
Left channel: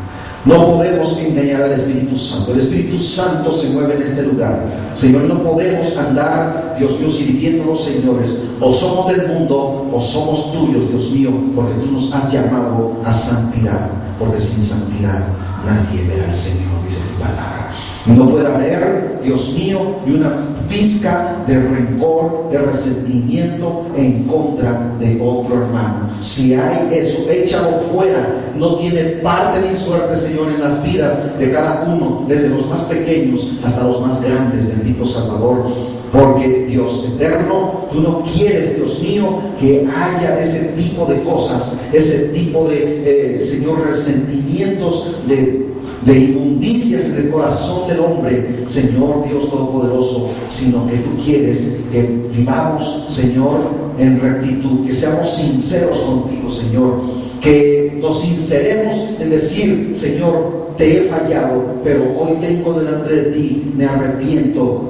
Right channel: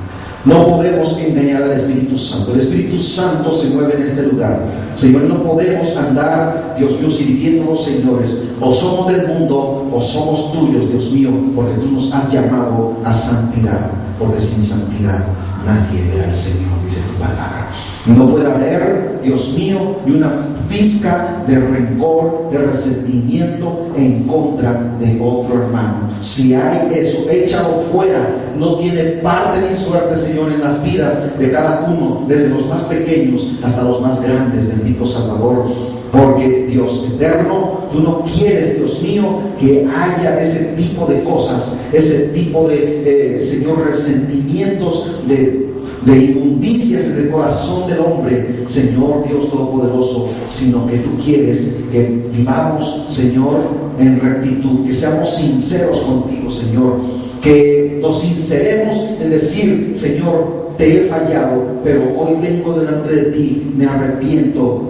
No podemos engañar al Espíritu Santo. El Espíritu Santo se mueve en este lugar. Señor, no podemos andar, Dios mío, sirviéndonos, señores. O somos del mundo o somos tuyos, Dios mío, porque tú nos has llamado a santidad. Porque sin santidad nadie verá al Señor, dice tu palabra. No puede haber, Dios mío, ni una pizca de rencor, de resentimiento en contra de otro hermano. Si hay eso, échalo fuera. No tiene parte ni suerte, Señor, en las vidas de cada uno, desde los más pequeños hasta los más grandes, bendito Salvador. Porque Dios eterno, tú no quieres, Dios mío, que haya ese tipo de cosas, ese tipo de, Señor, resentimientos, de inmundicias en el corazón del hombre, Señor Dios Todopoderoso, sino que tú quieres que vivamos, Señor, en rectitud, que seamos sinceros contigo, Señor, que nos sinceremos en decir, Señor, te he fallado, pero hoy vengo delante de ti, me arrepiento.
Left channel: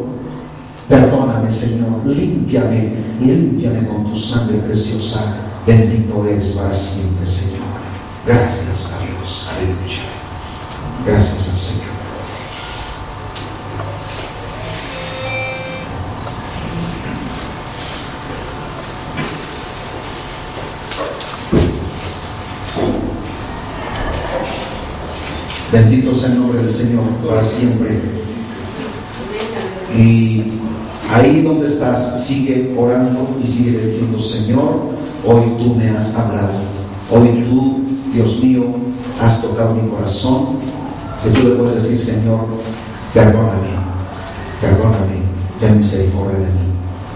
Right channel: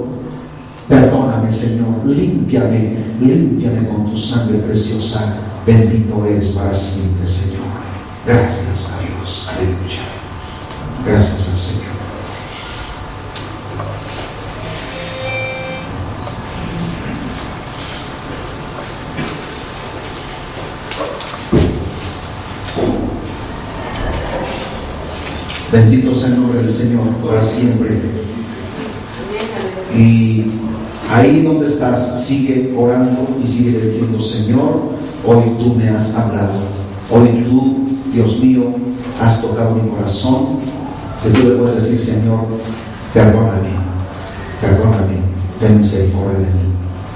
Perdóname, Señor, límpiame con tu sangre preciosa. Bendito eres para siempre, Señor. Gracias a Dios. Aleluya. Gracias al Señor. Bendito sea el nombre del Señor para siempre. Y ahí donde estás, sigue orando y sigue diciendo, Señor, hoy tú me has hablado. Hoy tú, Dios mío, has tocado mi corazón. Que tú le puedes decir, Señor, perdóname, ten misericordia de mí.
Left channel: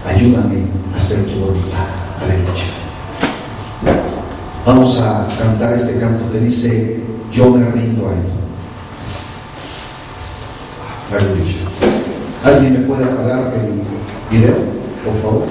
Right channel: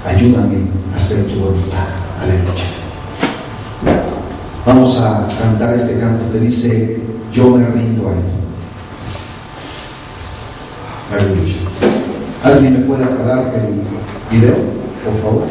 Ayúdame a hacer tu voluntad. Aleluya. Vamos a cantar este canto que dice, yo me rindo a Él. Aleluya. ¿Alguien me puede apagar el video, por favor?